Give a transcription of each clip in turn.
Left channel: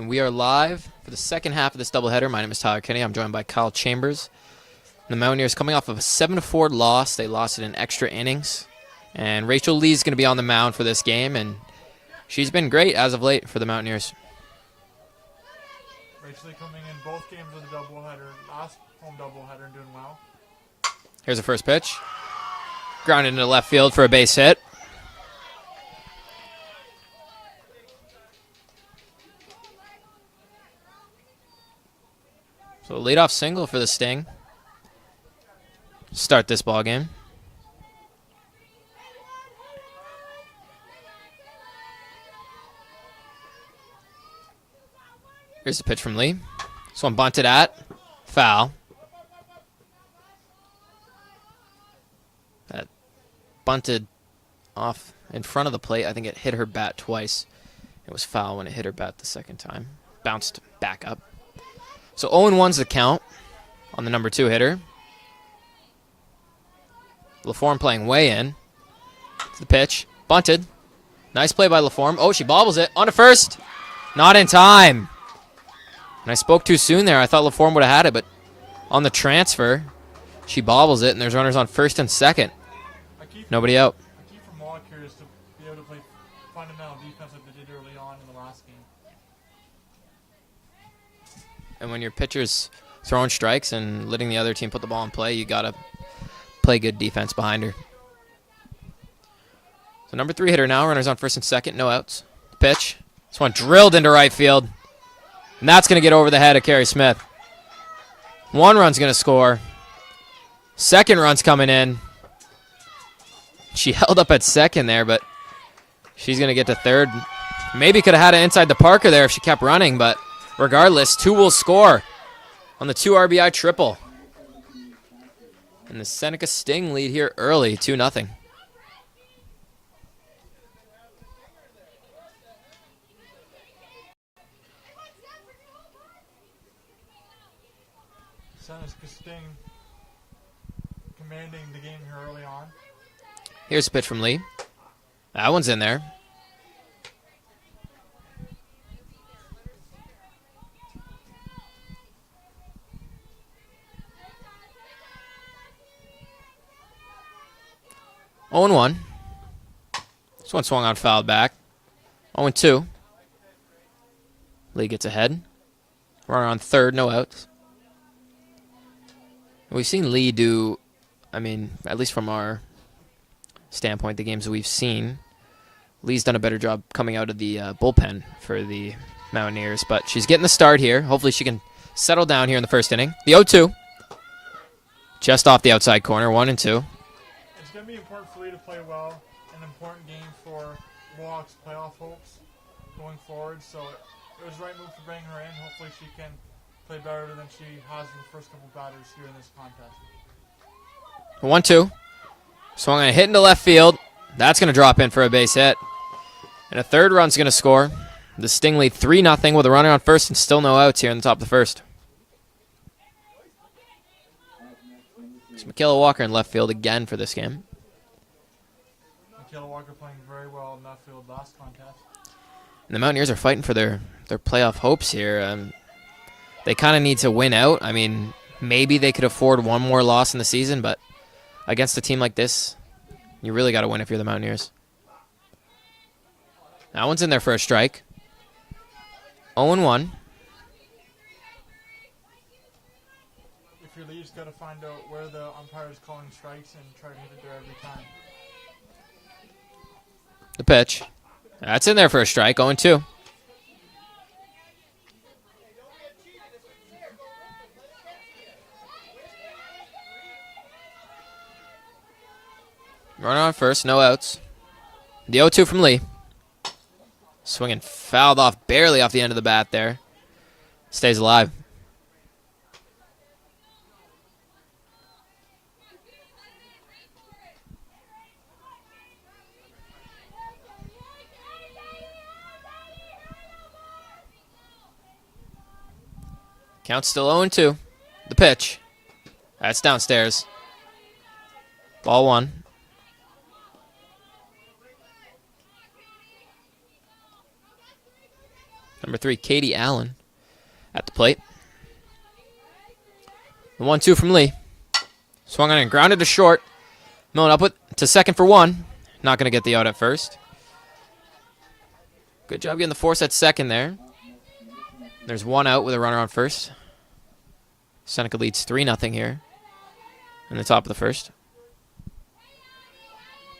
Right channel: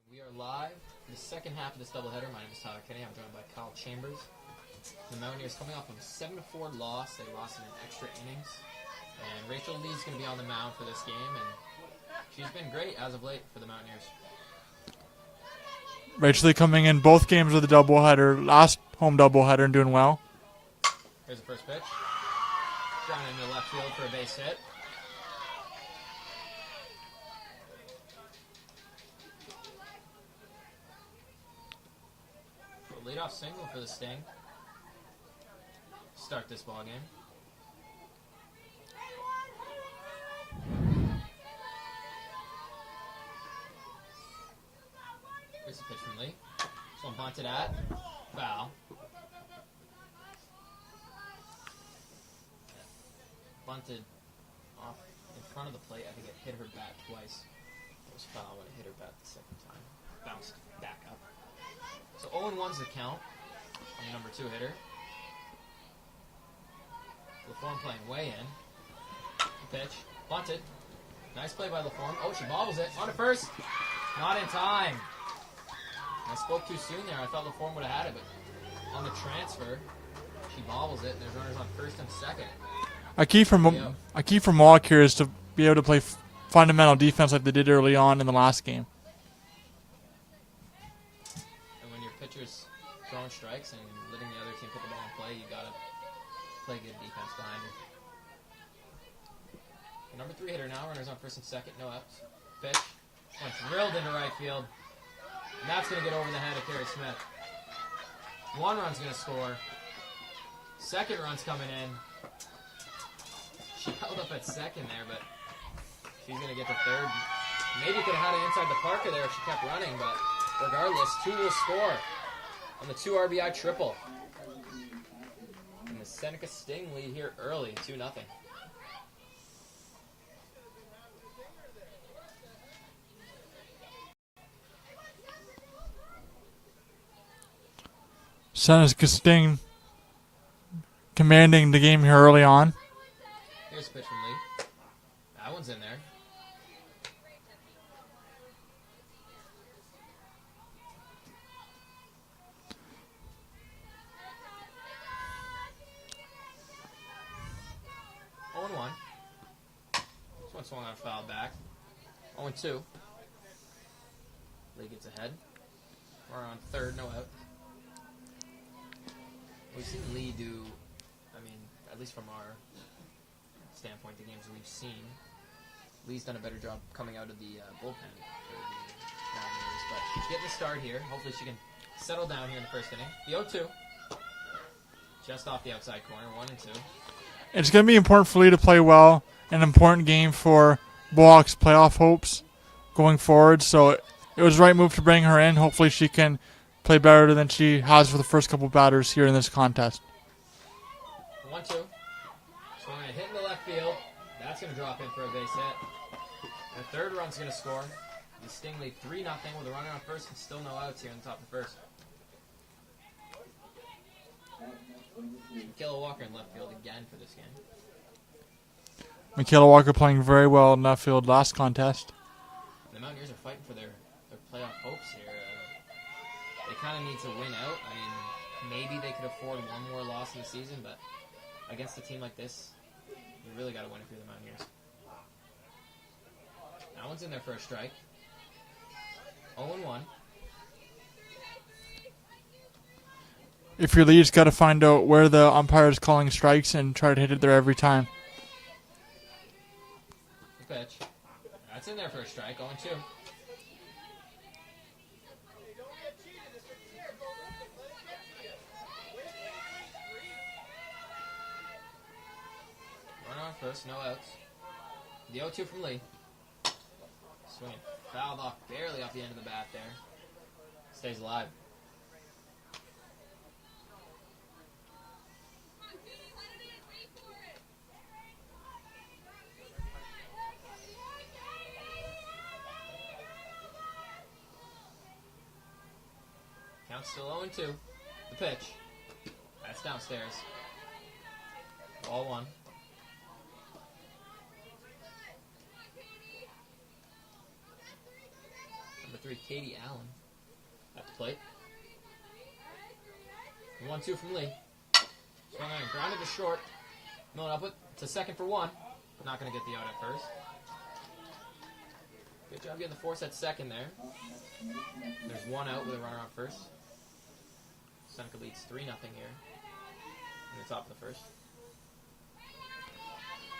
And we are live for the second half of this doubleheader. My name is Tyler Kinney. I'm joined by Kyle Chambers. The Mountaineers coming off of a 7-4 loss. They lost it in extra innings. And Rachel Lee's going to be on the mound for this game, and she's been great as of late for the Mountaineers. Rachel Lee coming in both games of the doubleheader, last home doubleheader, and doing well. Here's the first pitch. Grounded into left field for a base hit. So leadoff single for the Sting. Start this ball game. Here's the pitch from Lee. This one bunted at. Foul. That bunted off in front of the plate. I think it hit her bat twice. It was foul when it hit her bat the second time. Bounced back up. So 0-1's the count on the number 2 hitter. LaForme playing way in. It's the pitch. Bunted. Nice play by LaForme. Oh, she bobbles it. On to first. Not in time. And I spoke too soon there. I thought LaForme would have had it, but on the transfer, she bobbles it, and there's runners on first and second. Nobody out. A key for Mohawk here is to be able to play fundamental defense like they did early on in the last game. And when your pitcher's throwing strikes and letting the other team put the ball in play, you got to play good defense behind her. So number 3 hitter now, runners on first and second, no outs. Pitch. This one drilled into right field. And that's going to get over the head of Carrie Smith. 1 run's going to score. 2nd run's coming in. She held up at 2nd there, but she's going to get to 3rd. Maybe could have had it inside the Parker there if she kept running, but regardless, 2 will score on the 2 RBI triple. And the Seneca Sting lead here early, 2-0. Seneca Sting commanding the game here early on. Here's a pitch from Lee. That one's in there. Oh and 1. This one swung on, fouled back. 0-2. Lee gets ahead. Runner on 3rd, no outs. We've seen Lee do, at least from our standpoint, the games that we've seen, Lee's done a better job coming out of the bullpen for the Mountaineers, but she's getting the start here. Hopefully she can settle down here in the first inning. The 0-2. Just off the outside corner, 1-2. It's going to be important for Lee to play well. An important game for Mohawk's playoff hopes going forward. So it was the right move to bring her in. Hopefully she can play better than she has for the first couple batters here in this contest. 1-2. Swung on a hit into left field. That's going to drop in for a base hit. And a 3rd run's going to score. The Sting lead 3-0 with a runner on first and still no outs here in the top of the first. It's Michaela Walker in left field again for this game. Michaela Walker playing very well in left field last contest. And the Mountaineers are fighting for their playoff hopes here. They kind of need to win out. Maybe they could afford 1 more loss in the season, but against a team like this, you really got to win if you're the Mountaineers. That one's in there for a strike. 0-1. If your lead's got to find out where the umpire is calling strikes and try to hit it there every time. The pitch. That's in there for a strike. 0-2. Runner on first, no outs. The 0-2 from Lee. Swinging fouled off, barely off the end of the bat there. Stays alive. Count still 0-2. The pitch. That's downstairs. Ball 1. Number 3, Katie Allen at the plate. The 1-2 from Lee. Swung on and grounded to short. Millen up to second for 1. Not going to get the out at first. Good job getting the force at second there. There's 1 out with a runner on first. Seneca leads 3-0 here in the top of the first.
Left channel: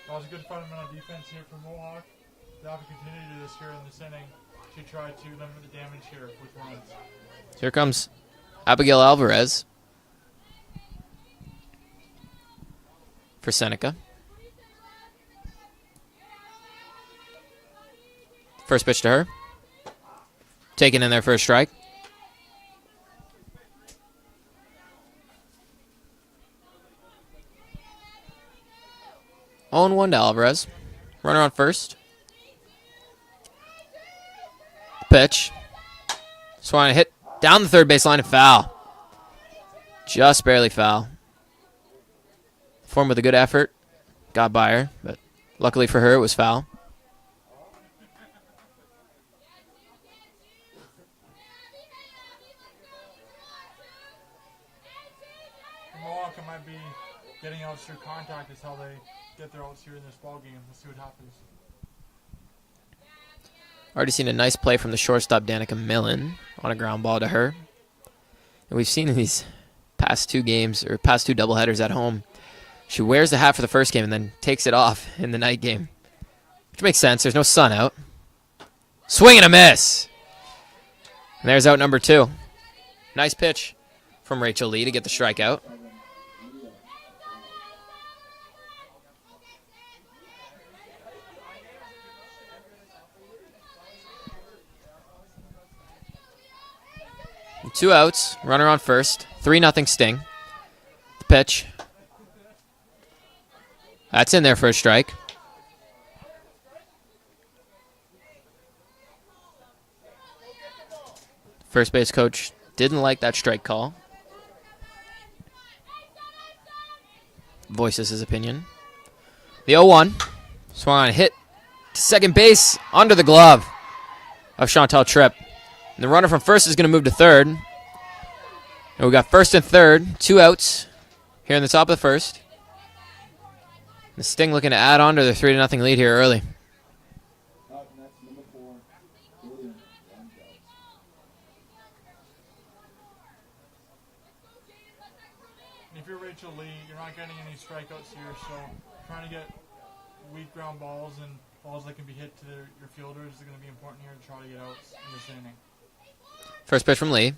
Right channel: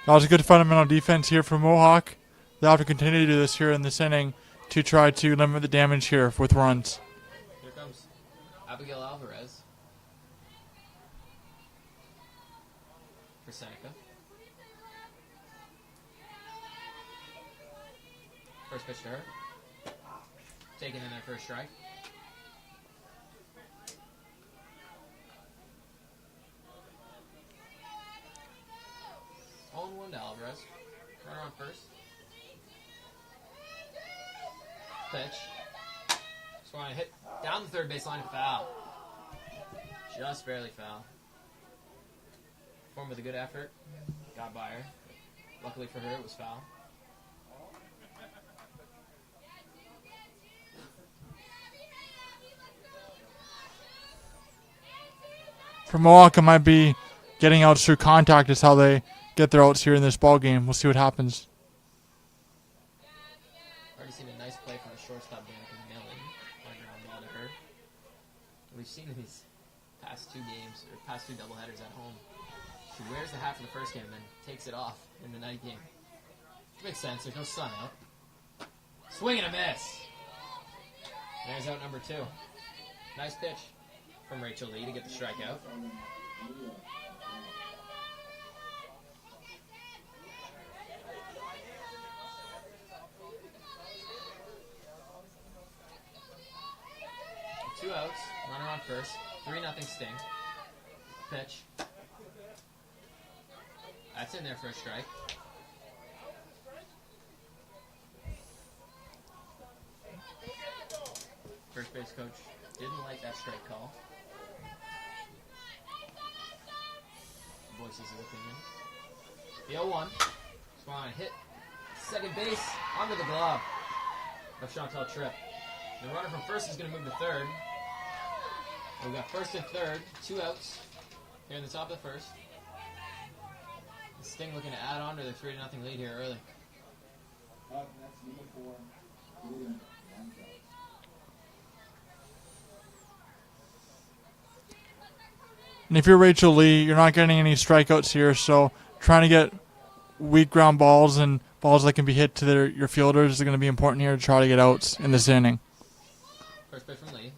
That was a good fundamental defense here for Mohawk. They'll have to continue to do this here in this inning to try to limit the damage here with runs. Here comes Abigail Alvarez for Seneca. First pitch to her. Taken in there for a strike. 0-1 to Alvarez. Runner on first. Pitch. Swung on a hit down the third baseline and foul. Just barely foul. Form with a good effort. Got by her, but luckily for her, it was foul. For Mohawk, it might be getting outs through contact is how they get their outs here in this ball game. We'll see what happens. Already seen a nice play from the shortstop, Danica Millen, on a ground ball to her. And we've seen in these past 2 games, or past 2 doubleheaders at home, she wears the hat for the first game and then takes it off in the night game. Which makes sense. There's no sun out. Swing and a miss. And there's out number 2. Nice pitch from Rachel Lee to get the strikeout. And 2 outs. Runner on first. 3-0 Sting. The pitch. That's in there for a strike. First base coach didn't like that strike call. Voices his opinion. The 0-1. Swung on a hit to second base under the glove of Chantal Tripp. And the runner from first is going to move to third. And we got first and third. 2 outs here in the top of the first. The Sting looking to add on to their 3-0 lead here early. And if you're Rachel Lee, you're not getting any strikeouts here, so trying to get weak ground balls and balls that can be hit to your fielders is going to be important here to try to get outs in this inning. First pitch from Lee.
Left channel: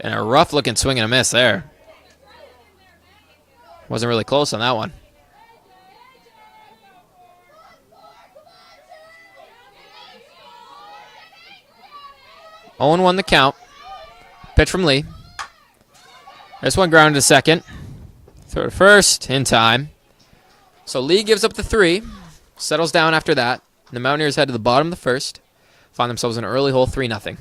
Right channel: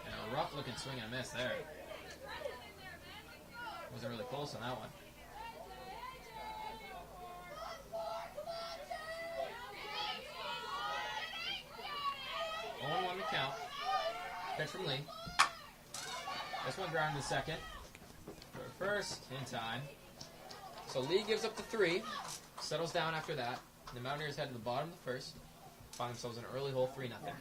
And a rough-looking swing and a miss there. Wasn't really close on that one. Owen won the count. Pitch from Lee. This one grounded to second. Throw to first in time. So Lee gives up the 3. Settles down after that. The Mountaineers head to the bottom of the first. Find themselves in an early hole 3-0.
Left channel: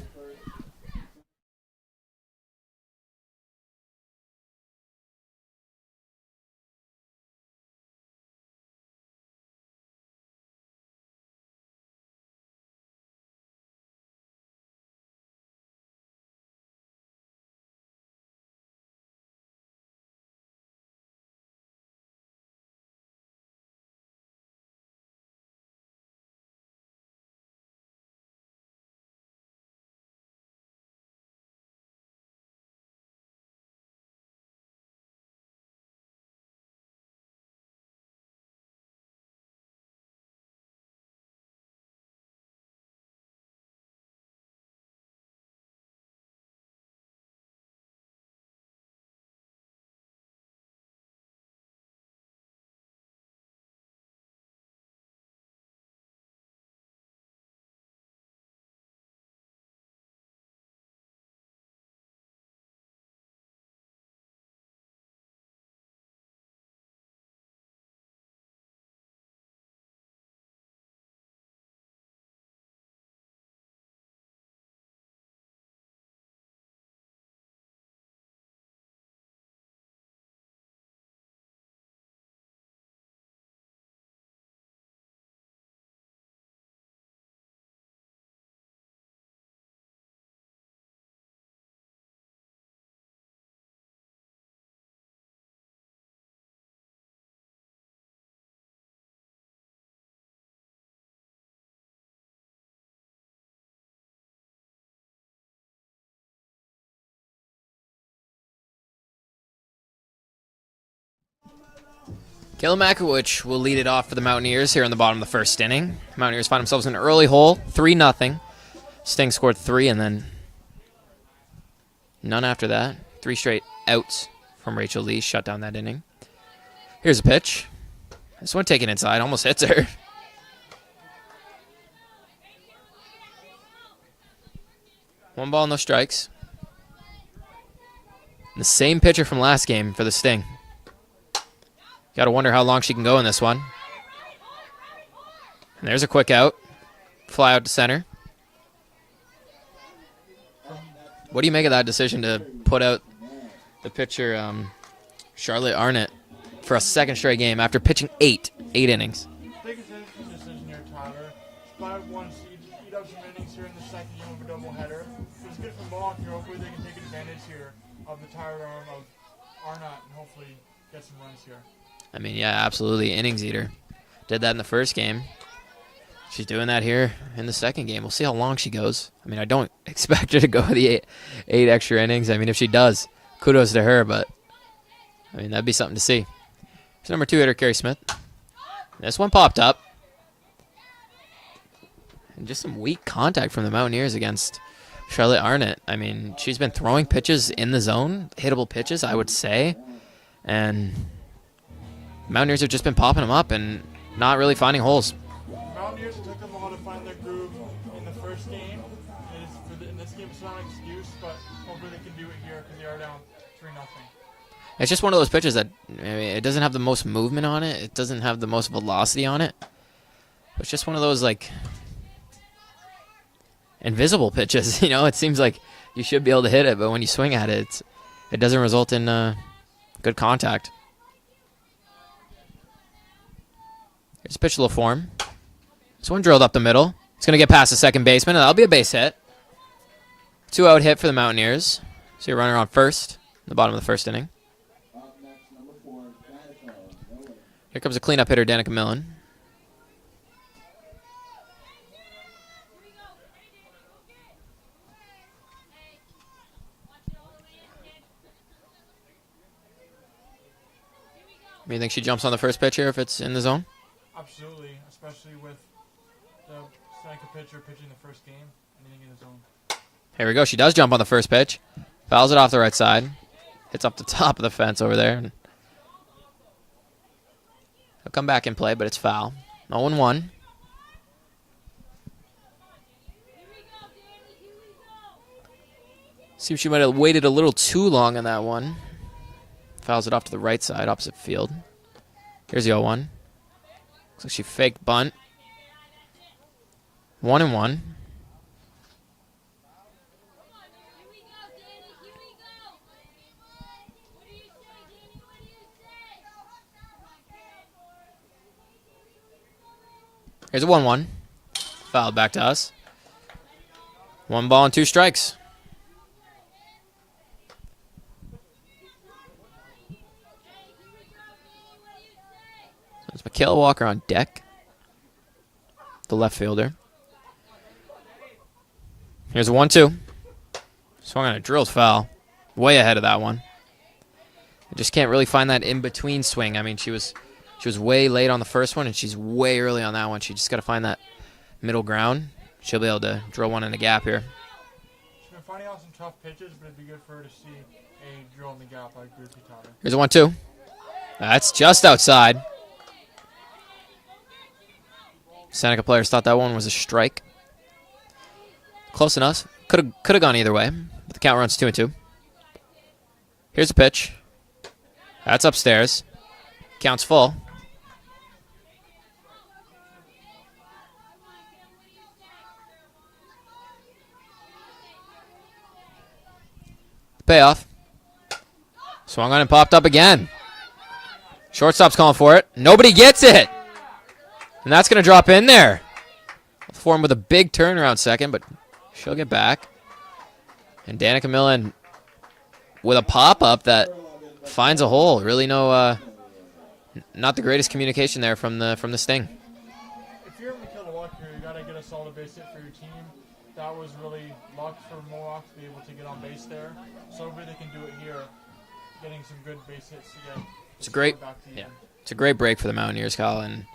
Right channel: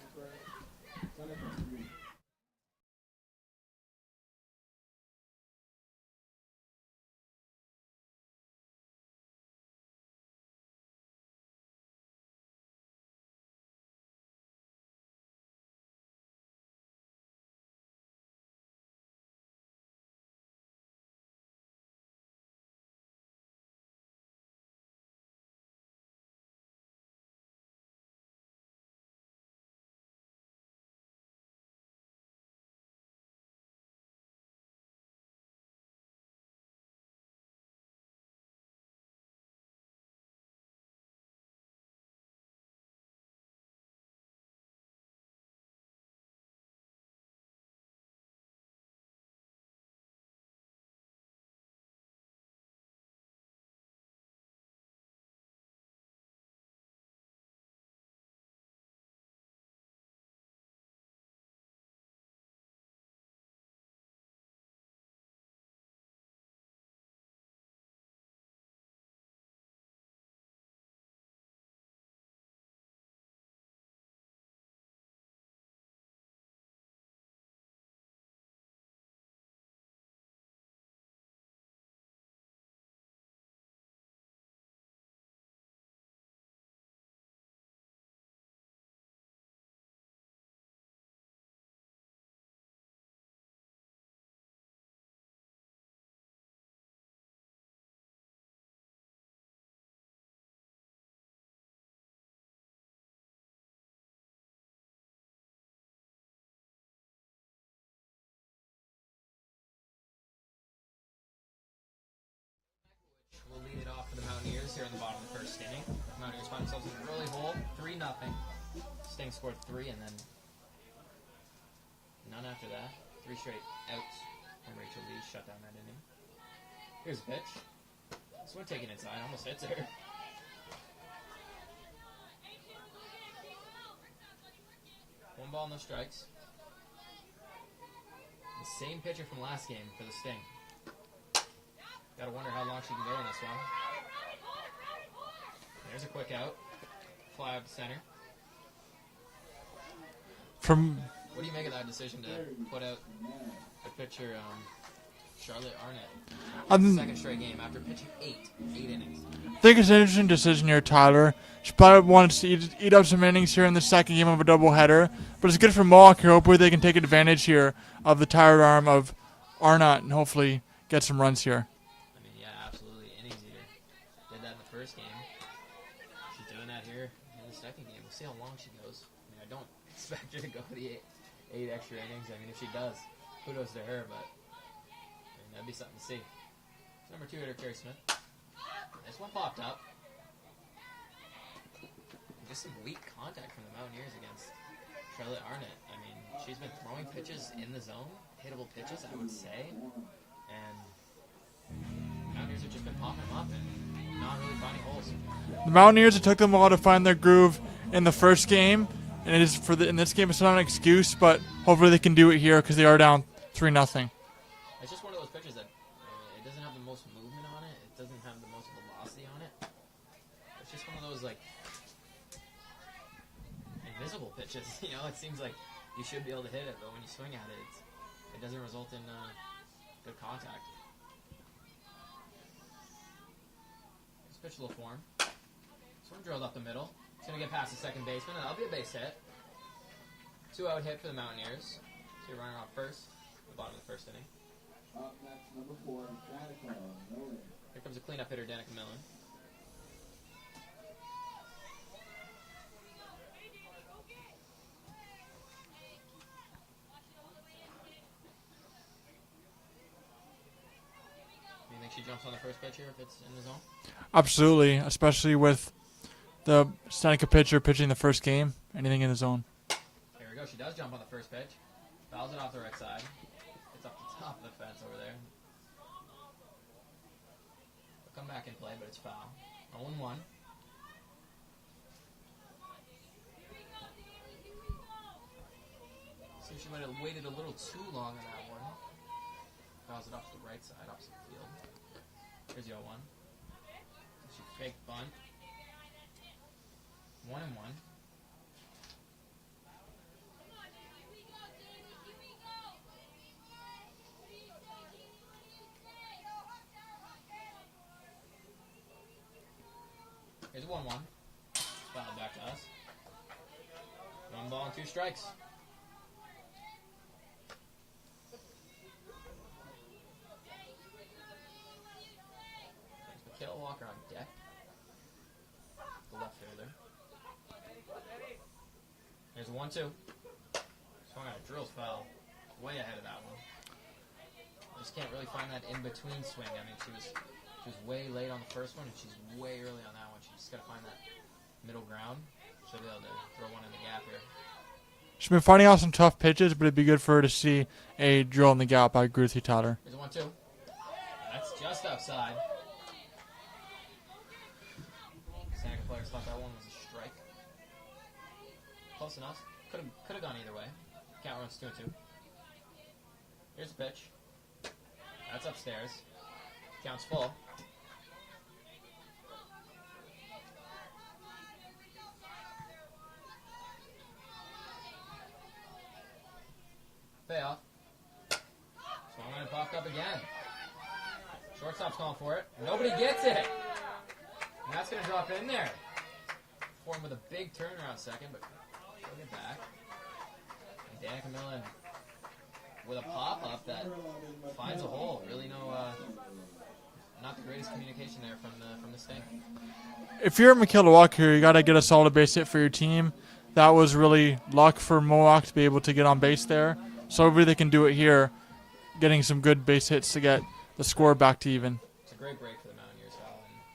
Kayla Makowicz will lead it off for the Mountaineers here in the bottom of the first inning. Mountaineers find themselves in an early hole, 3-0. Sting scored 3 and then none after that. 3 straight outs from Rachel Lee shut down that inning. Here's a pitch. This one taken inside, almost hits her. One ball, no strikes. The same pitcher from last game for the Sting. Got to wonder how long she can go in this one. And there's a quick out. Fly out to center. What do you make of that decision to put out the pitcher, Charlotte Arnott, for a second straight game after pitching 8 innings? I think it's an interesting decision here, Tyler. She probably wants to eat up some innings here in the second game of a doubleheader, but it's good for Mohawk here. Hopefully they can take advantage here of the tired arm of Arnott and hopefully get some runs here. I mean, yeah, absolutely. Innings eater. Did that in the first game. She's doing that here in the second game. We'll see how long she goes. I mean, I don't expect her to go the eight extra innings. I mean, if she does, kudos to her, but I mean, that'd be something to see. Here's number 2 hitter, Carrie Smith. This one popped up. And just some weak contact from the Mountaineers against Charlotte Arnott. I mean, she's been throwing pitches in the zone, hittable pitches, I would say. And Mountaineers have just been popping them up and not really finding holes. The Mountaineers, it took them a while to find their groove in the first game. And it is in this game, it's not an excuse, but hopefully they can do it here because they are down 3-0. It's just one of those pitches that it doesn't have the most movement on it. It doesn't have the most velocity on it. It's just one of those, like, invisible pitches. You know, it seems like you should be able to hit it, but when you swing at it, it doesn't result in good contact. Here's a pitch to LaForme. This one drilled up the middle. It's going to get past the second baseman, and that'll be a base hit. 2-out hit for the Mountaineers. So you're running on first in the bottom of the first inning. Here comes a cleanup hitter, Danica Millen. Do you think she jumps on the first pitch here if it's in the zone? Absolutely, especially with the Seneca pitcher pitching the first game. Anything in the zone. Here we go. She does jump on the first pitch. Fouls it off the right side. Hits up the top of the fence over there. He'll come back in play, but it's foul. 0-1. Seems she might have waited a little too long on that one. Fouls it off to the right side, opposite field. Here's the 0-1. Looks like she faked bunt. 1-1. Here's a 1-1. Fouled back to us. 1 ball and 2 strikes. There's Michaela Walker on deck. The left fielder. Here's a 1-2. Swung on a drilled foul. Way ahead of that one. I just can't really find that in-between swing. I mean, she was way late on the first one, and she's way early on that one. She just got to find that middle ground. She'll be able to drill one in the gap here. She's been finding out some tough pitches, but it'd be good for her to see a drill in the gap. I agree with you, Tyler. Here's a 1-2. That's just outside. Seneca players thought that one was a strike. Close enough. Could have gone either way. But the count runs 2-2. Here's a pitch. That's upstairs. Counts full. Payoff. Swung on and popped up again. Shortstop's calling for it. Nobody gets it. And that's going to drop in there. Form with a big turnaround second, but she'll get back. And Danica Millen with a pop-up that finds a hole. Really not the greatest communication there from the Sting. If you're Michaela Walker here, you got to get a solid base hit for your team. That was really luck for Mohawk to be able to get on base there. So hopefully they can do it here, getting some good base hits to get the score back to even. It's a great break for the Mountaineers, Kyle, and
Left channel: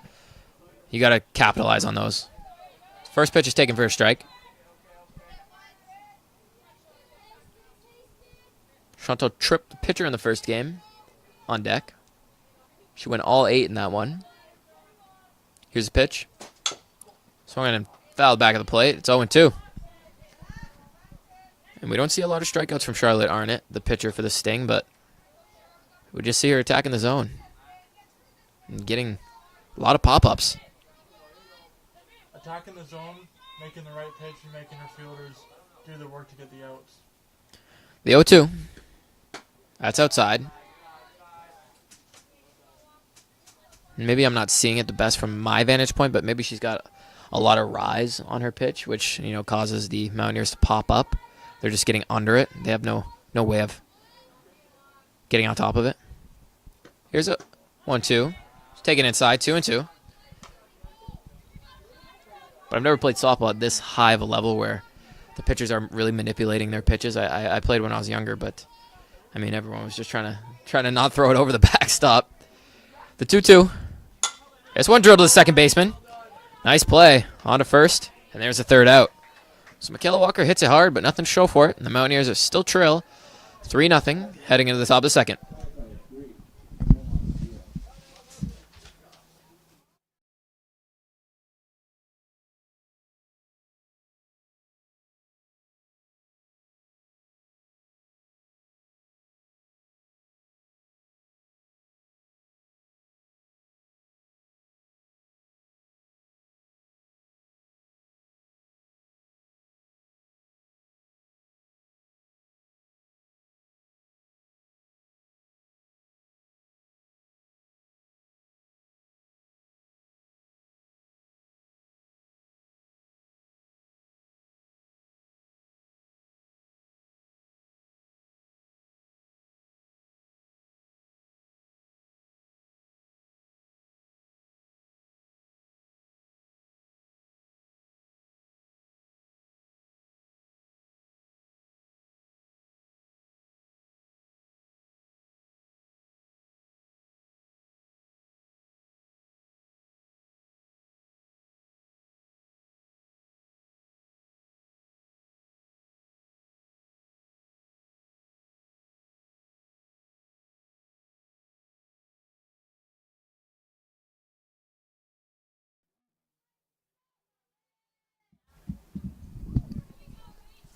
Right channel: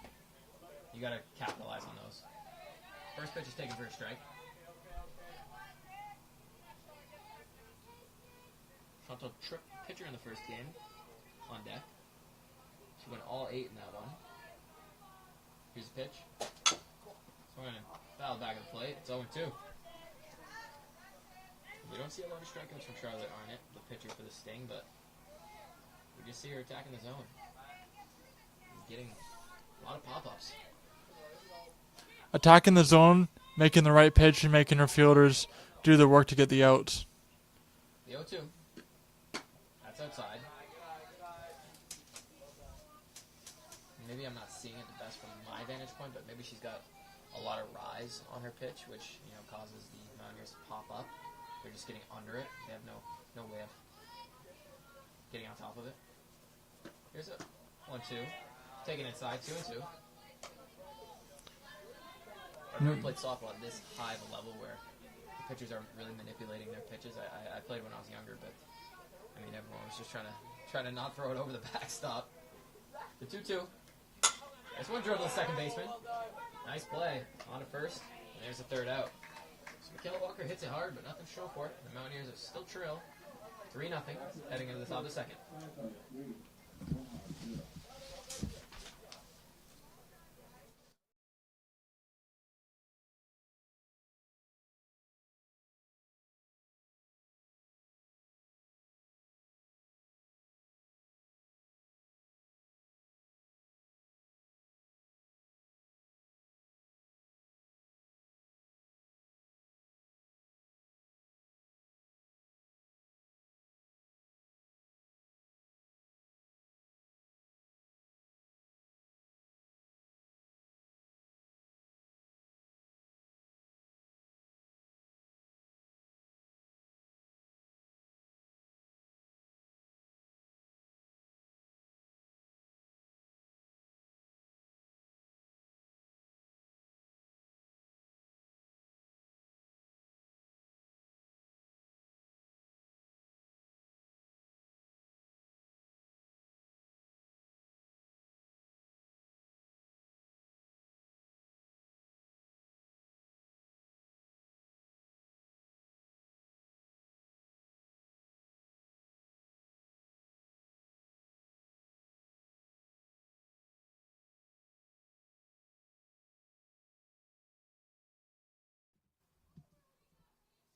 you got to capitalize on those. First pitch is taken for a strike. Chantal tripped the pitcher in the first game on deck. She went all 8 in that one. Here's the pitch. Swung in and fouled back of the plate. It's 0-2. And we don't see a lot of strikeouts from Charlotte Arnott, the pitcher for the Sting, but we just see her attacking the zone and getting a lot of pop-ups. Attacking the zone, making the right pitch, and making her fielders do the work to get the outs. The 0-2. That's outside. Maybe I'm not seeing it the best from my vantage point, but maybe she's got a lot of rise on her pitch, which causes the Mountaineers to pop up. They're just getting under it. They have no way of getting on top of it. Here's a 1-2. Taken inside, 2-2. But I've never played softball at this high of a level where the pitchers are really manipulating their pitches. I played when I was younger, but I mean everyone was just trying to not throw it over the backstop. The 2-2. There's one drill to the second baseman. Nice play. On to first. And there's the third out. So Michaela Walker hits it hard, but nothing to show for it. And the Mountaineers are still trail 3-0 heading into the top of the second.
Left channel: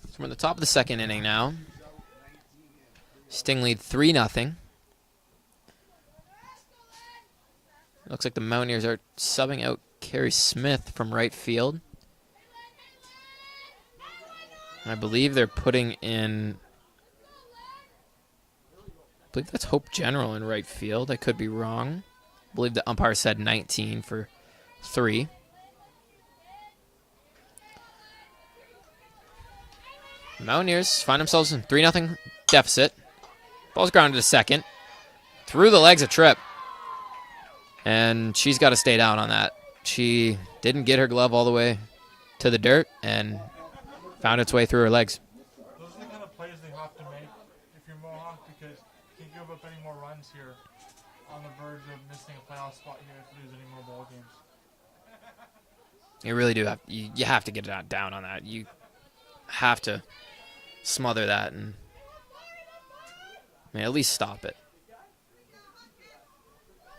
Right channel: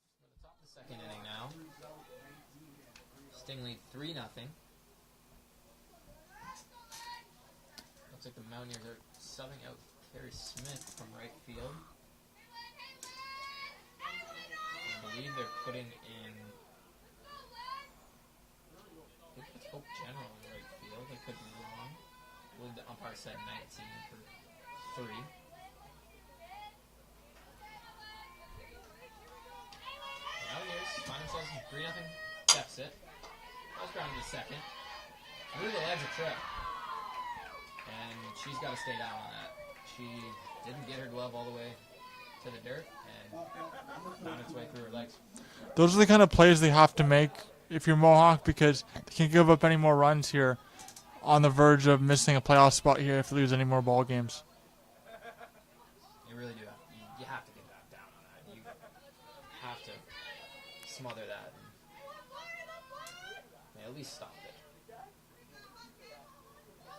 So we're in the top of the second inning now. Sting lead 3-0. Looks like the Mountaineers are subbing out Carrie Smith from right field. I believe they're putting in, I believe that's Hope General in right field. I could be wrong. I believe the umpire said 19 for 3. Mountaineers find themselves in 3-0 deficit. Ball's grounded to second. Through the legs of Tripp. And she's got to stay down on that. She didn't get her glove all the way to the dirt and found its way through her legs. Those are the kind of plays they have to make if you're Mohawk, because they can't give up any more runs here on the verge of missing a playoff spot here if they lose any more ball games. You really do have, you have to get down on that. You have to smother that and at least stop it.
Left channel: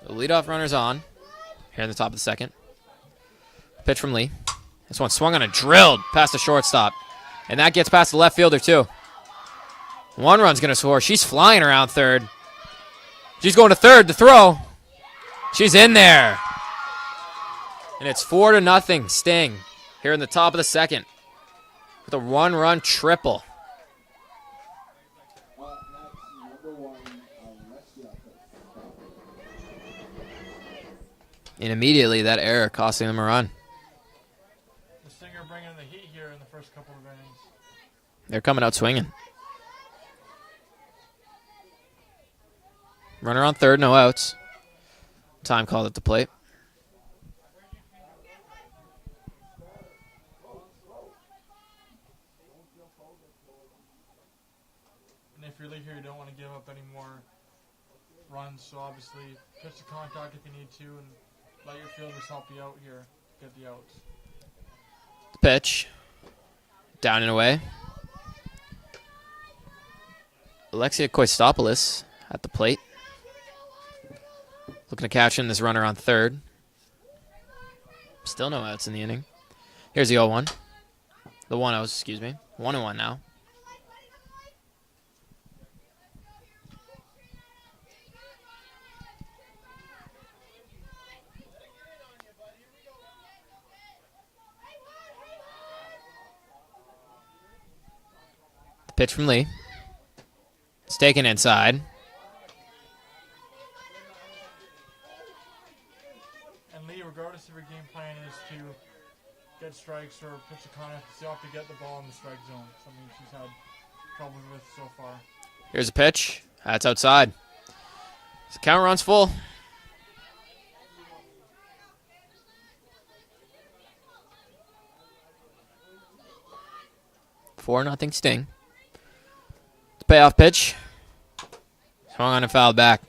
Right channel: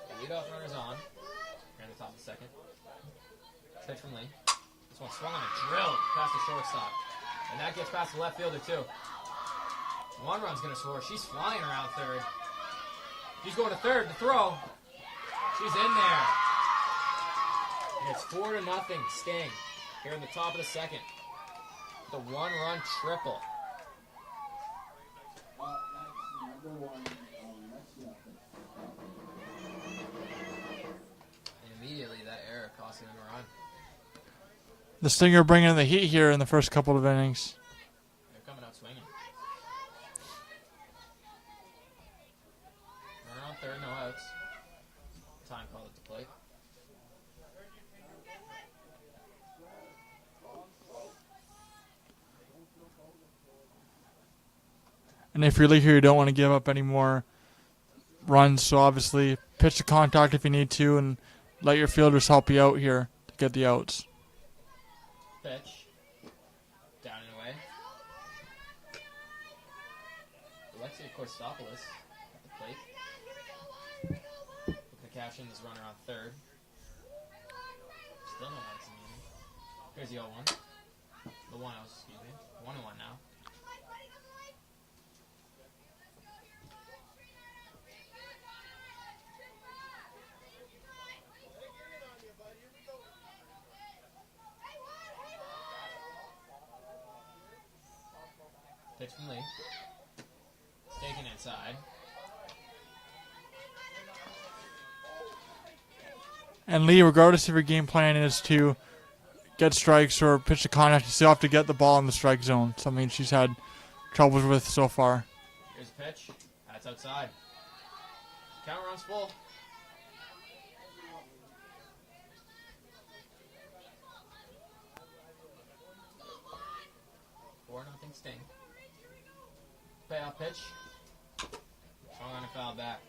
The leadoff runner's on here in the top of the second. Pitch from Lee. This one swung on and drilled past the shortstop. And that gets past the left fielder too. One run's going to score. She's flying around third. She's going to third to throw. She's in there. And it's 4-0 Sting here in the top of the second with a 1-run triple. And immediately that error costing them a run. The Stinger bringing the heat here in the first couple of innings. They're coming out swinging. Runner on third, no outs. Time called at the plate. And if you're Lee here, you don't want to give up any more runs, so obviously pitch to contact if you need to, and let your fielders help you out here to get the outs. Pitch. Down and away. Alexia Koistopoulos at the plate. Looking to catch in this runner on third. Still no outs in the inning. Here's the 0-1. The 1-0, excuse me. 1-1 now. Pitch from Lee. It's taken inside. And Lee, regardless if your game plan is to get strikes or pitch to contact, you still have to get the ball in the strike zone. Something she's had troubles with so far. Here's a pitch. That's outside. The count runs full. Four nothing Sting. The payoff pitch. Swung on and fouled back.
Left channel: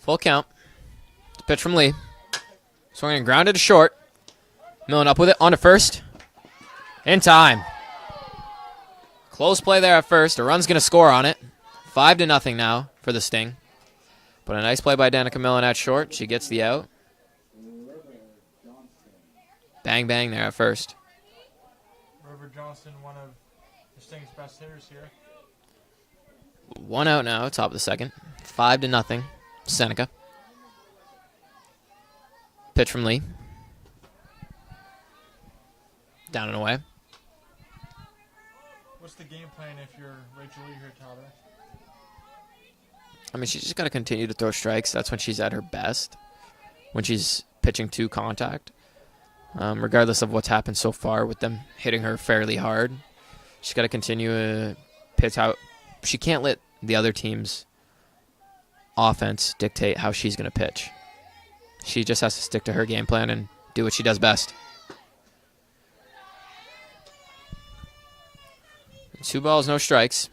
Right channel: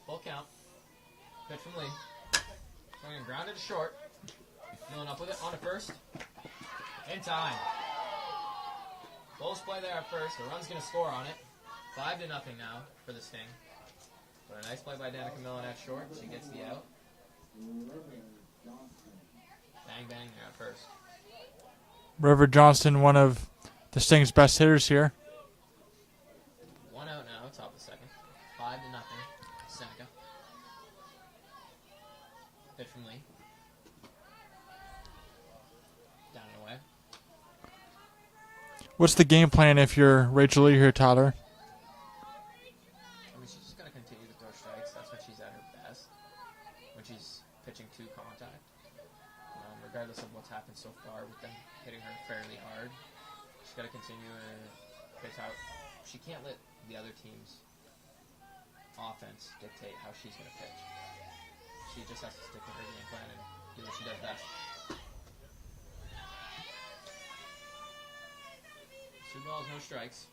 Full count. The pitch from Lee. Swung and grounded to short. Milling up with it on to first. In time. Close play there at first. A run's going to score on it. 5-0 now for the Sting. But a nice play by Danica Millen at short. She gets the out. Bang, bang there at first. River Johnston, one of the Sting's best hitters here. 1 out now, top of the second. 5-0. Seneca. Pitch from Lee. Down and away. What's the game plan if you're Rachel Lee here, Tyler? I mean, she's just got to continue to throw strikes. That's when she's at her best. When she's pitching to contact. Regardless of what's happened so far with them hitting her fairly hard. She's got to continue to pitch out. She can't let the other team's offense dictate how she's going to pitch. She just has to stick to her game plan and do what she does best. 2 balls, no strikes.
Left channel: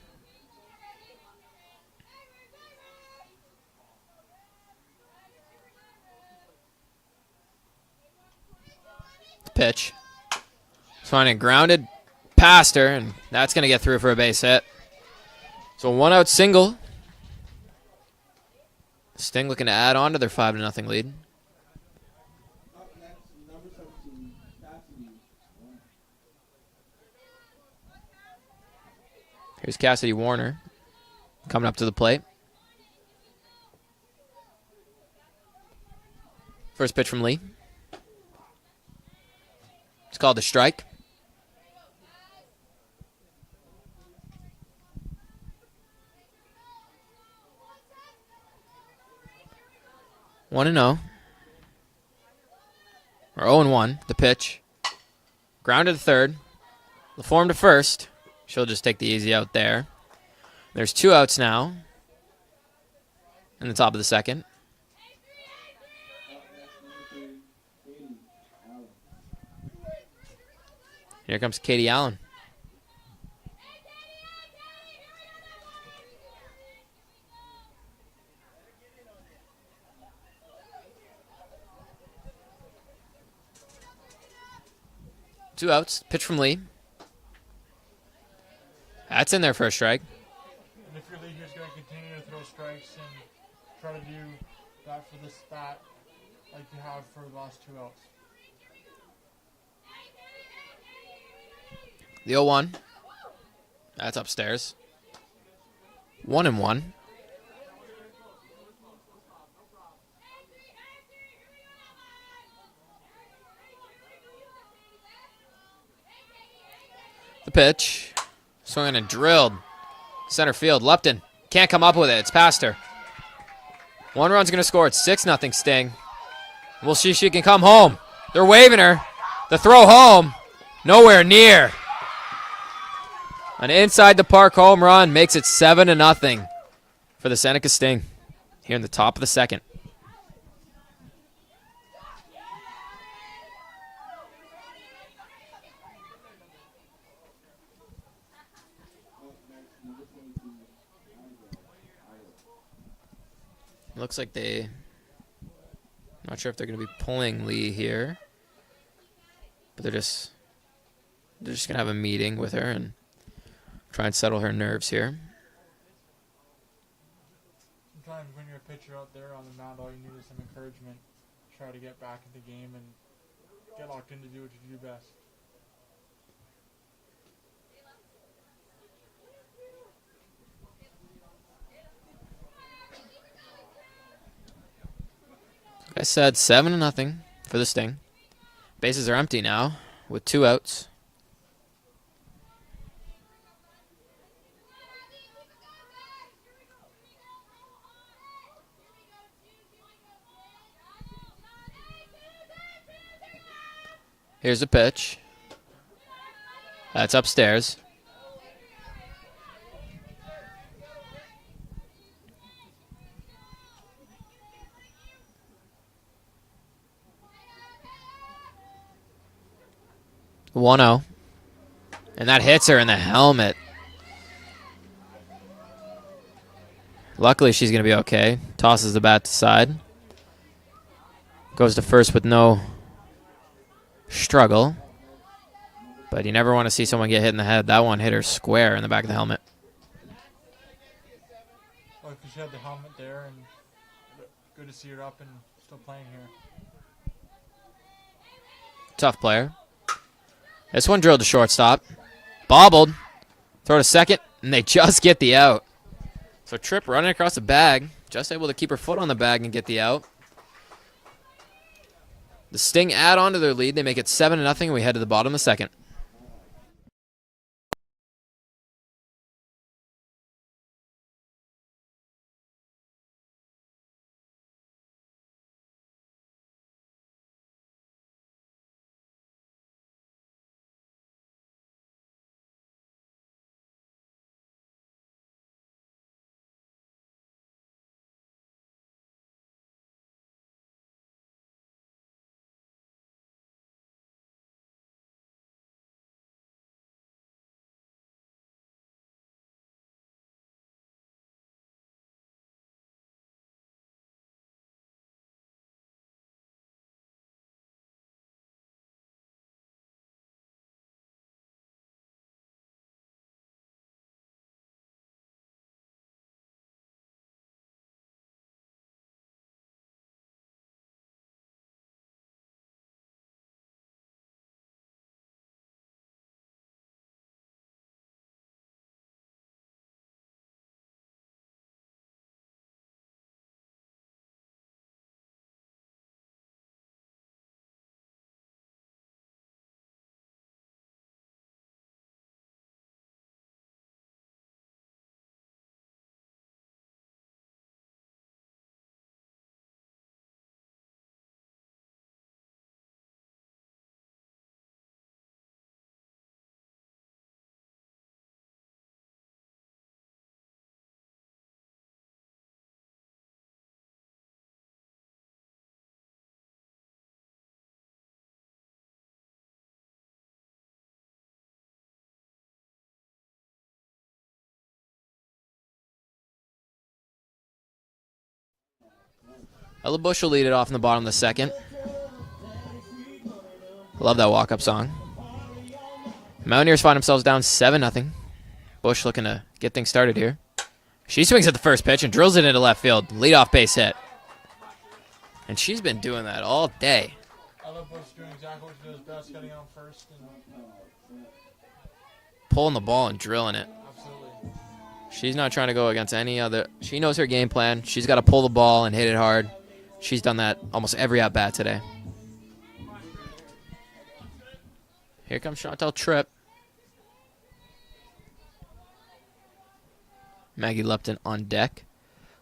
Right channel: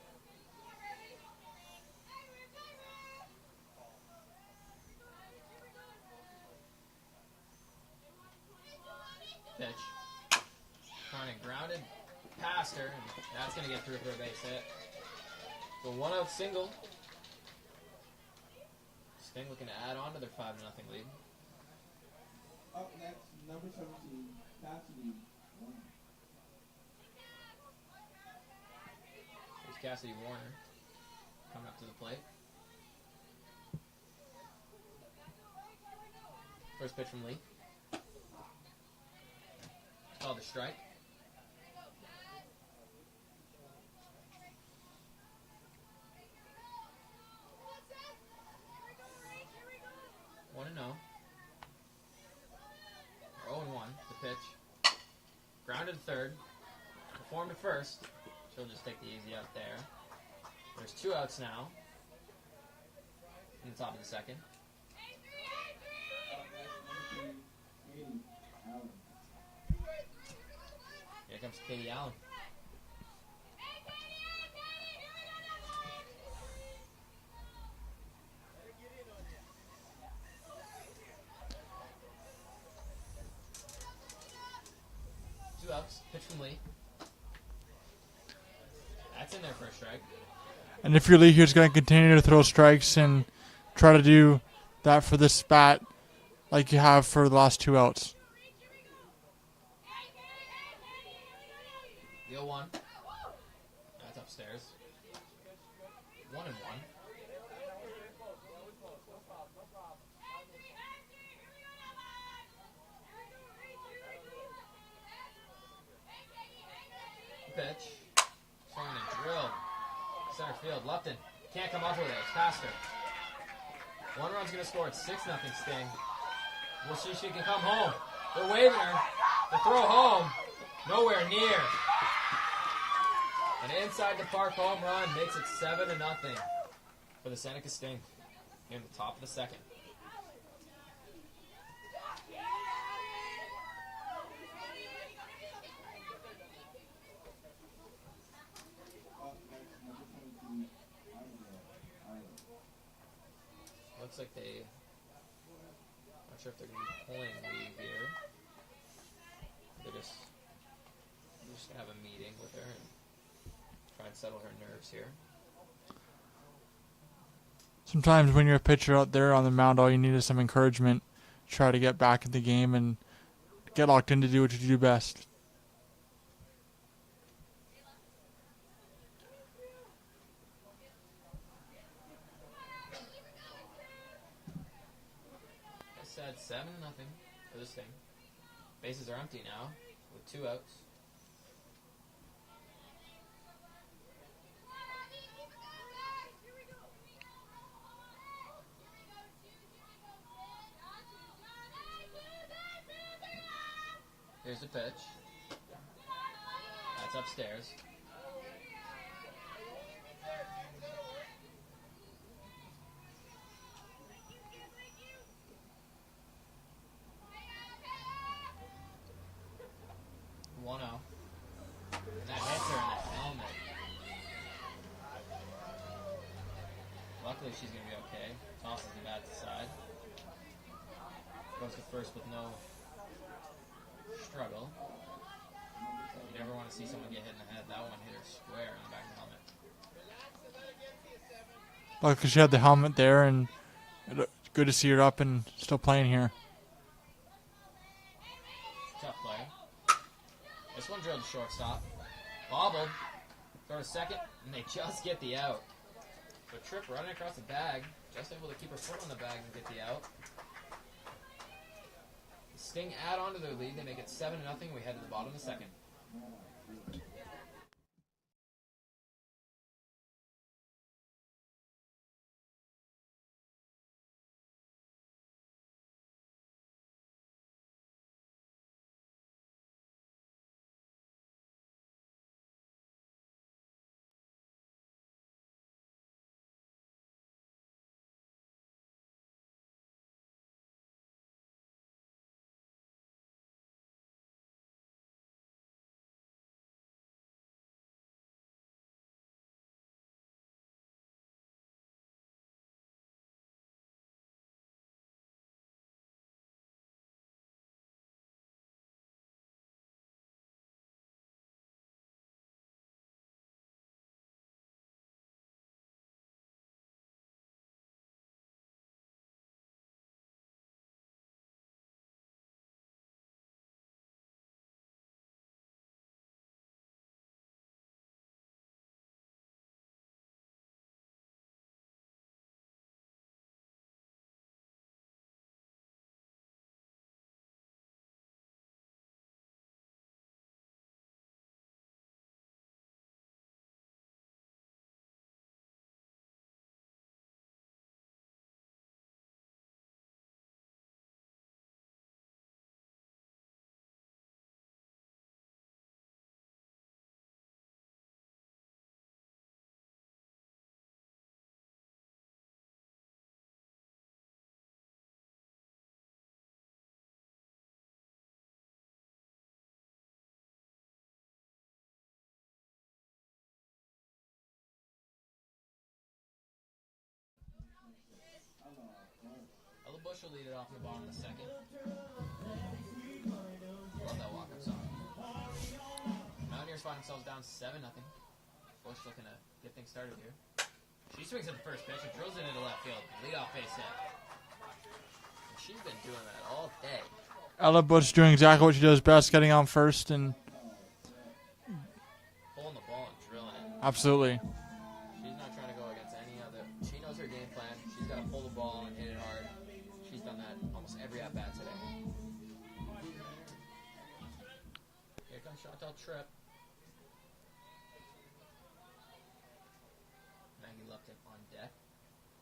The pitch. Finding grounded past her, and that's going to get through for a base hit. So 1 out single. Sting looking to add on to their 5-0 lead. Here's Cassidy Warner coming up to the plate. First pitch from Lee. It's called a strike. One and 0. Or 0-1. The pitch. Grounded to third. LaForme to first. She'll just take the easy out there. There's 2 outs now. In the top of the second. Here comes Katie Allen. Two outs. Pitch from Lee. That's in there for a strike. And if your Lee here's going to continue to throw strikes and try to do that for this bat like you have for the last 2 outs. The 0-1. That's upstairs. 1-1. The pitch. Swinging and drilled. Center field. Lupton can't come up with it. It's past her. 1 run's going to score. It's 6-0 Sting. We'll see if she can come home. They're waving her. The throw home. Nowhere near. An inside the park home run makes it 7-0 for the Seneca Sting here in the top of the second. Looks like they... Not sure if they're going to be pulling Lee here. But they're just going to have a meeting with her and try and settle her nerves here. Sometimes when you're a pitcher out there on the mound, all you need is some encouragement. Try to get back in the game and get locked in to do what you do best. Like I said, 7-0 for the Sting. Bases are empty now with 2 outs. Here's a pitch. That's upstairs. One 0. And that hits her in the helmet. Luckily, she's going to be okay. Tosses the bat to side. Goes to first with no struggle. But you never want to see someone get hit in the head. That one hit her square in the back of the helmet. Luckily, she had the helmet there, and good to see her up and still playing here. Tough player. This one drilled to shortstop. Bobbled. Throw to second, and they just get the out. So Tripp running across the bag. Just able to keep her foot on the bag and get the out. The Sting add on to their lead. They make it 7-0, and we head to the bottom of the second. Ella Bush will lead it off in the bottom of the second. Love that walk-up song. Mountaineers find themselves down 7-0. Bush looking to get things started here. She swings at the first pitch and drills it into left field. Leadoff base hit. And she's been doing that all day. Ella Bush doing exactly what she does best, getting on first and pulling the ball and drilling it. absolutely. She's not trying to go against any other. She knows her game plan. She's got to pull the ball and hit it hard. She's done that almost every at-bat today. Here comes Chantel Tripp. Maggie Lupton on deck.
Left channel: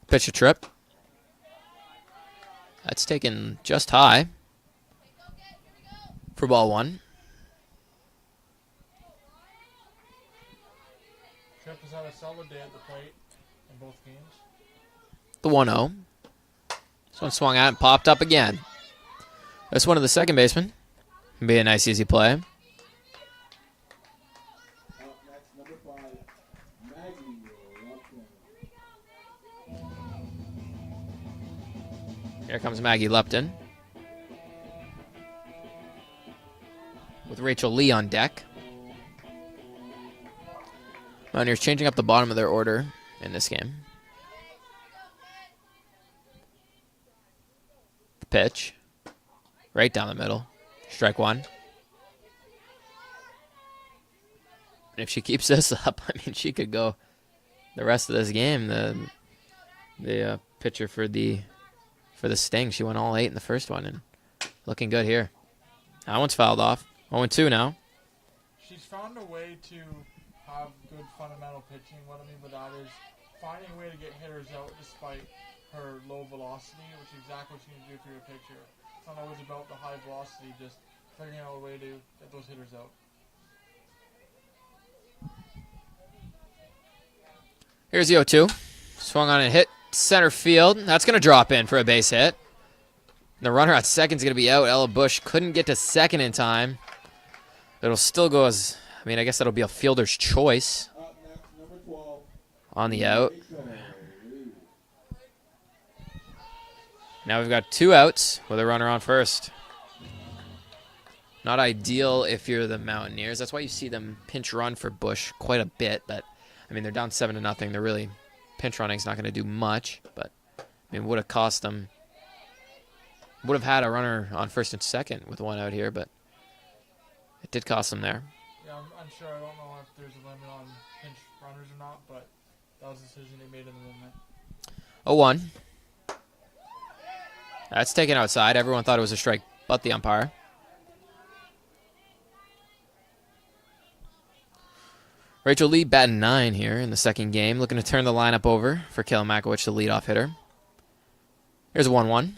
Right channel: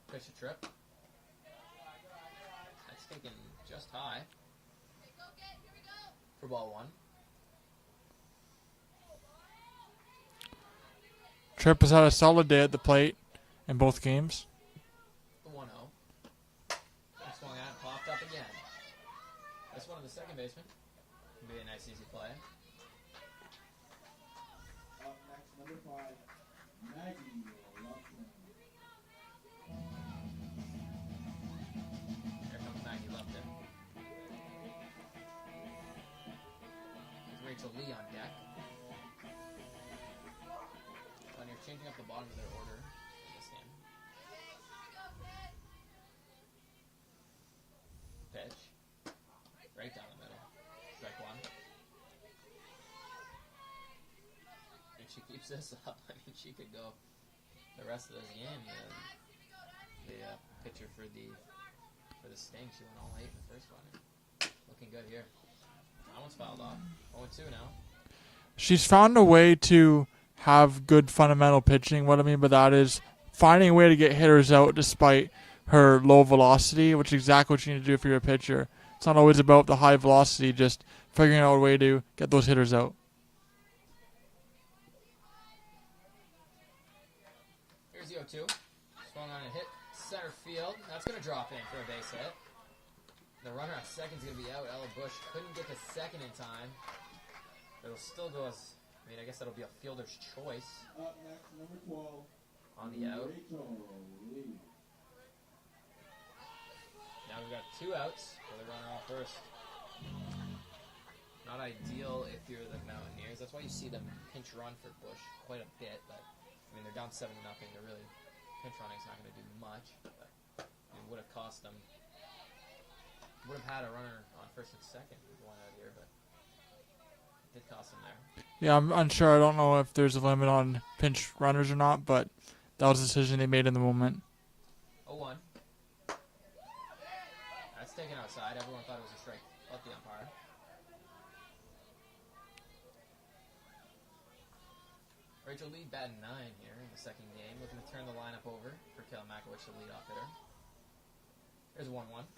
Pitch to Tripp. That's taken just high for ball one. Tripp has had a solid day at the plate in both games. The 1-0. This one swung out and popped up again. This one to the second baseman. Be a nice, easy play. Here comes Maggie Lupton. With Rachel Lee on deck. Mountaineers changing up the bottom of their order in this game. The pitch. Right down the middle. Strike one. And if she keeps this up, I mean, she could go the rest of this game. The pitcher for the Sting, she went all 8 in the first one, and looking good here. That one's fouled off. 0-2 now. She's found a way to have good fundamental pitching. What I mean by that is finding a way to get hitters out despite her low velocity, which is exactly what you need to do if you're a pitcher. It's not always about the high velocity, just figuring out a way to get those hitters out. Here's the 0-2. Swung on and hit center field. That's going to drop in for a base hit. The runner at second is going to be out. Ella Bush couldn't get to second in time. It'll still go as, I mean, I guess that'll be a fielder's choice on the out. Now we've got 2 outs with a runner on first. Not ideal if you're the Mountaineers. That's why you see them pinch run for Bush quite a bit. But, I mean, they're down 7-0. They're really, pinch running is not going to do much. But, I mean, would have cost them. Would have had a runner on first and second with 1 out here, but it did cost them there. Yeah, I'm unsure. I don't know if there's a limit on pinch runners or not, but that was the decision they made in the moment. 0-1. That's taken outside. Everyone thought it was a strike, but the umpire. Rachel Lee batting 9 here in the second game, looking to turn the lineup over for Kayla Makowicz, the leadoff hitter. Here's a 1-1.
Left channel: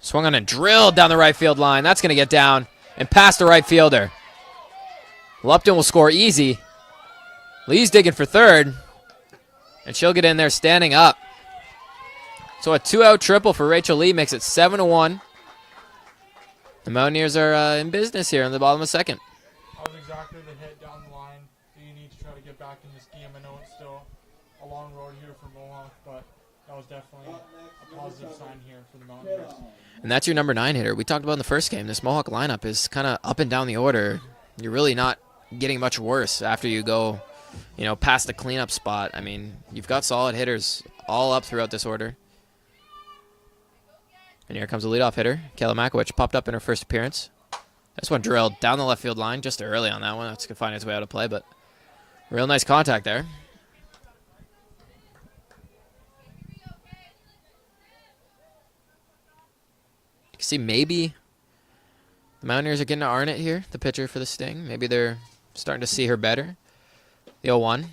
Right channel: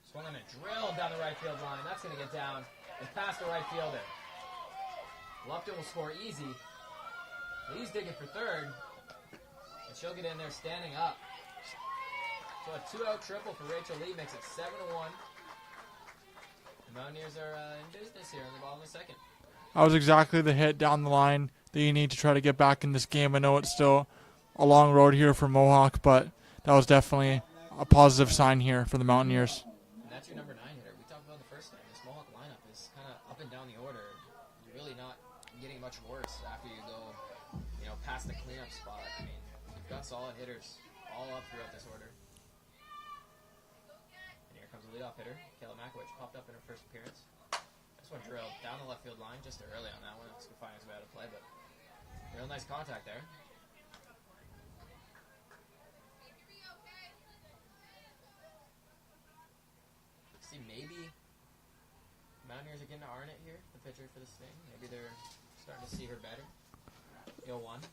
Swung on and drilled down the right field line. That's going to get down and past the right fielder. Lupton will score easy. Lee's digging for third, and she'll get in there standing up. So a 2-out triple for Rachel Lee makes it 7-1. The Mountaineers are in business here in the bottom of the second. That was exactly the hit down the line that you need to try to get back in this game. I know it's still a long road here for Mohawk, but that was definitely a positive sign here for the Mountaineers. And that's your number 9 hitter. We talked about in the first game, this Mohawk lineup is kind of up and down the order. You're really not getting much worse after you go, past the cleanup spot. I mean, you've got solid hitters all up throughout this order. And here comes the leadoff hitter. Kayla Makowicz popped up in her first appearance. This one drilled down the left field line just early on that one. That's going to find its way out of play, but real nice contact there. See, maybe the Mountaineers are getting to Arnett here, the pitcher for the Sting. Maybe they're starting to see her better. The 0-1.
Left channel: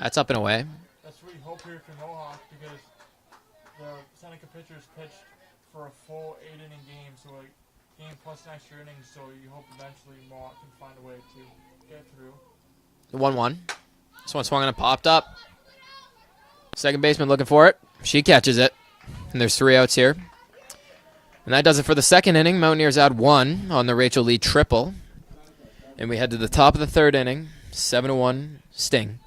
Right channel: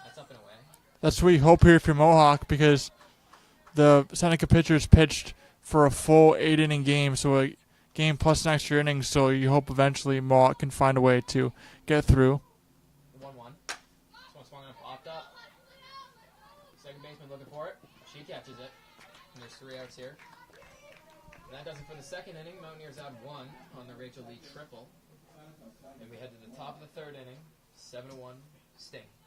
That's up and away. That's what you hope here for Mohawk, because the Seneca pitchers pitched for a full 8-inning game, so a game plus an extra inning, so you hope eventually Mohawk can find a way to get through. The 1-1. This one swung and popped up. Second baseman looking for it. She catches it. And there's 3 outs here. And that does it for the second inning. Mountaineers add 1 on the Rachel Lee triple. And we head to the top of the third inning. 7-1 Sting.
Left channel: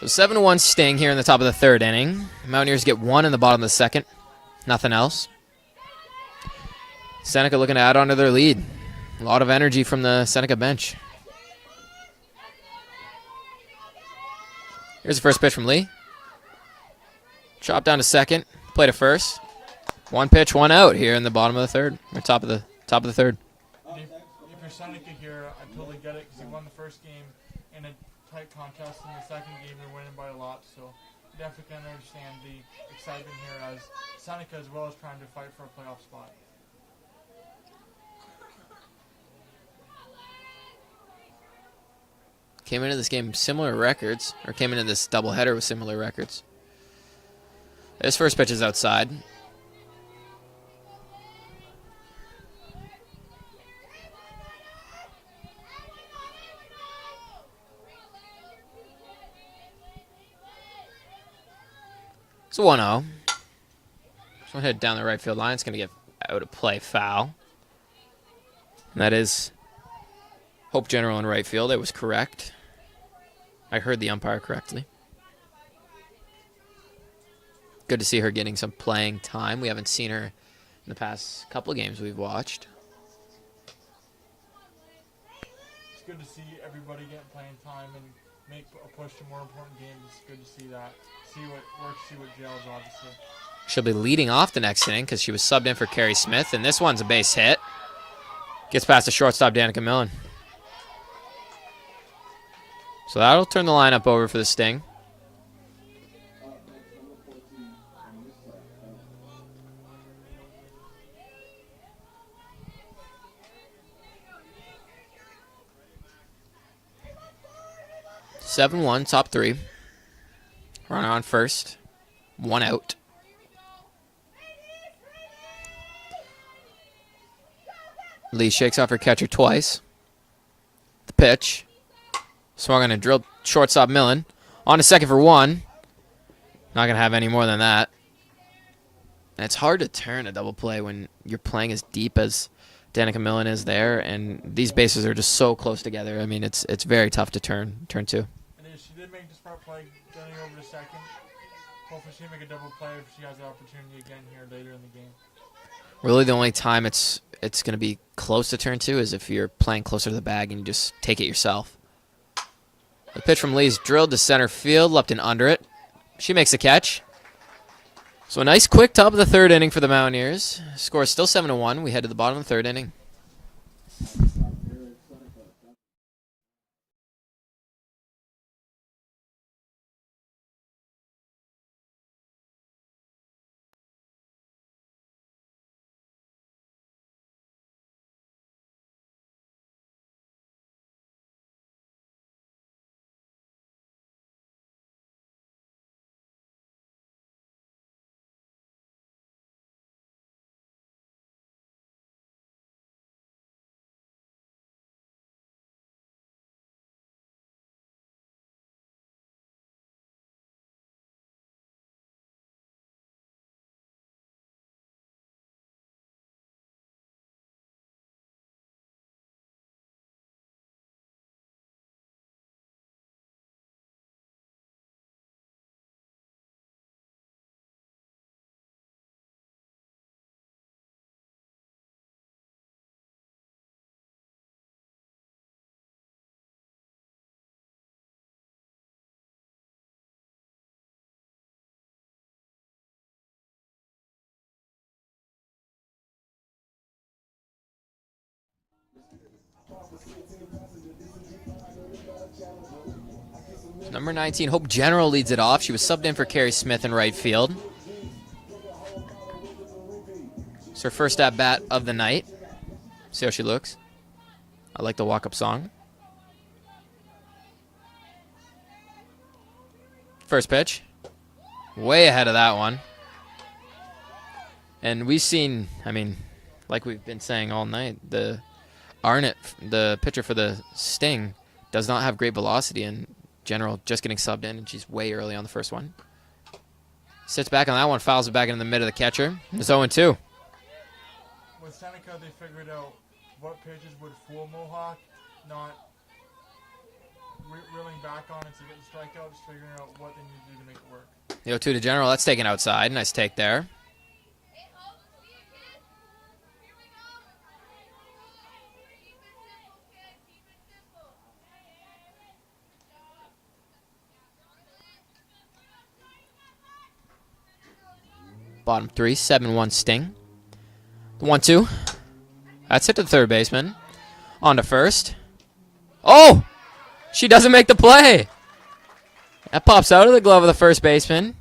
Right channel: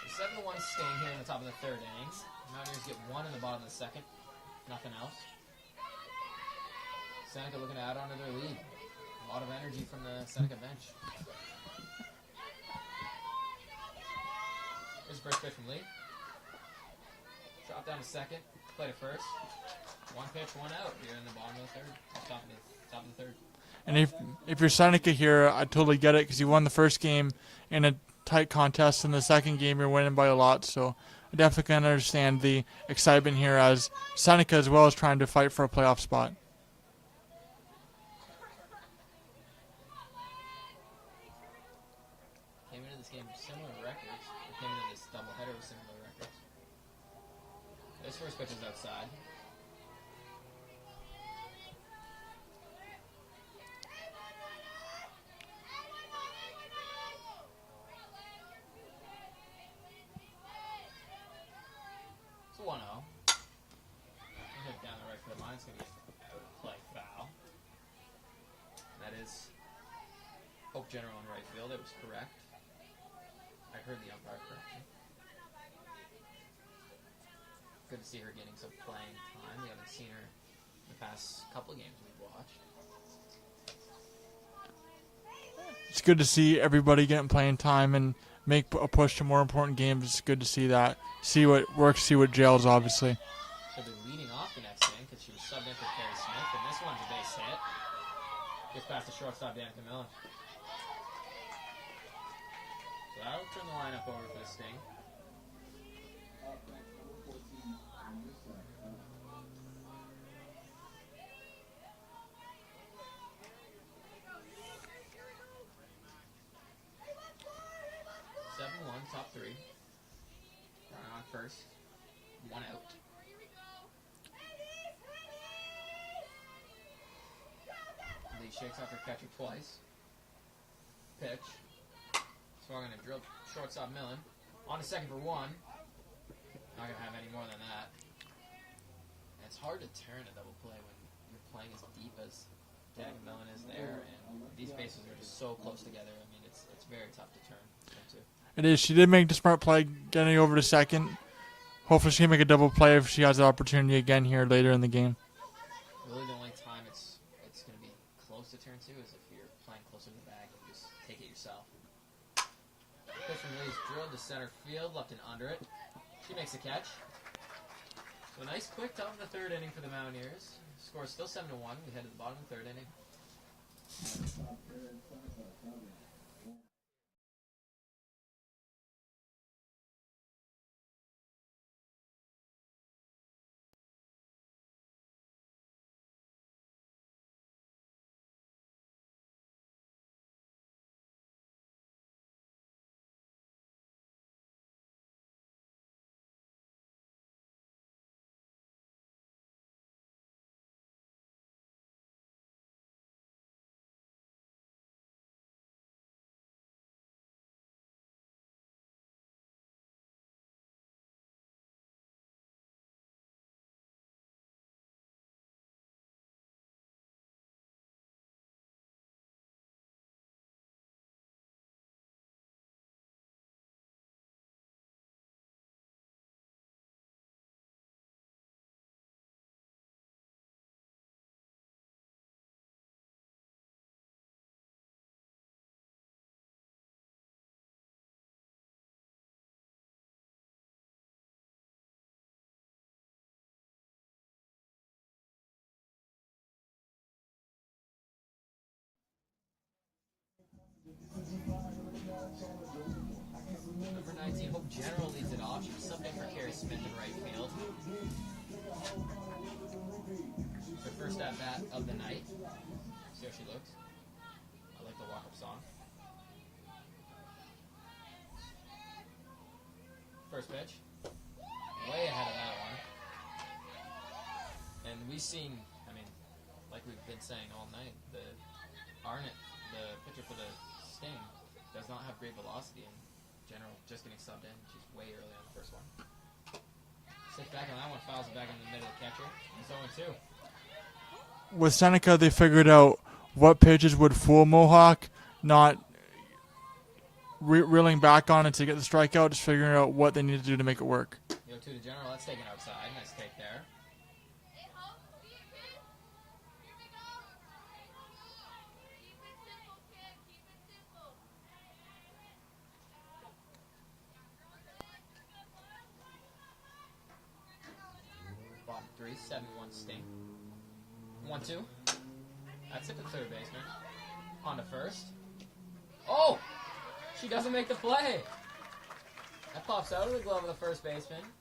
So 7-1 Sting here in the top of the third inning. Mountaineers get one in the bottom of the second. Nothing else. Seneca looking to add on to their lead. A lot of energy from the Seneca bench. Here's the first pitch from Lee. Chop down to second. Play to first. One pitch, one out here in the bottom of the third. Or top of the third. And if you're Seneca here, I totally get it because you won the first game in a tight contest. In the second game, you're winning by a lot. So I definitely can understand the excitement here as Seneca as well is trying to fight for a playoff spot. Came into this game similar records, or came into this doubleheader with similar records. This first pitch is outside. It's a 1-0. Just want to head down the right field line. It's going to get out of play, foul. And that is Hope General in right field. It was correct. I heard the umpire correctly. Good to see her getting some playing time. We haven't seen her in the past couple of games we've watched. It's good to see everybody getting playing time and make a push to more important games. It's good to see that. See what works, see what gels, obviously. She'll be leading off the next inning because she was subbed in for Carrie Smith, and this one's a base hit. Gets past the shortstop, Danica Millen. So that'll turn the lineup over for the Sting. (7-1), top three. Runner on first. One out. Lee shakes off her catcher twice. The pitch. Swung on a drilled shortstop Millen. On to second for one. Not going to have any more than that. And it's hard to turn a double play when you're playing as deep as Danica Millen is there. And these bases are just so close together. I mean, it's very tough to turn two. It is. She did make the smart play getting over to second. Hopefully she can make a double play if she has the opportunity again here later in the game. Really the only time it's going to be close to turn two is if you're playing closer to the bag and you just take it yourself. The pitch from Lee's drilled to center field, left and under it. She makes a catch. So a nice quick top of the third inning for the Mountaineers. Score is still 7-1. We head to the bottom of the third inning. Number 19, Hope General leads it off. She was subbed in for Carrie Smith in right field. It's her first at-bat of the night. See how she looks. I like the walk-up song. First pitch. Way ahead of that one. And we've seen, I mean, like we've been saying all night, the Arnott, the pitcher for the Sting, does not have great velocity, and General just getting subbed in, and she's way early on the first one. Sits back on that one, fouls it back into the mid of the catcher. It's 0-2. With Seneca, they figured out what pitches would fool Mohawk, not reeling back on it to get the strikeout, just figuring out what they need to do to make it work. The 0-2 to General. That's taken outside. Nice take there. Bottom 3, 7-1 Sting. The 1-2. That's hit to the third baseman. On to first. Oh! She doesn't make the play. That pops out of the glove of the first baseman.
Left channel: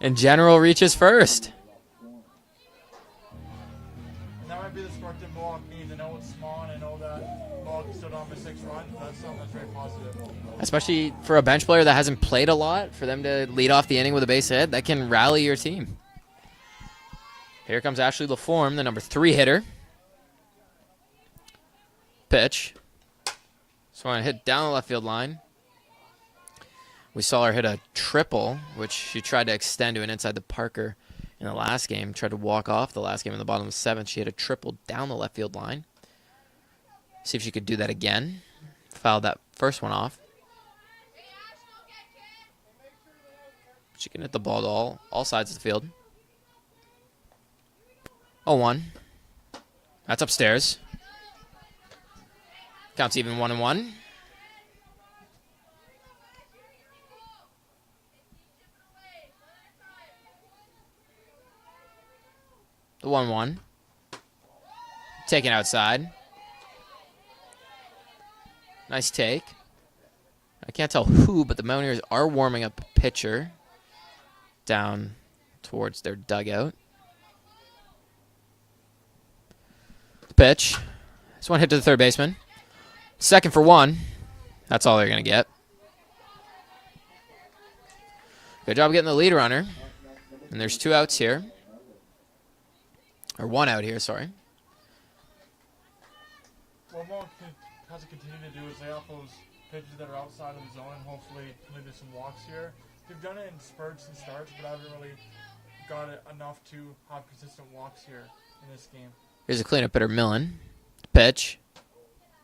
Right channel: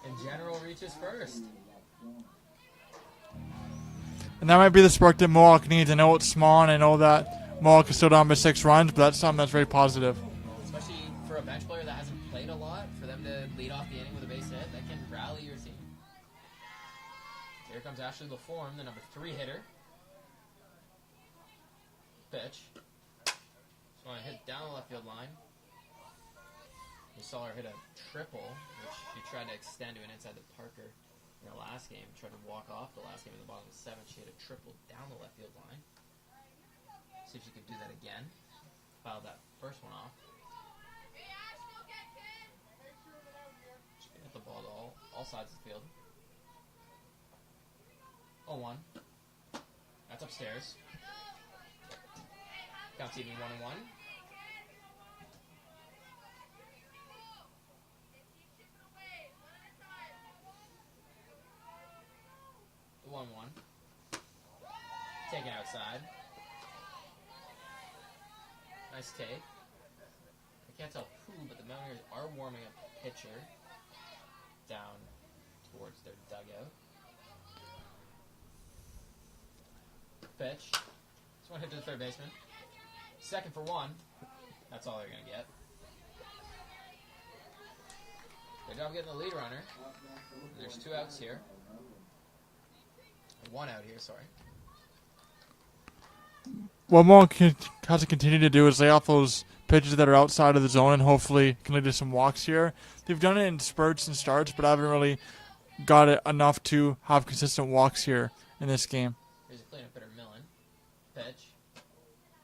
And General reaches first. And that might be the spark that Mohawk needs. I know it's small, and I know that Mohawk is still down by 6 runs, but that's something that's very positive. Especially for a bench player that hasn't played a lot, for them to lead off the inning with a base hit, that can rally your team. Here comes Ashley LaForme, the number 3 hitter. Pitch. So I hit down the left field line. We saw her hit a triple, which she tried to extend to an inside the Parker in the last game. Tried to walk off the last game in the bottom of the 7th. She hit a triple down the left field line. See if she could do that again. Fouled that first one off. She can hit the ball to all sides of the field. 0-1. That's upstairs. Counts even 1-1. The 1-1. Taken outside. Nice take. I can't tell who, but the Mountaineers are warming up a pitcher down towards their dugout. The pitch. This one hit to the third baseman. Second for 1. That's all they're going to get. Good job getting the lead runner. And there's 2 outs here. Or 1 out here, sorry. What Mohawk has to continue to do is lay off those pitches that are outside of the zone and hopefully can lead to some walks here. They've done it in spurts and starts, but I haven't really got it enough to have consistent walks here in this game. Here's a cleanup hitter, Millen. Pitch.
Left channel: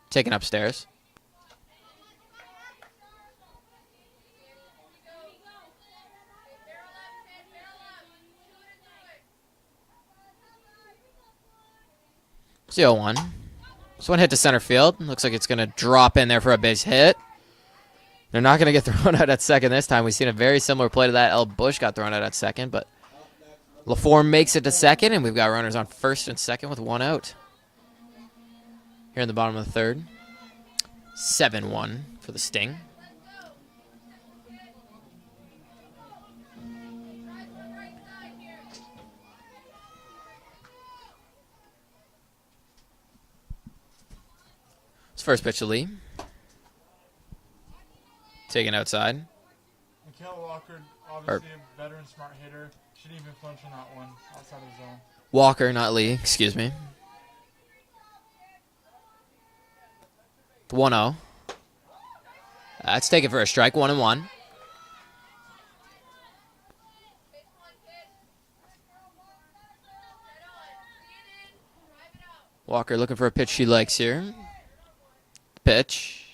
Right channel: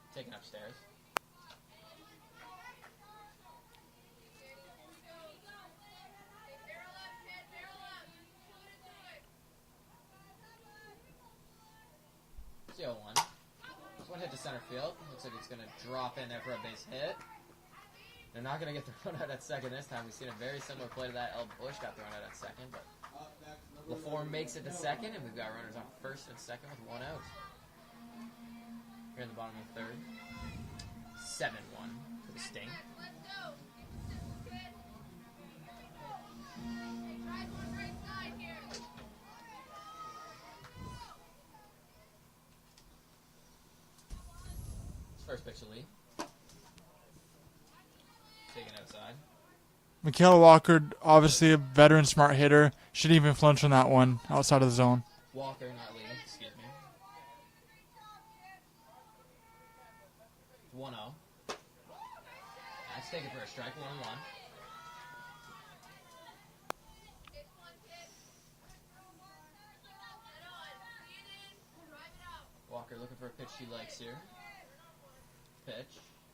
Taken upstairs. It's the 0-1. This one hit to center field. Looks like it's going to drop in there for a base hit. They're not going to get thrown out at second this time. We've seen a very similar play to that. El Bush got thrown out at second, but LaForme makes it to second, and we've got runners on first and second with 1 out. Here in the bottom of the 3rd. 7-1 for the Sting. It's first pitch to Lee. Taken outside. Michaela Walker, obviously a veteran smart hitter. Shouldn't even flinch on that one outside of the zone. Walker, not Lee. Excuse me. The 1-0. That's taken for a strike. 1-1. Walker looking for a pitch she likes here. Pitch.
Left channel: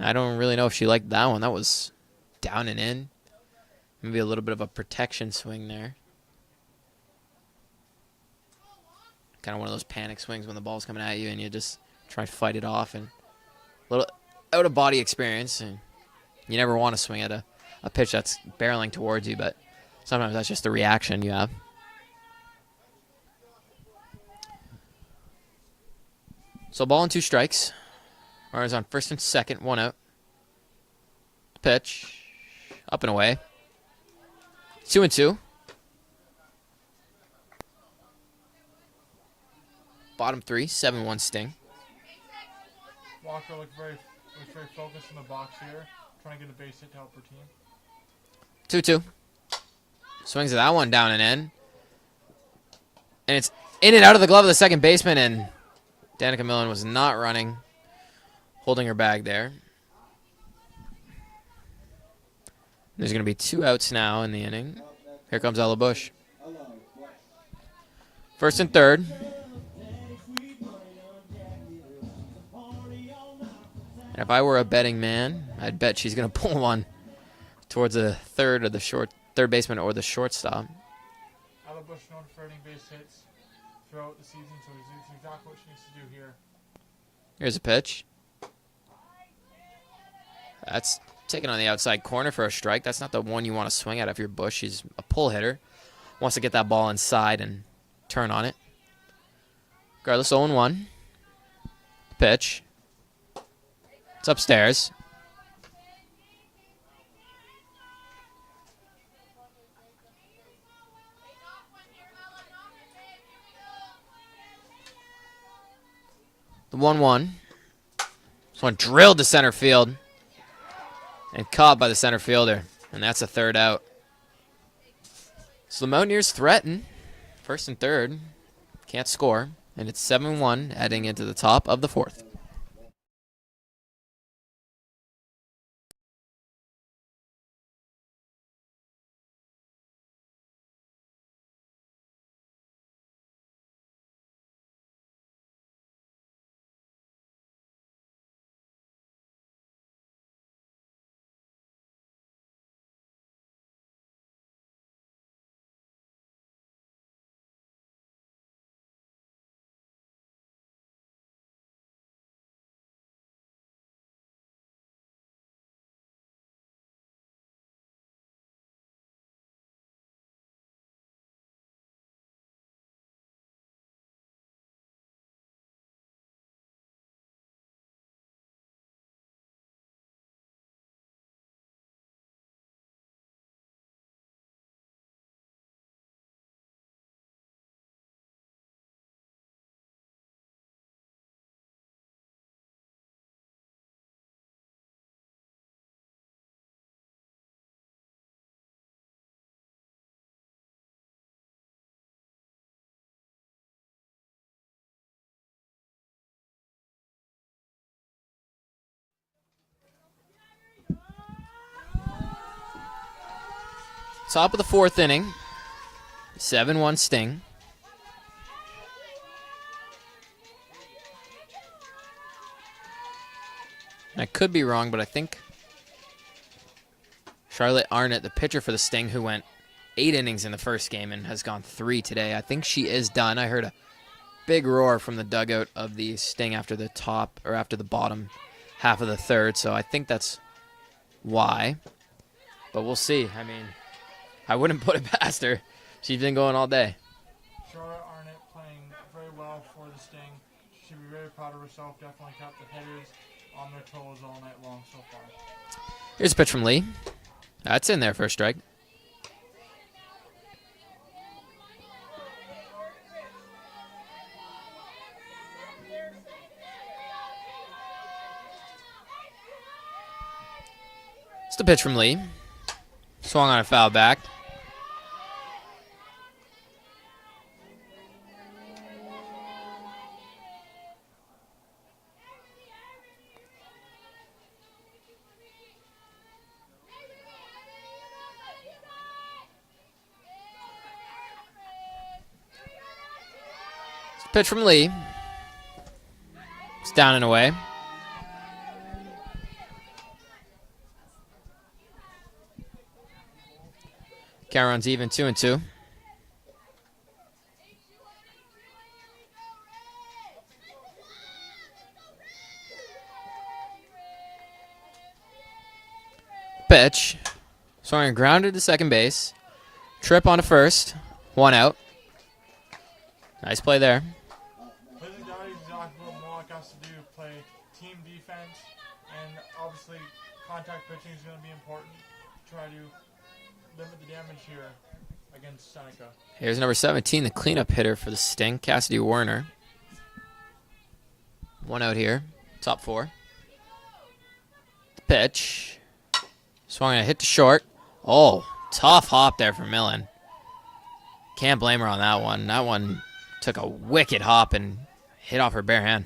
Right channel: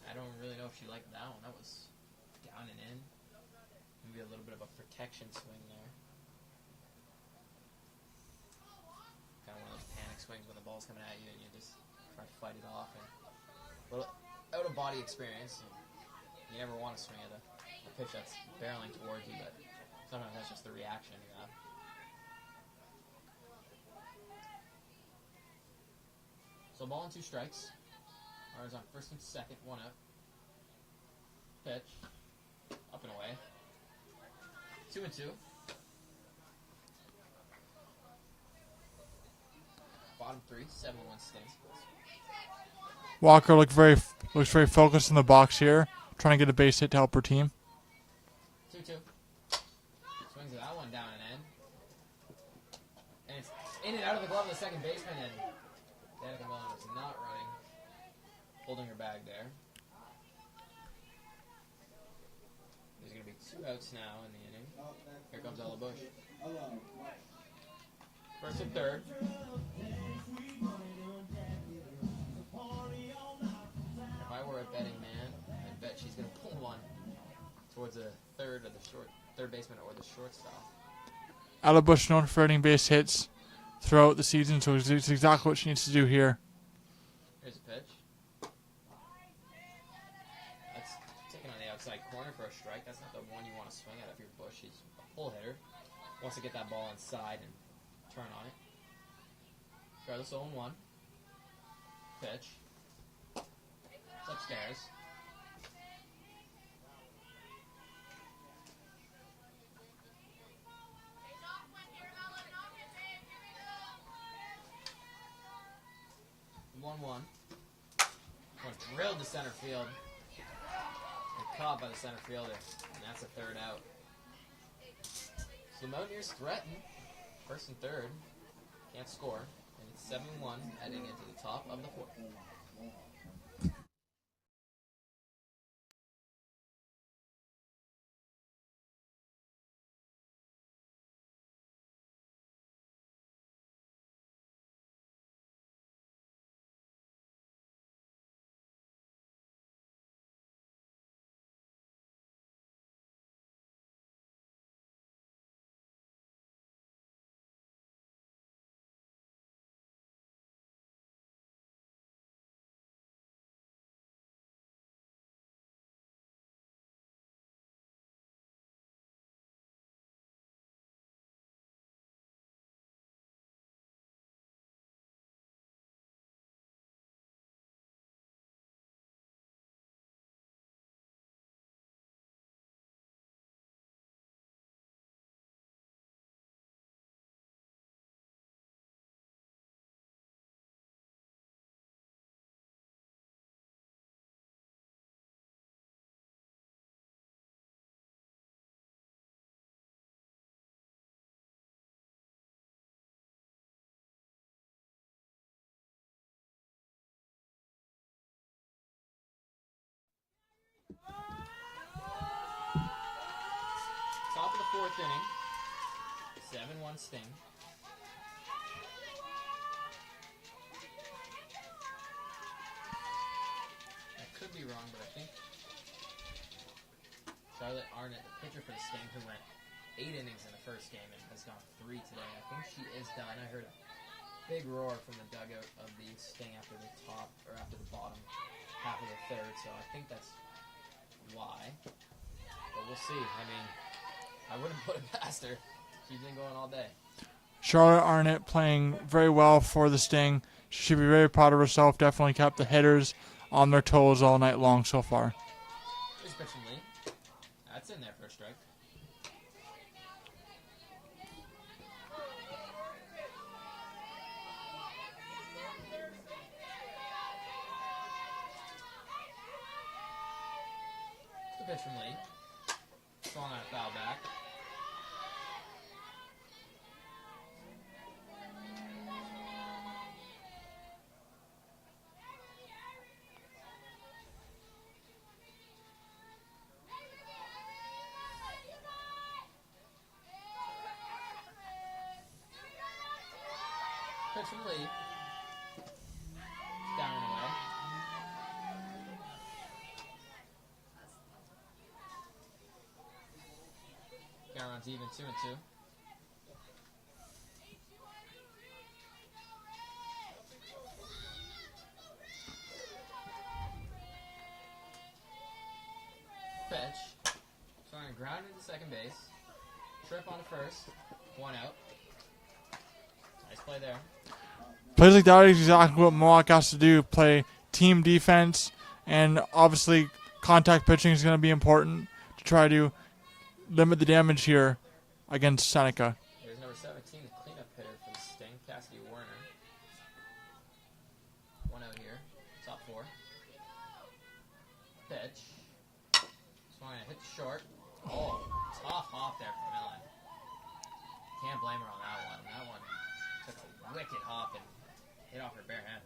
I don't really know if she liked that one. That was down and in. Maybe a little bit of a protection swing there. Kind of one of those panic swings when the ball's coming at you and you just try to fight it off. And a little out-of-body experience. And you never want to swing at a pitch that's barreling towards you, but sometimes that's just the reaction you have. So ball and 2 strikes. Runners on first and second, 1 out. Pitch. Up and away. 2-2. Bottom 3, 7-1 Sting. Walker looks very focused in the box here, trying to get a base hit to help her team. 2-2. Swings at that one down and in. And it's in and out of the glove of the second baseman, and Danica Millen was not running, holding her bag there. There's going to be 2 outs now in the inning. Here comes Ella Bush. First and third. And if I were a betting man, I'd bet she's going to pull one towards the third baseman or the shortstop. Bush known for earning base hits throughout the season, so it's exactly what she needs to do here. Here's a pitch. That's taken on the outside corner for a strike. That's not the one you want to swing at if you're Bush. She's a pull hitter. Wants to get that ball inside and turn on it. Regardless, 0-1. Pitch. It's upstairs. The 1-1. This one drilled to center field and caught by the center fielder, and that's a third out. So the Mountaineers threaten first and third. Can't score, and it's 7-1 heading into the top of the fourth. Top of the fourth inning. 7-1 Sting. I could be wrong, but I think Charlotte Arnott, the pitcher for the Sting, who went 8 innings in the first game and has gone 3 today, I think she is done. I heard a big roar from the dugout of the Sting after the bottom half of the third, so I think that's why. But we'll see. I mean, I wouldn't put it past her. She's been going all day. Charlotte Arnott playing very well for the Sting. She should be very proud of herself. Definitely kept the hitters on their toes all night long so far. Here's a pitch from Lee. That's in there for a strike. It's the pitch from Lee. Swung on a foul back. Pitch from Lee. It's down and away. Count runs even, 2-2. Pitch. Swung and grounded to second base. Trip onto first. 1 out. Nice play there. Plays like that is exactly what Mohawk has to do. Play team defense, and obviously contact pitching is going to be important to try to limit the damage here against Seneca. Here's number 17, the cleanup hitter for the Sting, Cassidy Werner. 1 out here, top 4. Pitch. Swung and a hit to short. Oh, tough hop there for Millen. Can't blame her on that one. That one took a wicked hop and hit off her bare hand.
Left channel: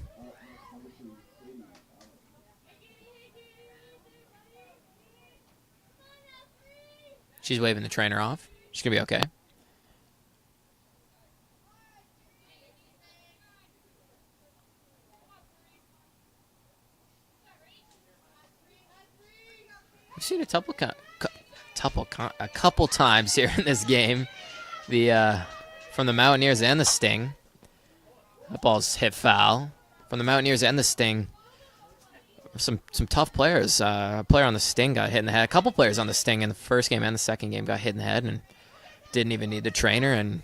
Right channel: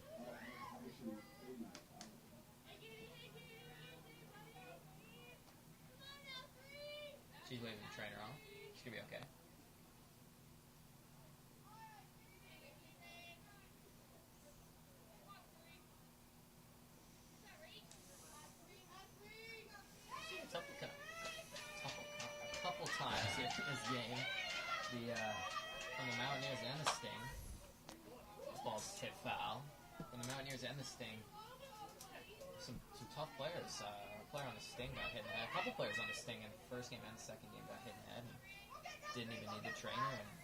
She's waving the trainer off. She's going to be okay. We've seen a couple times here in this game. From the Mountaineers and the Sting. That ball's hit foul. From the Mountaineers and the Sting. Some tough players. A player on the Sting got hit in the head. A couple players on the Sting in the first game and the second game got hit in the head and didn't even need the trainer. And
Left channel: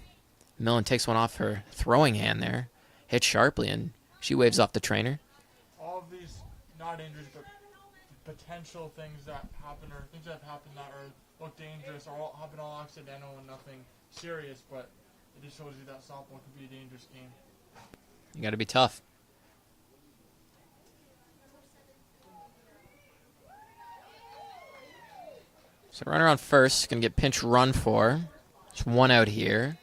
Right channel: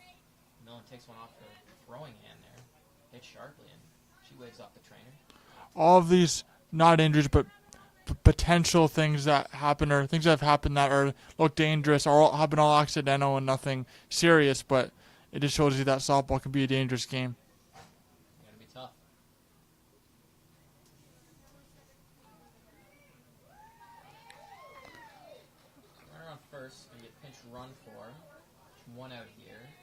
Millen takes one off her throwing hand there. Hit sharply, and she waves off the trainer. All of these, not injuries, but potential things that happen or things that have happened that look dangerous or have been all accidental and nothing serious, but it just shows you that softball can be a dangerous game. You got to be tough. So runner on first, going to get pinch run for. Just one out here.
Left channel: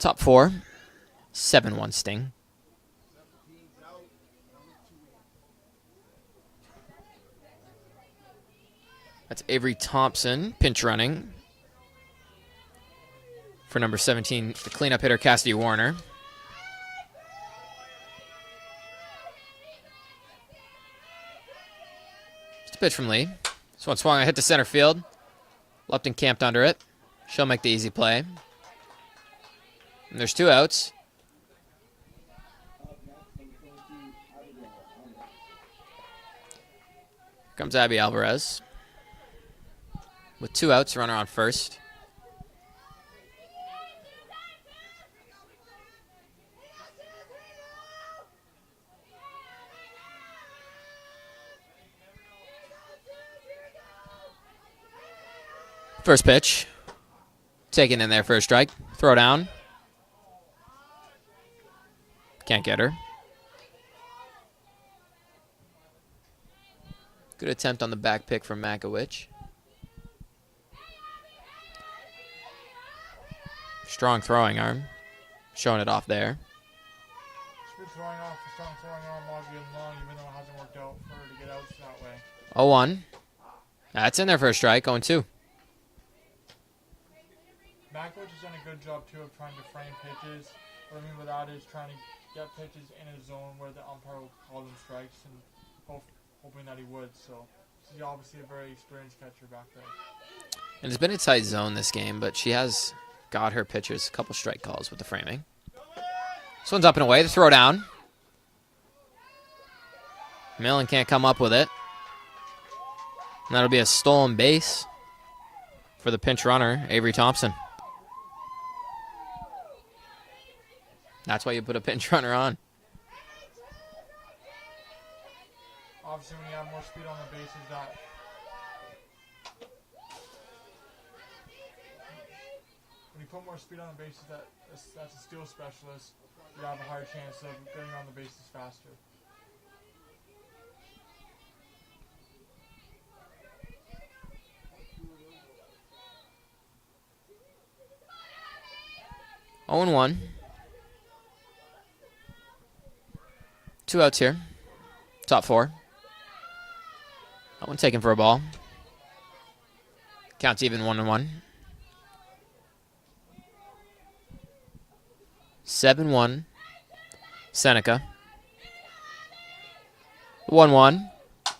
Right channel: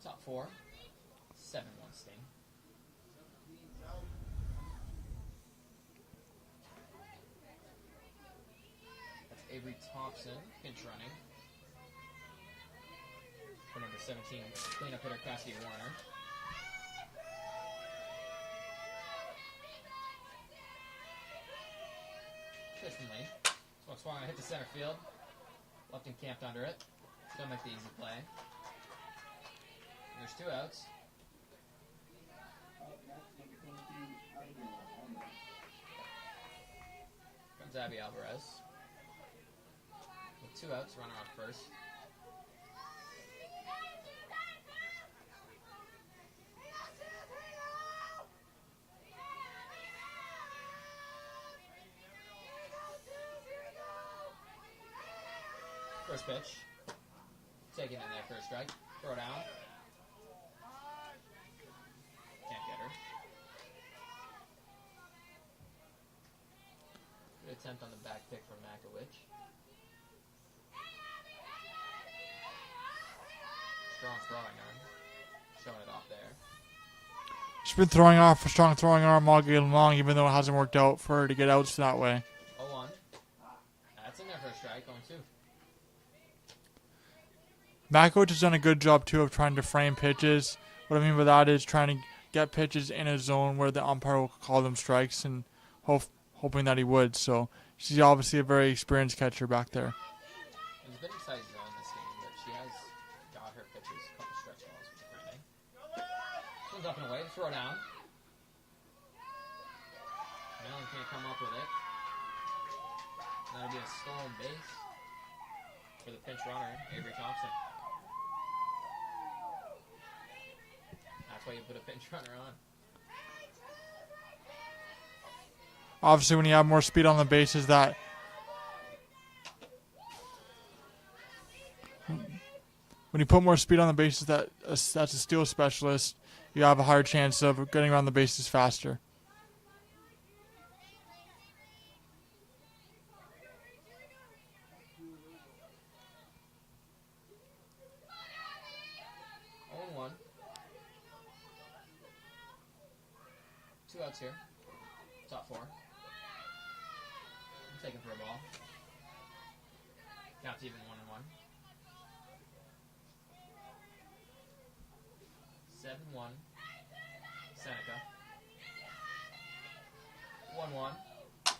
Top four, 7-1 Sting. That's Avery Thompson, pinch running for number 17, the cleanup hitter, Cassidy Warner. Just a pitch from Lee. This one swung, hit to center field. Lupton camped under it. She'll make the easy play. And there's 2 outs. Comes Abby Alvarez. With 2 outs, runner on first. First pitch. Taken in there for a strike. Throw down. Can't get her. Good attempt on the back pick from Makowicz. Strong throwing arm. Showing it off there. She's been throwing off a strong throwing arm all game long, even though it hasn't worked out for her to get outs that way. 0-1. That's in there for a strike. 0-2. Makowicz has done a good job, too, of trying to frame pitches. What I mean by that is trying to get pitches in a zone where the umpire will call them strikes and hoping that he would. So she's obviously a very experienced catcher back there. And it's been a tight zone this game, but she has got her pitchers a couple strike calls with the framing. This one's up and away. The throw down. Millen can't come up with it. And that'll be a stolen base for the pinch runner, Avery Thompson. That's why you put a pinch runner on. Obviously, when you have more speed on the bases, when you put more speed on the bases, that's a steal specialist. You have a higher chance of getting around the bases faster. Oh and 1. 2 outs here. Top 4. That one taken for a ball. Counts even 1-1. 7-1. Seneca. 1-1. This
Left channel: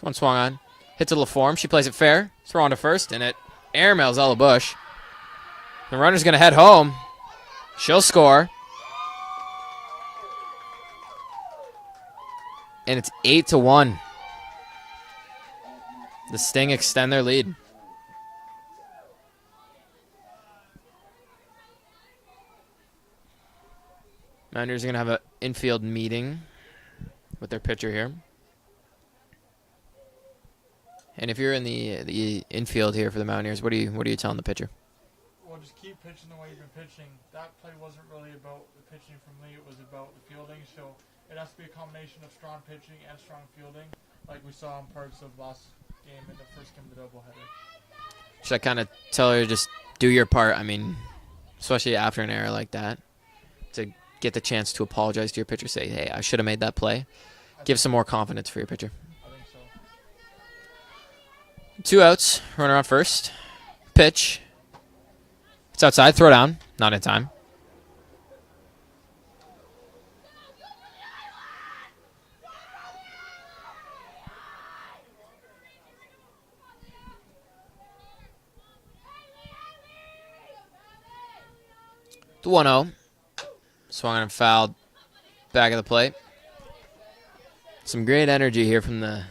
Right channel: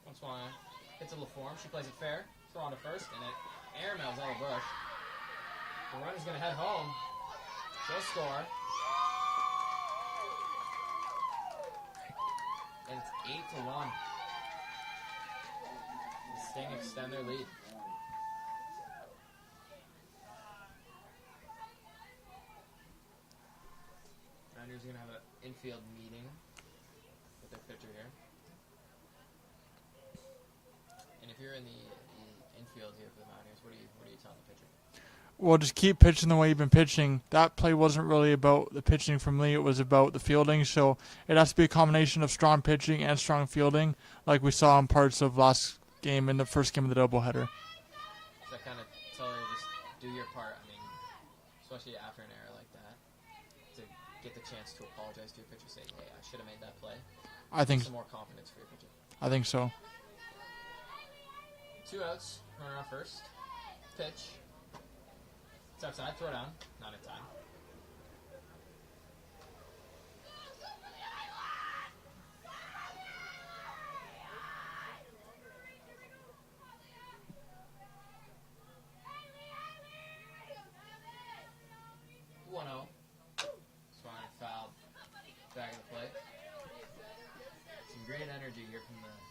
one swung on. Hits a little form. She plays it fair. Throw on to first, and it airmails Ella Bush. The runner's going to head home. She'll score. And it's 8-1. The Sting extend their lead. Mountaineers are going to have an infield meeting with their pitcher here. And if you're in the infield here for the Mountaineers, what are you telling the pitcher? Well, just keep pitching the way you've been pitching. That play wasn't really about the pitching from Lee. It was about the fielding. So it has to be a combination of strong pitching and strong fielding, like we saw in parts of last game in the first game of the doubleheader. Should I kind of tell her just do your part? I mean, especially after an error like that, to get the chance to apologize to your pitcher, say, hey, I should have made that play. Give some more confidence for your pitcher. I think so. 2 outs. Runner on first. Pitch. It's outside. Throw down. Not in time. The 1-0. Swung and fouled back of the plate. Some great energy here from the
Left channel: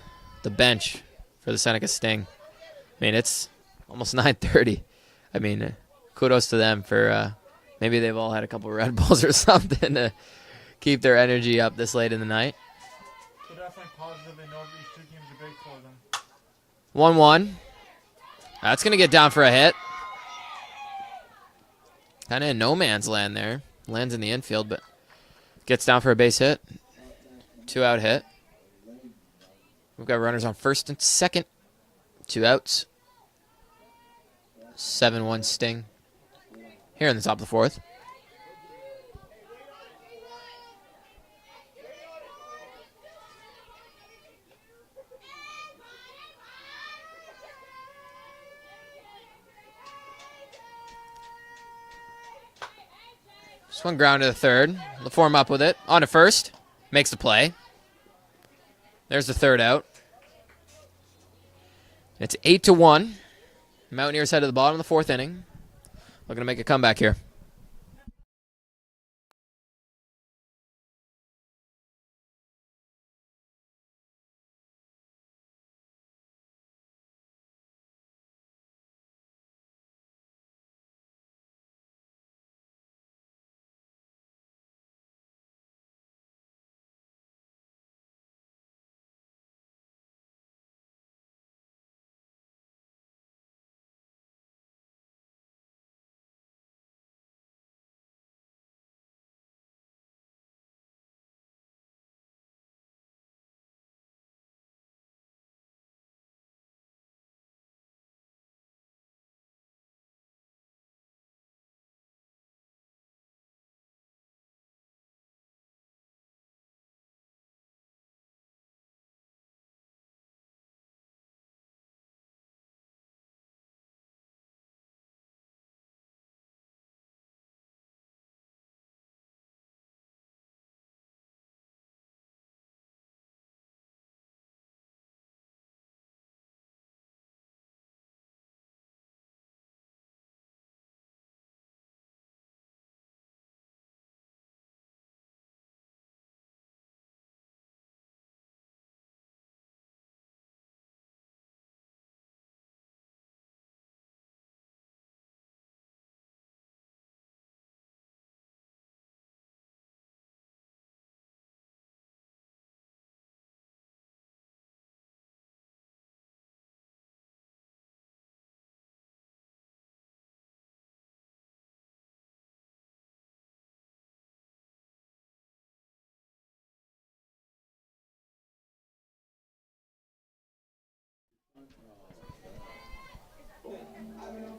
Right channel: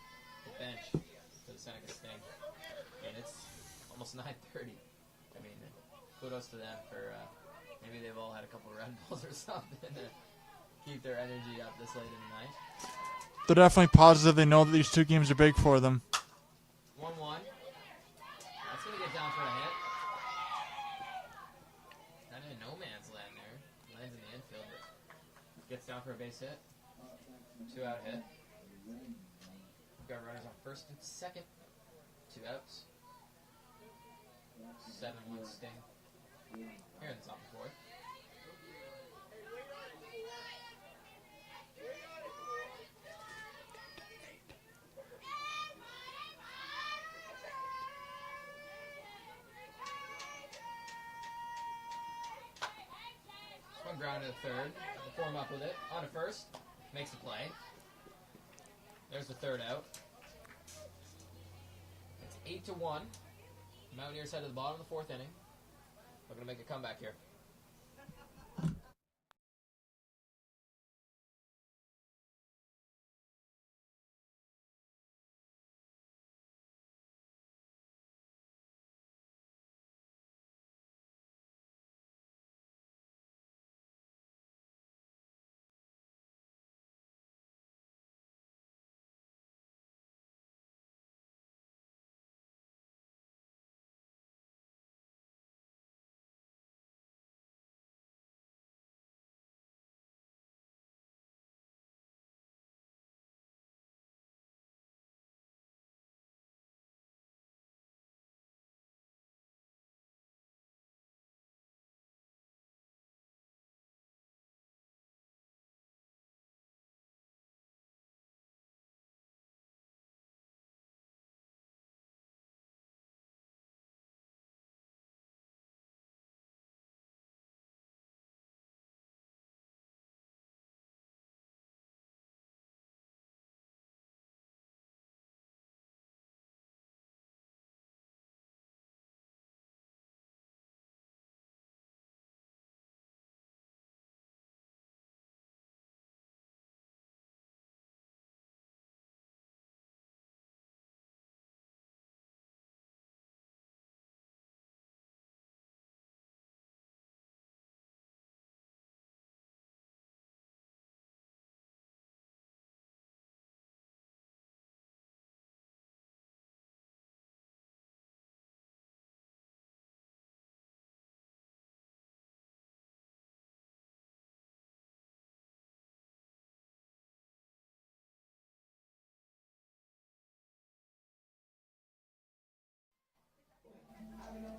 bench for the Seneca Sting. I mean, it's almost 9:30. I mean, kudos to them for maybe they've all had a couple Red Bulls or something to keep their energy up this late in the night. They're definitely positive. They know that these 2 games are big for them. 1-1. That's going to get down for a hit. Kind of in no man's land there. Lands in the infield, but gets down for a base hit. 2-out hit. We've got runners on first and second. 2 outs. 7-1 Sting. Here in the top of the 4th. Swung ground to the third. LaForme up with it. On to first. Makes the play. There's the 3rd out. It's 8-1. Mountaineers head to the bottom of the 4th inning. Looking to make a comeback here.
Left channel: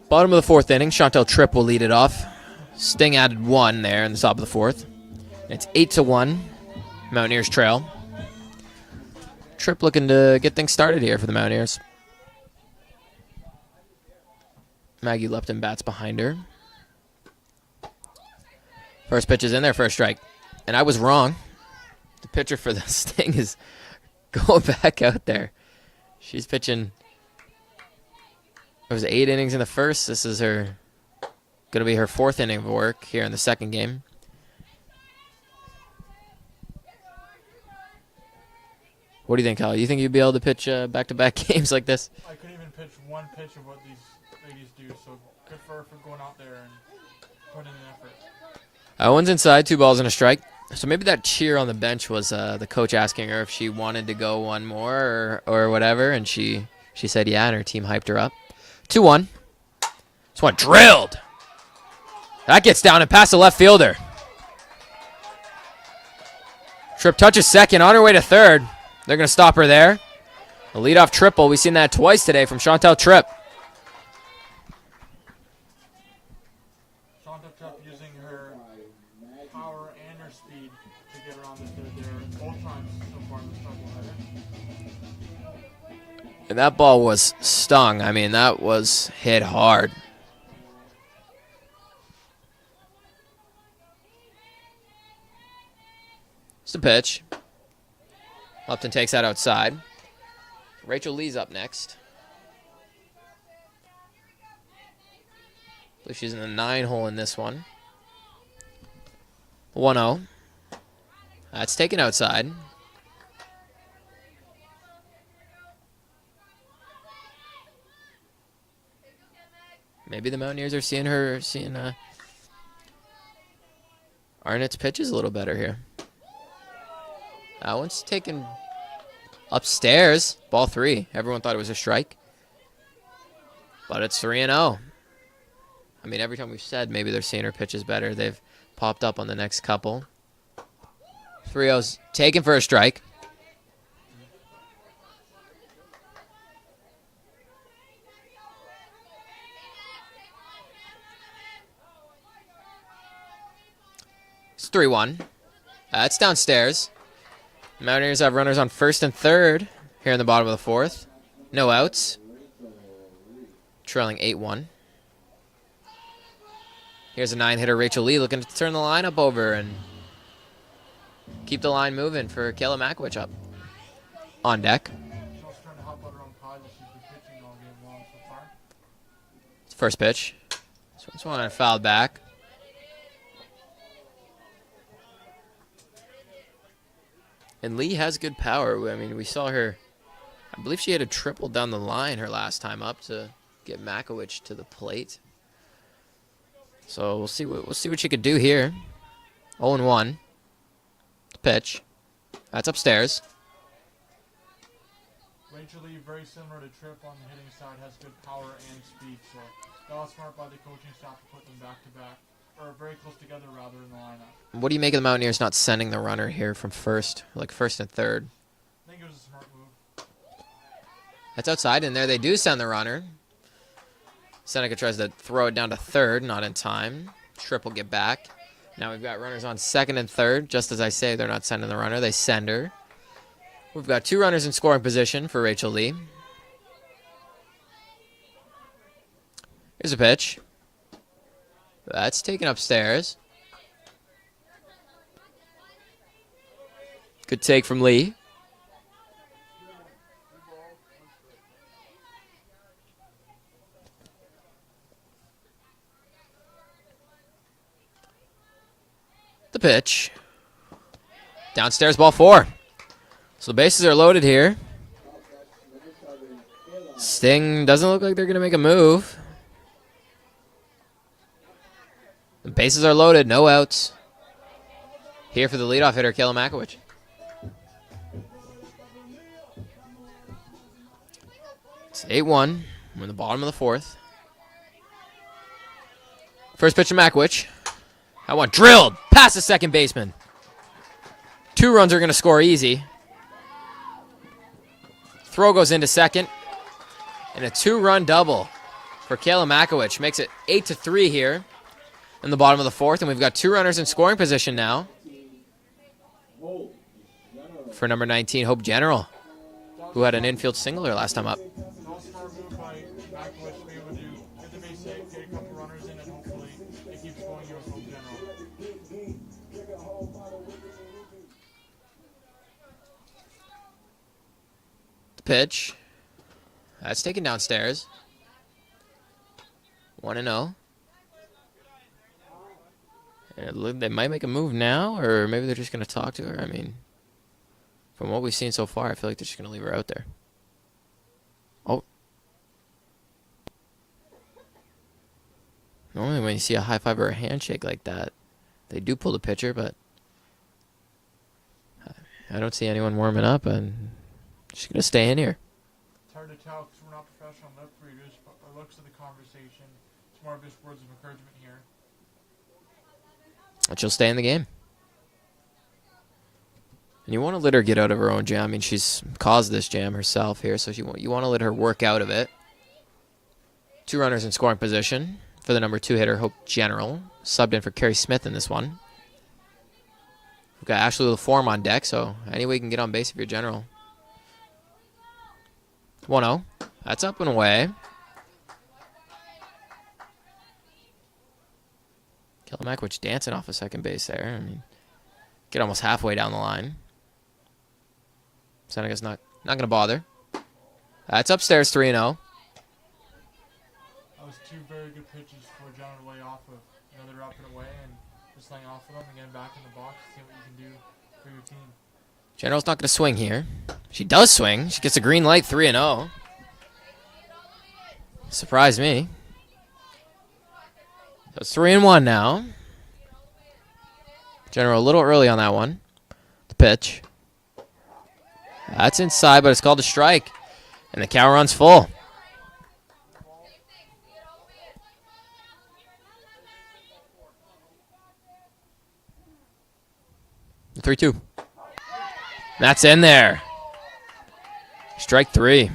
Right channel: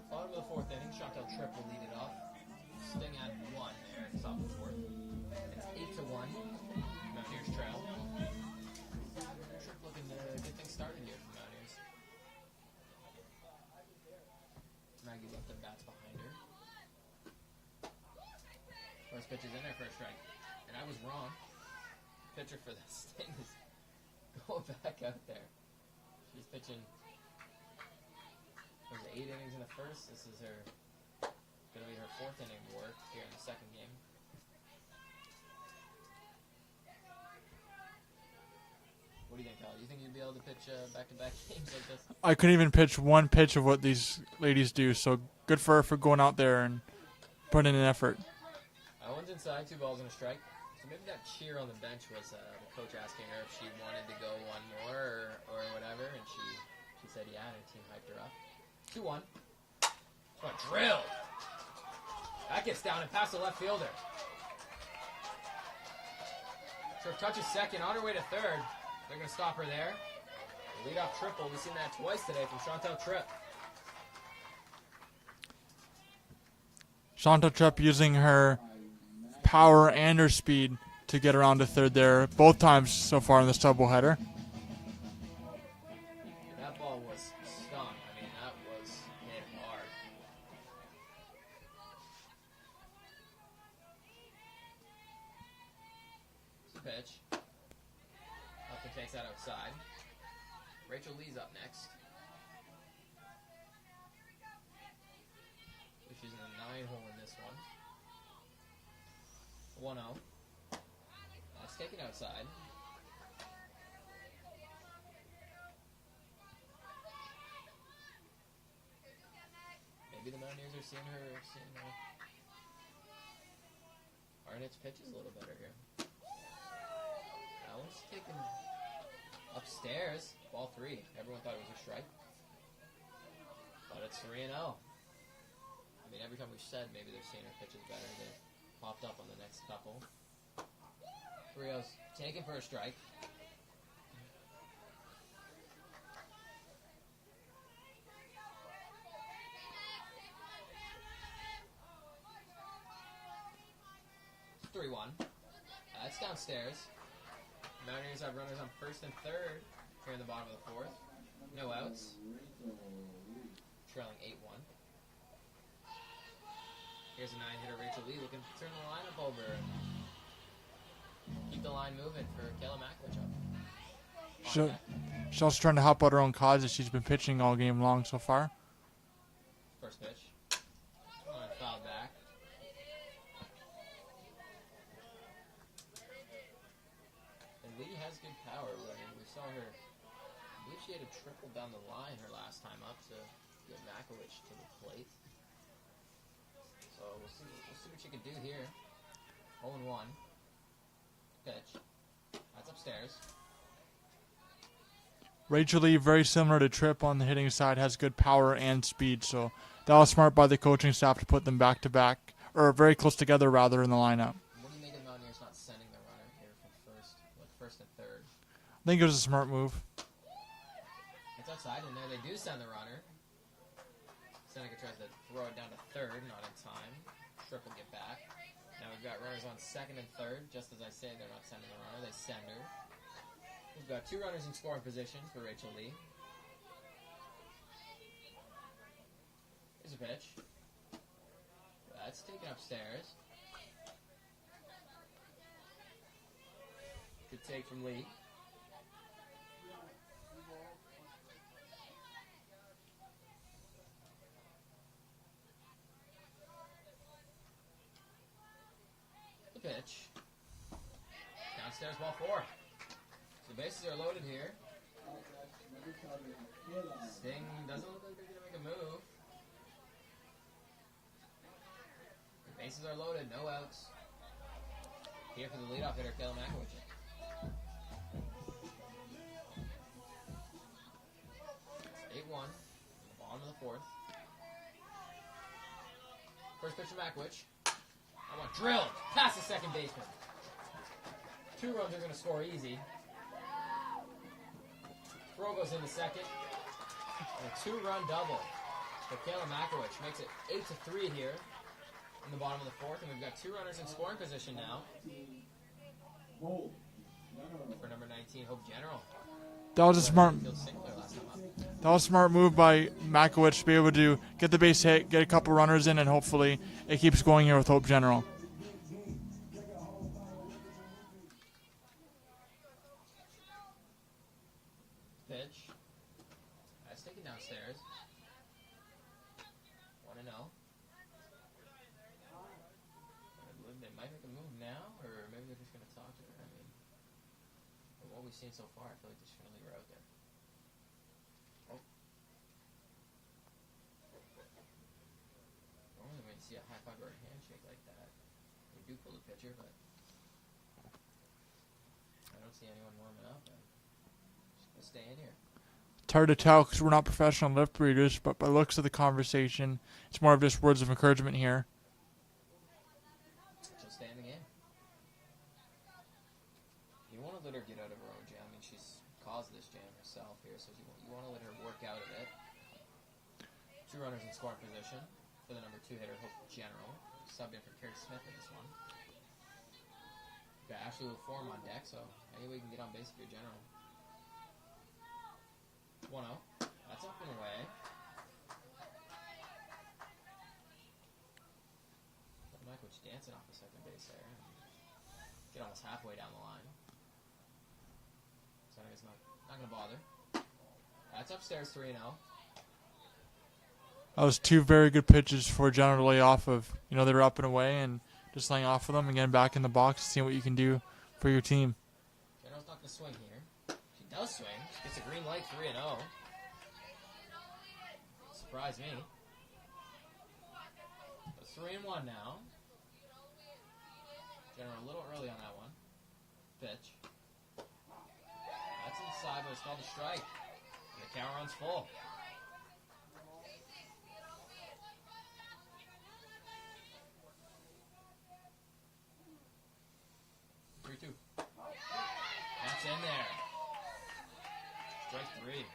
Bottom of the 4th inning. Chantel Tripp will lead it off. Sting added 1 there in the top of the 4th. It's 8-1. Mountaineers trail. Tripp looking to get things started here for the Mountaineers. Maggie Lupton bats behind her. First pitch is in there for a strike. And I was wrong. The pitcher for the Sting is going back out there. She's pitching. It was 8 innings in the first. This is going to be her 4th inning of work here in the second game. What do you think, Kyle? You think you'd be able to pitch back-to-back games like this? I couldn't even pitch one pitch of what these ladies do, so good for her for going out there and putting in an effort. Owen's inside, 2 balls and a strike. So maybe that cheer on the bench was the coach asking her if she wanted to go one more or whatever, and she said yeah, and her team hyped her up. 2-1. This one drilled. That gets down and past the left fielder. Tripp touches second, on her way to third. They're going to stop her there. A leadoff triple. We've seen that twice today from Chantel Tripp. Chantel Tripp using her power and her speed to get around to third there both times so far in this doubleheader. And that ball was stung. I mean, that was hit hard. It's the pitch. Lupton takes that outside. Rachel Lee's up next. I believe she's in the 9 hole in this one. 1-0. That's taken outside. Maybe the Mountaineers are seeing Arnett's pitches a little better here. That one's taken upstairs. Ball 3. Everyone thought it was a strike. But it's 3-0. I mean, every time we've said maybe they're seeing her pitches better, they've popped up on the next couple. 3-0's taken for a strike. It's 3-1. It's downstairs. Mountaineers have runners on first and third here in the bottom of the fourth. No outs. Trailing 8-1. Here's a 9-hitter, Rachel Lee, looking to turn the lineup over and keep the line moving for Kayla Makowicz up on deck. She's also trying to help out her own cause as she's been pitching all game long so far. First pitch. This one fouled back. And Lee has good power. I mean, we saw her, I believe she had a triple down the line her last time up to get Makowicz to the plate. So we'll see what she could do here. 0-1. Pitch. That's upstairs. Rachel Lee, very similar to Tripp on the hitting side, has good power and speed. So that was smart by the coaching staff to put them back to back, or very close together rather, in the lineup. What do you make of the Mountaineers not sending the runner here from first, like first and third? I think it was a smart move. That's outside, and there they do send the runner. Seneca tries to throw it down to third, not in time. Tripp will get back. Now we've got runners on second and third. Just as I say, they're not sending the runner. They send her. We've got 2 runners in scoring position for Rachel Lee. Here's a pitch. That's taken upstairs. Good take from Lee. The pitch. Downstairs, ball 4. So the bases are loaded here. Sting doesn't look like they're going to make a move. The bases are loaded, no outs. Here for the leadoff hitter, Kayla Makowicz. It's 8-1. We're in the bottom of the fourth. First pitch to Makowicz. That one drilled past the second baseman. 2 runs are going to score easy. Throw goes into second. And a 2-run double for Kayla Makowicz. Makes it 8-3 here in the bottom of the fourth. And we've got 2 runners in scoring position now for number 19, Hope General, who had an infield singler last time up. That was a smart move by Makowicz to be able to get the base hit, get a couple runners in, and hopefully it keeps going here with Hope General. The pitch. That's taken downstairs. 1-0. And they might make a move now, or maybe they're just going to talk to her. I mean, from what we've seen so far, I feel like they're just going to leave her out there. Oh. Normally when you see a high five or a handshake like that, they do pull the pitcher, but I don't see anyone warming up, and she's going to stay in here. It's hard to tell because we're not professional lift readers, but by the looks of the conversation, it's more of just words of encouragement here. And she'll stay in the game. And you want to let her get out of her own jam. I mean, she's caused this jam herself here, so you want to let her work out of it. 2 runners in scoring position for the number 2 hitter, Hope General. Subbed in for Carrie Smith in this one. We've got Ashley LaForme on deck, so any way you can get on base if you're General. 1-0. That's up and away. Kayla Makowicz dancing off of second base there. I mean, get almost halfway down the line. Seneca's not going to bother. That's upstairs, 3-0. That was 2 very good pitches for General to lay off of. You know, they were up and away, and just laying off of them and getting back in the box, seeing what you can do for your team. General's not going to swing here. She does swing. She gets a green light, 3-0. Surprised me. So it's 3-1 now. General a little early on that one. The pitch. That's inside, but it's called a strike. And the cow runs full. The 3-2. That's in there. Strike 3. So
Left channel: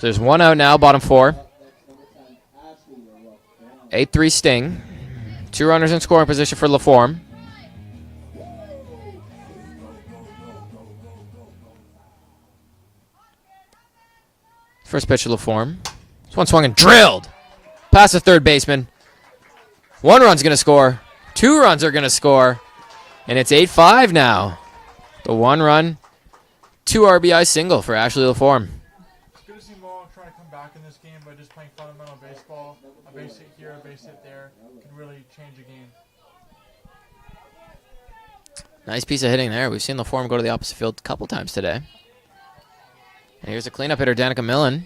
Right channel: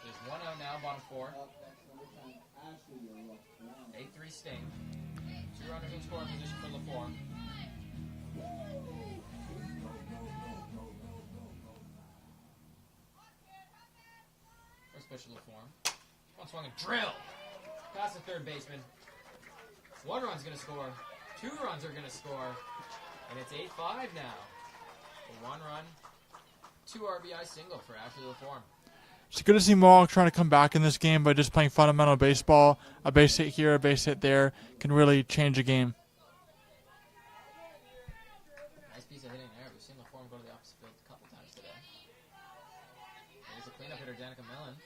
there's 1 out now, bottom 4. 8-3 Sting. 2 runners in scoring position for LaForme. First pitch to LaForme. This one swung and drilled. Past the third baseman. 1 run's going to score. 2 runs are going to score. And it's 8-5 now. The 1 run, 2 RBI single for Ashley LaForme. It's good to see Mohawk trying to come back in this game by just playing fundamental baseball. A base hit here, a base hit there can really change a game. Nice piece of hitting there. We've seen LaForme go to the opposite field a couple times today. And here's a cleanup hitter, Danica Millen.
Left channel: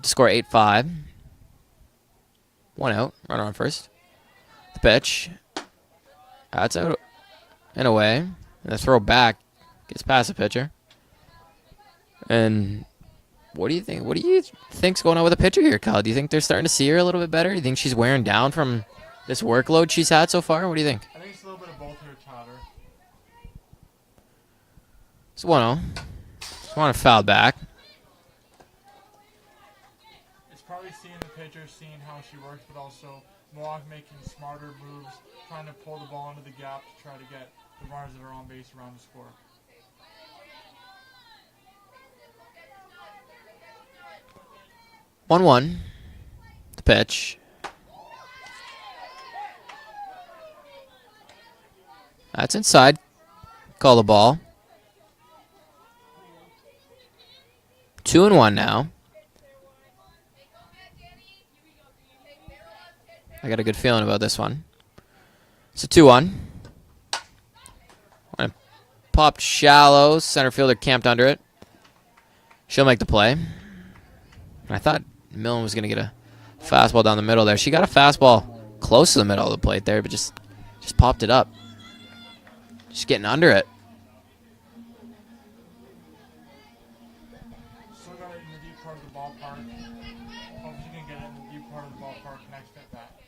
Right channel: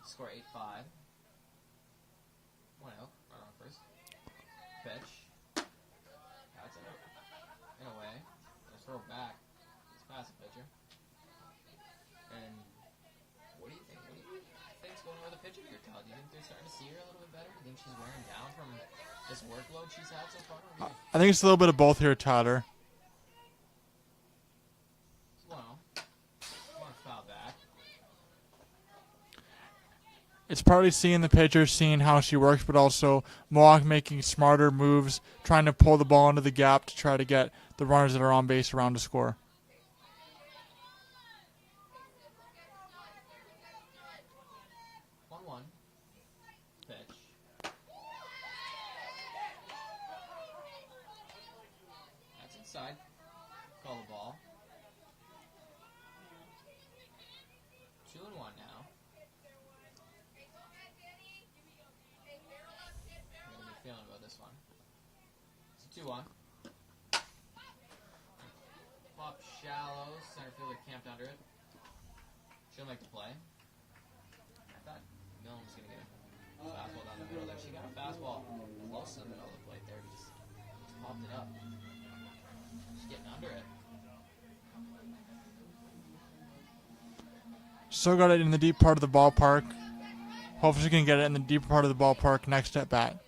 To score 8-5. 1 out, runner on first. The pitch. That's out and away. And the throw back gets past the pitcher. And what do you think? What do you think's going on with the pitcher here, Kyle? Do you think they're starting to see her a little bit better? Do you think she's wearing down from this workload she's had so far? What do you think? I think it's a little bit of both here, Tyler. It's 1-0. Just want to foul back. It's partly seeing the pitcher, seeing how she works, but also Mohawk making smarter moves, trying to pull the ball into the gap to try to get the runners that are on base around to score. One. The pitch. That's inside. Call the ball. 2-1 now. I got a good feeling about this one. It's a 2-1. Popped shallow. Center fielder camped under it. She'll make the play. I thought Millen was going to get a fastball down the middle there. She got a fastball close to the middle of the plate there, but just popped it up. Just getting under it. Still got it in the deep part of the ballpark. Hopefully she can get it in the deep part of the ballpark next at bat.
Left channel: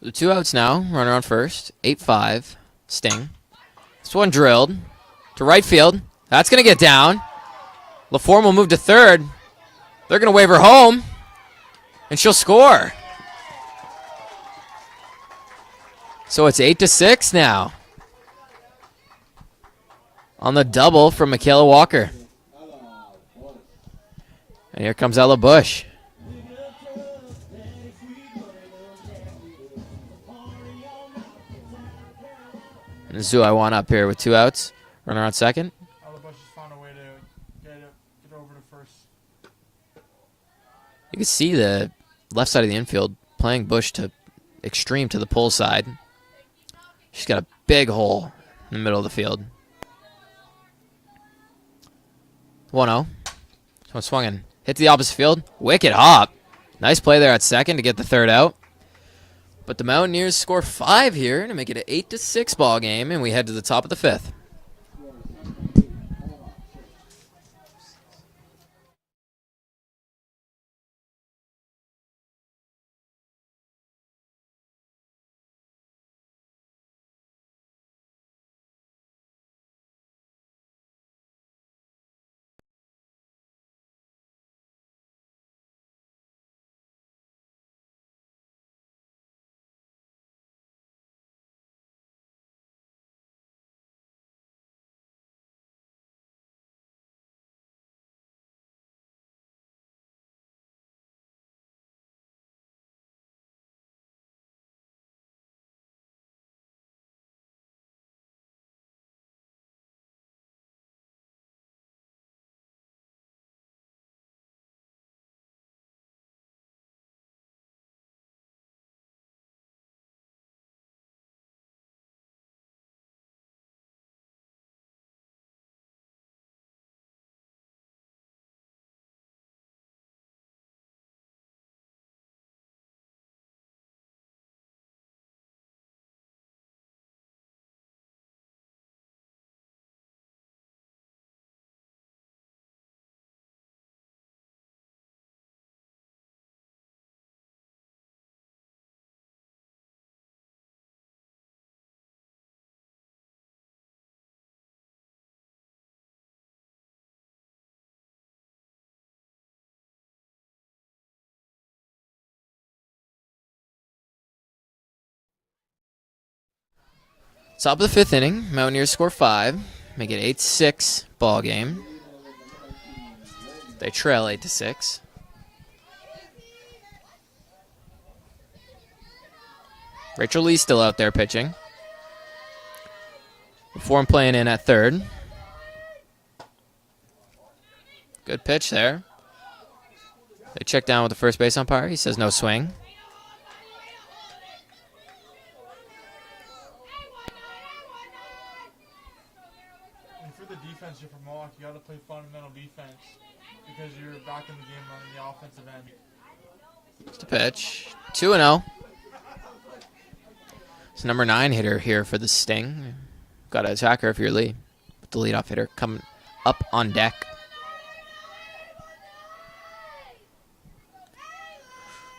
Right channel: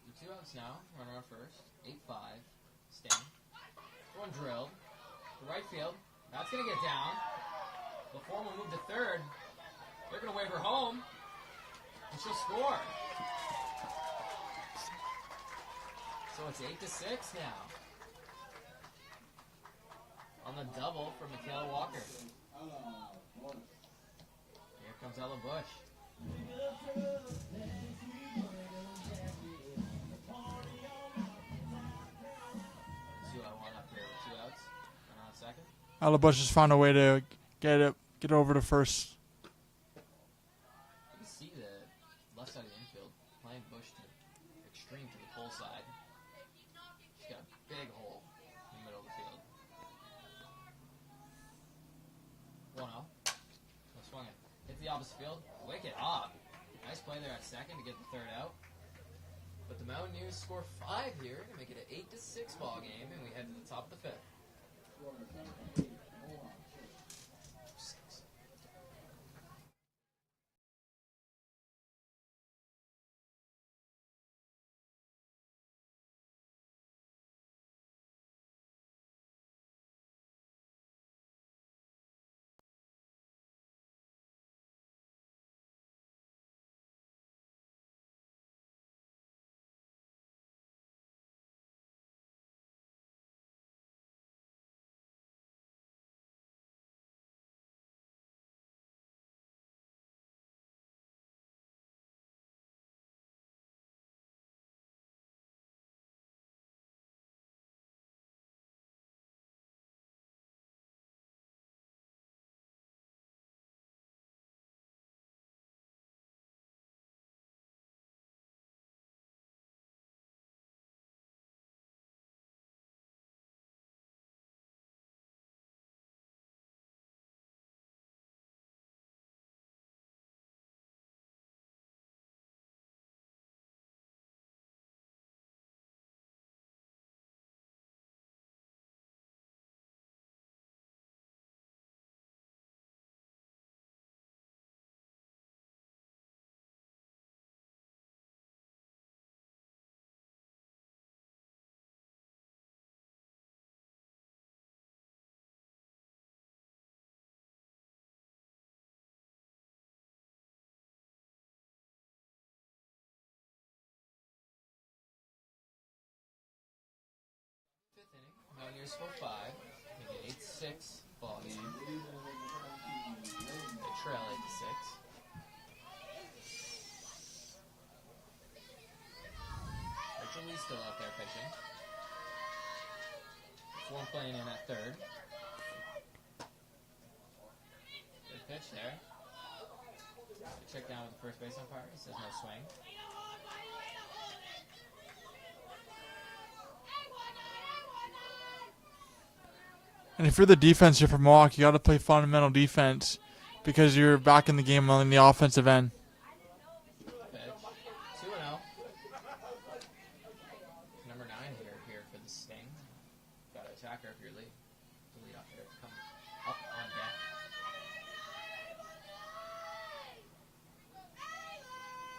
The 2 outs now. Runner on first. 8-5. Sting. This one drilled to right field. That's going to get down. LaForme will move to third. They're going to wave her home. And she'll score. So it's 8-6 now. On the double from Michaela Walker. And here comes Ella Bush. And Zuiwan up here with 2 outs. Runner on second. Ella Bush has found a way to get over to first. You can see the left side of the infield playing Bush to extreme to the pull side. She's got a big hole in the middle of the field. 1-0. Someone swung in. Hit to the opposite field. Wicked hop. Nice play there at second to get the 3rd out. But the Mountaineers score 5 here to make it an 8-6 ball game, and we head to the top of the 5th. Top of the fifth inning. Mountaineers score 5. Make it 8-6 ball game. They trail 8-6. Rachel Lee still out there pitching. Form playing in at third. Good pitch there. They check down with the first base umpire. He says no swing. And if you're the defense here for Mohawk, you got to play fundamental defense because you're back in the game on the offensive end. It's the pitch. 2-0. It's number 9 hitter here for the Sting. Got to attack her if you're Lee. The leadoff hitter coming up on deck.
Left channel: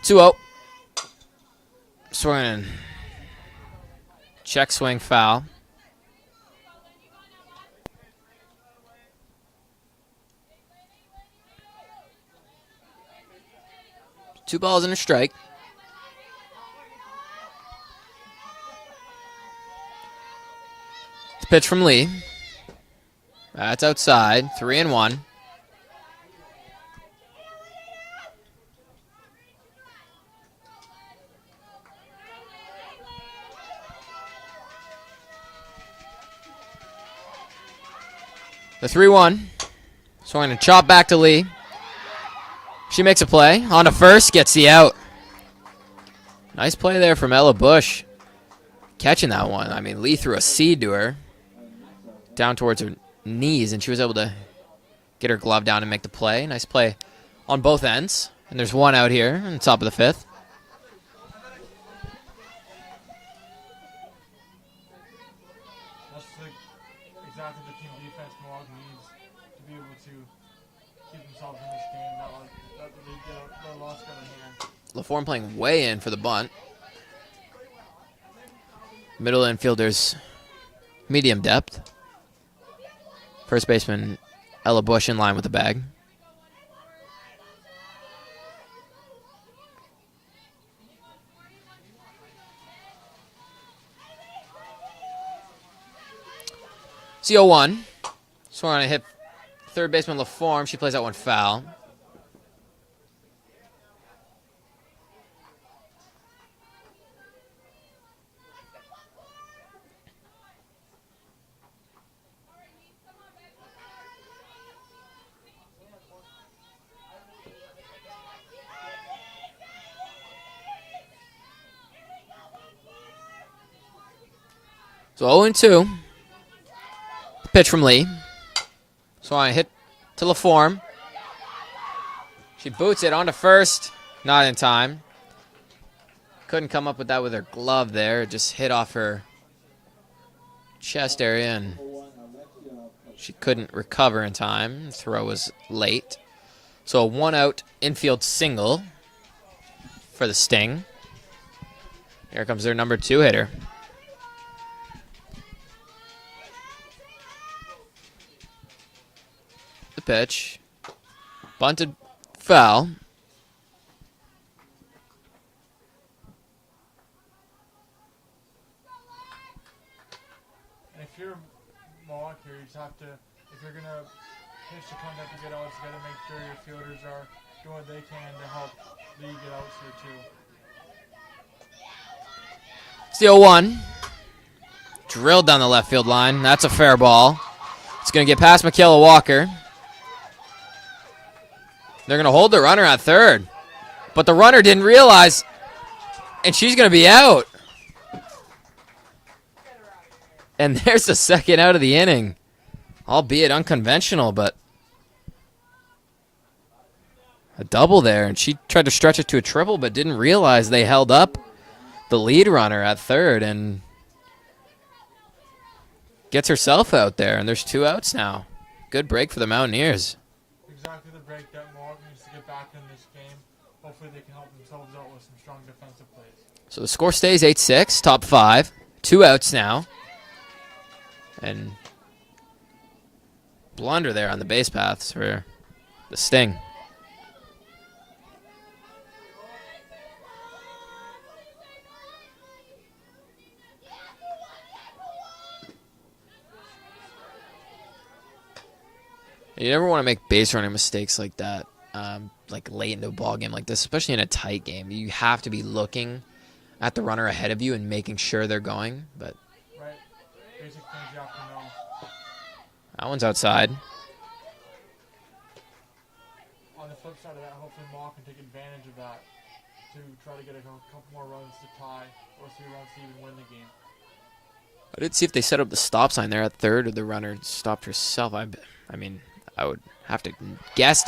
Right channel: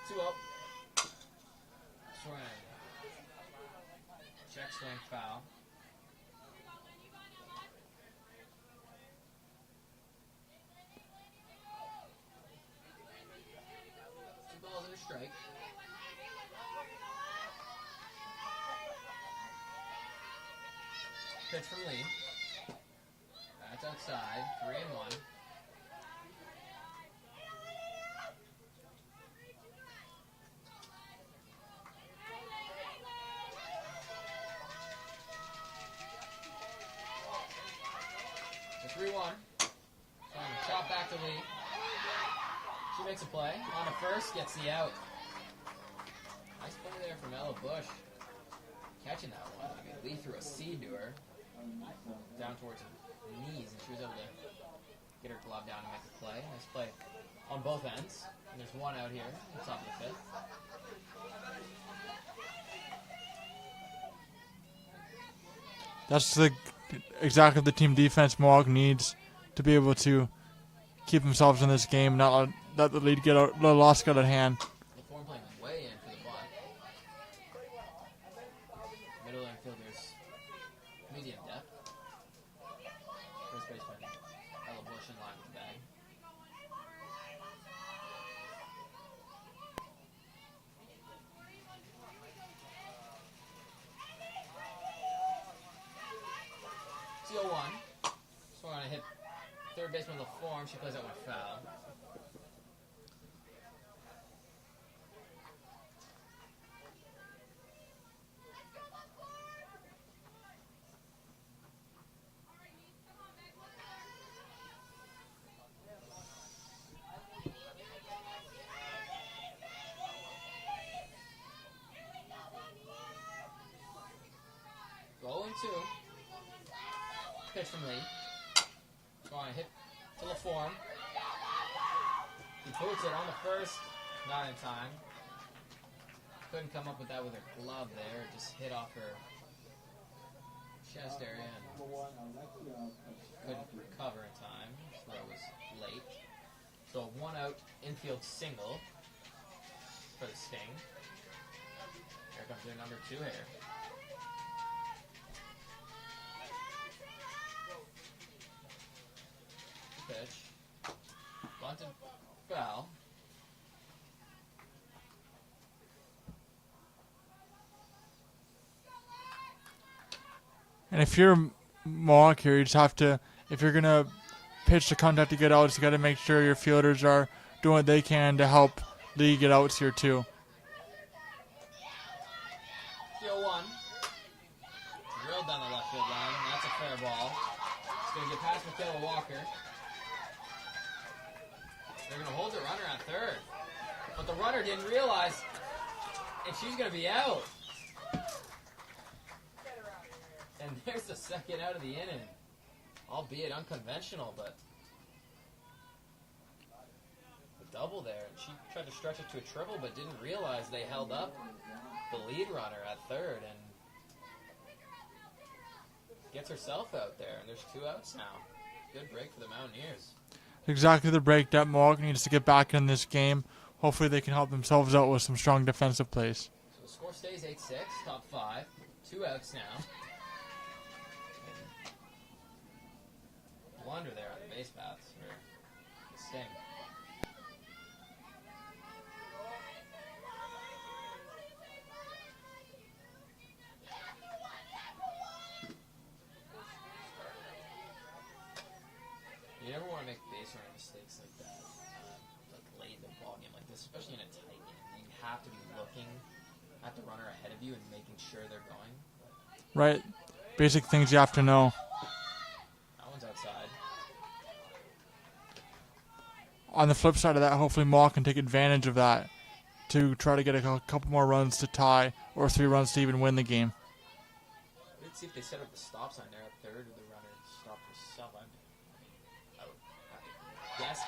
2-0. Swinging. Check swing foul. Two balls and a strike. It's a pitch from Lee. That's outside. 3-1. The 3-1. Swinging a chop back to Lee. She makes a play. On to first, gets the out. Nice play there from Ella Bush. Catching that one. I mean, Lee threw a seed to her. Down towards her knees, and she was able to get her glove down and make the play. Nice play on both ends. And there's one out here on the top of the fifth. That's exactly the team defense Mohawk needs to be able to keep themselves in this game, not let the lead get out, the loss get out of hand. LaForme playing way in for the bunt. Middle infielders, medium depth. First baseman Ella Bush in line with the bag. It's 0-1. Swung on a hit. Third baseman LaForme. She plays that one foul. So 0-2. Pitch from Lee. So I hit to LaForme. She boots it onto first. Not in time. Couldn't come up with that with her glove there. It just hit off her chest area, and she couldn't recover in time. Throw was late. So a 1-out infield single for the Sting. Here comes their number 2 hitter. The pitch. Bunted foul. And if you're Mohawk here, you just have to, if you're going to pitch to contact to get outs, you got to make sure your fielders are doing what they can to help Lee get outs here too. It's the 0-1. Drilled down the left field line. That's a fair ball. It's going to get past Michaela Walker. They're going to hold the runner at third. But the runner didn't realize, and she's going to be out. And there's the second out of the inning. Albeit unconventional, but a double there. And she tried to stretch it to a triple, but didn't realize they held up the lead runner at third and gets herself out there. And there's 2 outs now. Good break for the Mountaineers. Exactly the break that Mohawk needs to get back in this game. Hopefully they can help themselves out with some strong defensive plays. So the score stays 8-6, top 5. 2 outs now. And blunder there on the base paths for the Sting. You never want to make base running mistakes like that, like late into a ball game like this, especially in a tight game. You have to be looking at the runner ahead of you and making sure they're going. But Right. Basic things you have to know. that one's outside. On the flip side of that, hopefully Mohawk can take advantage of that to try to get a couple more runs to tie or 3 runs to even win the game. I did see if they set up the stop sign there at third or the runner stopped herself. I mean, I would have to guess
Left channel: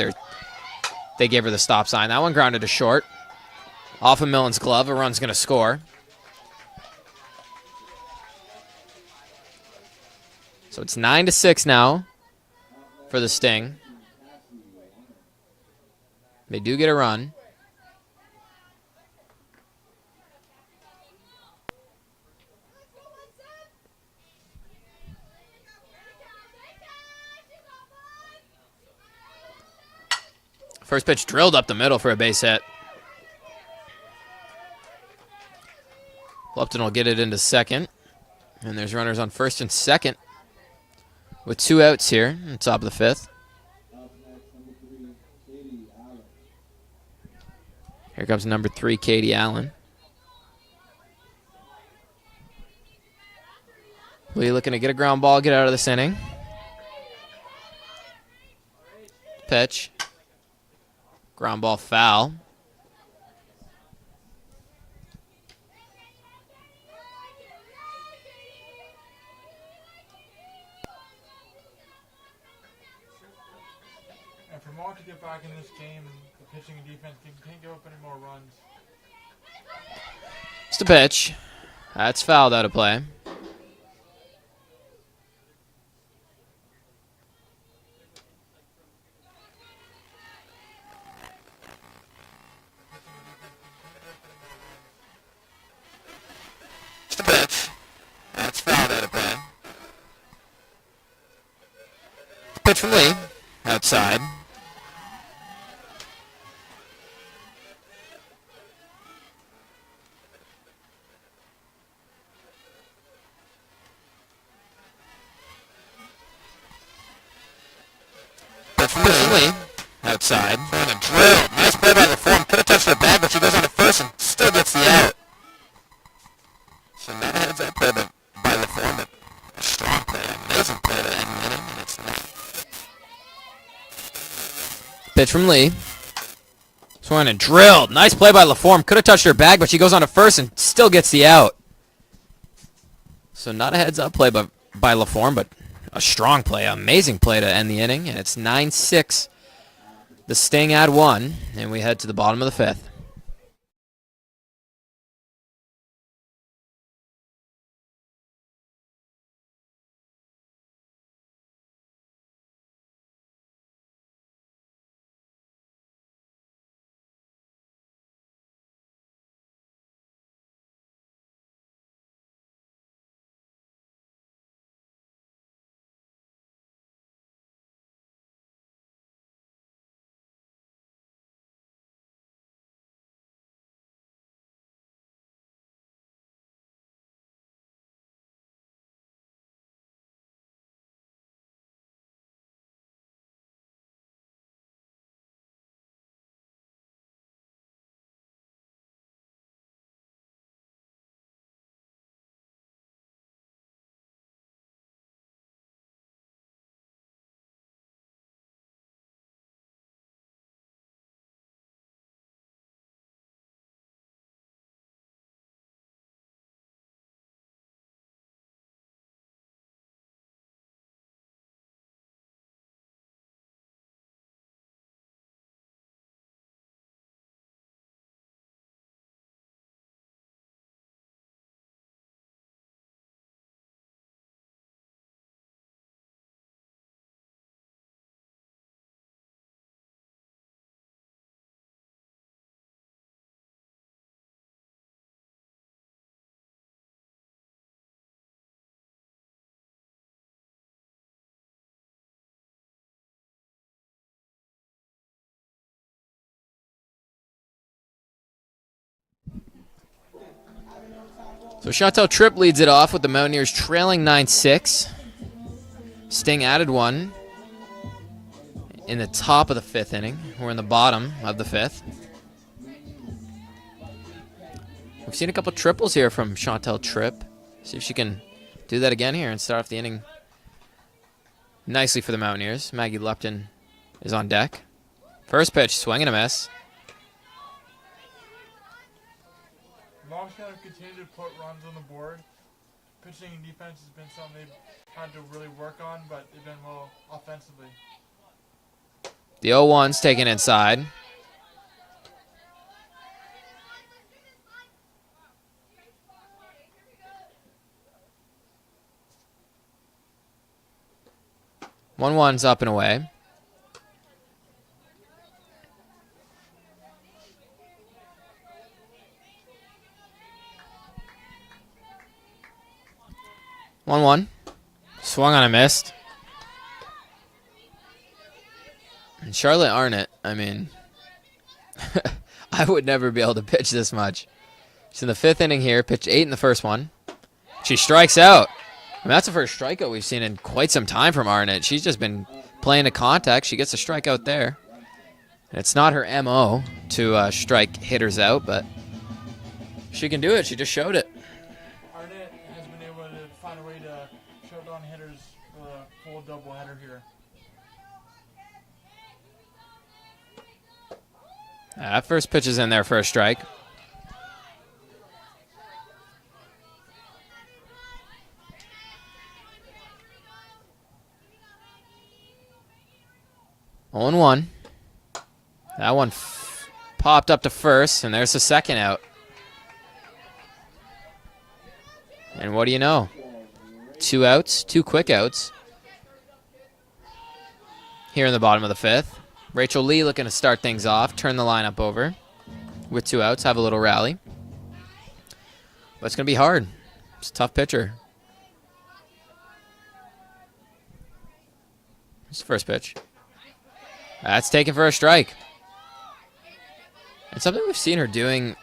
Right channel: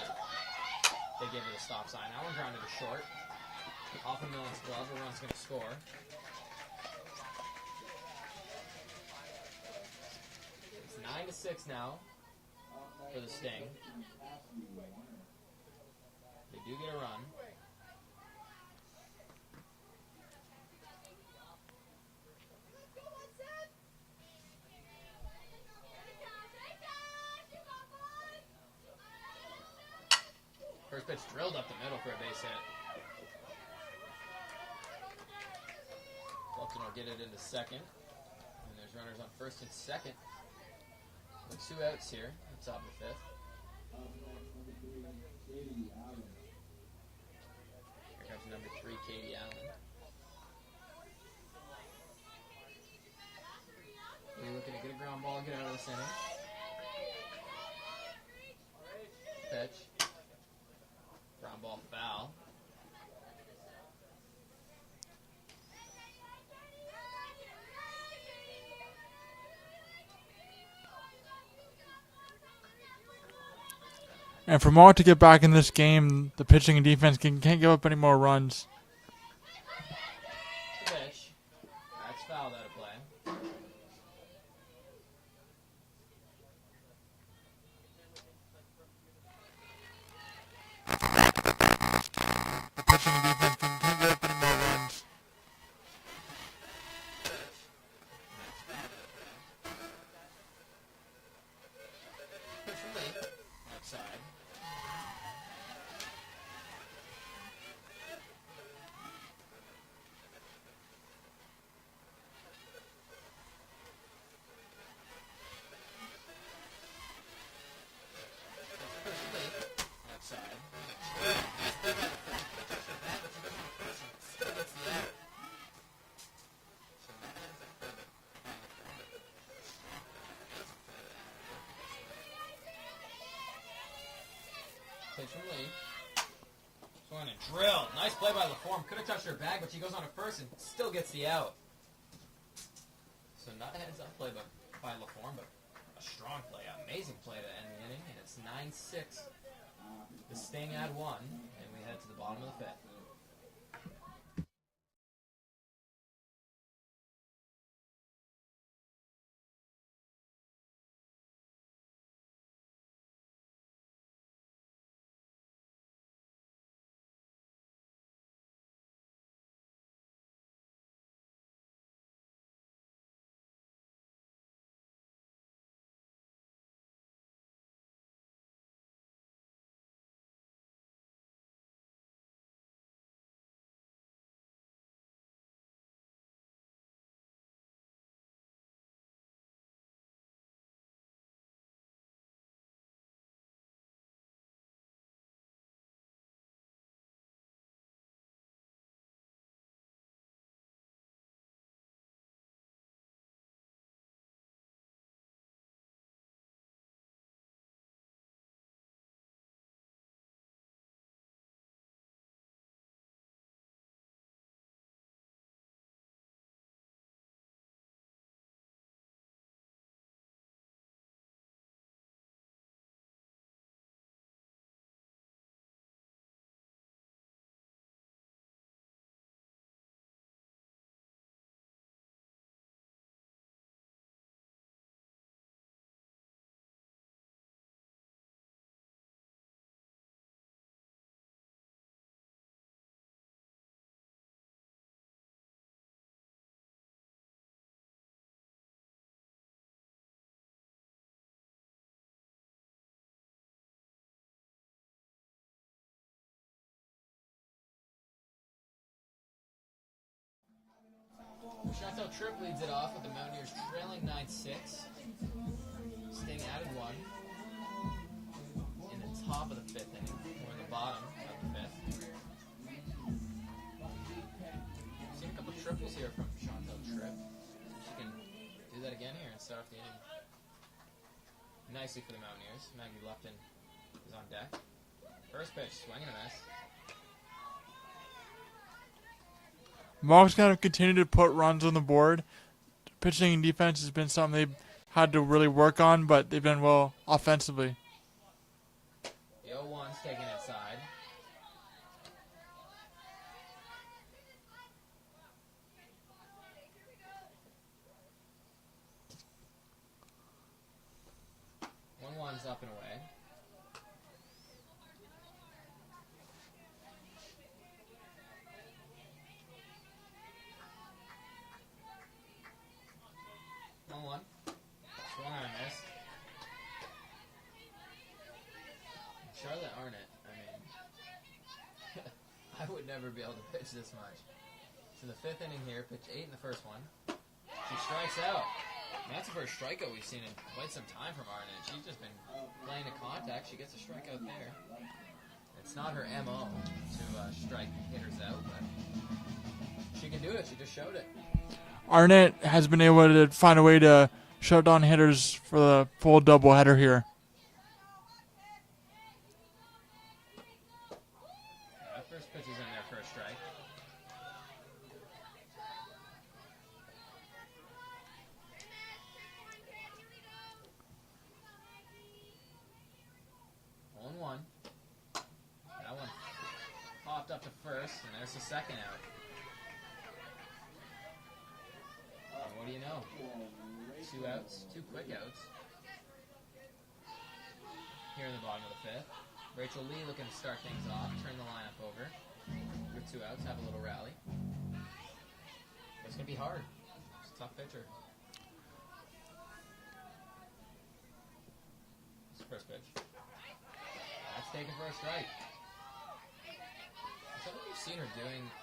they gave her the stop sign. That one grounded to short. Off of Millen's glove. A run's going to score. So it's 9-6 now for the Sting. They do get a run. First pitch drilled up the middle for a base hit. Lupton will get it into second. And there's runners on first and second with 2 outs here on top of the 5th. Here comes number 3, Katie Allen. Lee looking to get a ground ball, get out of this inning. Pitch. Ground ball foul. And for Mohawk to get back in this game, the pitching and defense can't give up any more runs. It's the pitch. That's fouled out of play. The pitching and defense can't give up any more runs. It's the pitch. That's fouled out of play. Pitch from Lee. Outside. Pitch from Lee. Outside. And a drill. Nice play by the form. Could have touched the bag, but she goes on to first and still gets the out. So now heads up by the form, but a strong play. Amazing play to end the inning, and it's not. Pitch from Lee. Swung and drilled. Nice play by LaForme. Could have touched her bag, but she goes on to first and still gets the out. So not a heads-up play by LaForme, but a strong play. Amazing play to end the inning, and it's 9-6. The Sting add 1, and we head to the bottom of the 5th. So Chantel Tripp leads it off with the Mountaineers trailing 9-6. Sting added 1. in the top of the 5th inning. We're in the bottom of the 5th. We've seen a couple triples here from Chantel Tripp. See if she can do that again here and start off the inning nicely for the Mountaineers. Maggie Lupton is on deck. First pitch, swing and a miss. Mohawk's kind of continued to put runs on the board. Pitching and defense has been something they've had to really work on, but they've done well offensively. The 0-1's taken inside. One's up and away. One. Swung on a missed. And Charlotte Arnott, I mean, I would never be able to pitch this much. She's in the 5th inning here, pitched 8 in the first one. She strikes out. I mean, that's the first strikeout we've seen in quite some time from Arnott. She's just been playing to contact. She gets a strikeout there. And it's not her MO to strike hitters out, but she can do it. She just showed it. Arnott has been able to find a way to shut down hitters for the full doubleheader here. That first pitch is in there for a strike. On 1. That one popped up to first, and there's the second out. And what do you know? 2 outs, 2 quick outs. Here in the bottom of the 5th. Rachel Lee looking to start things off, turn the lineup over with 2 outs, have a little rally. But it's going to be hard. It's a tough pitcher. It's the first pitch. That's taken for a strike. And something we've seen her doing,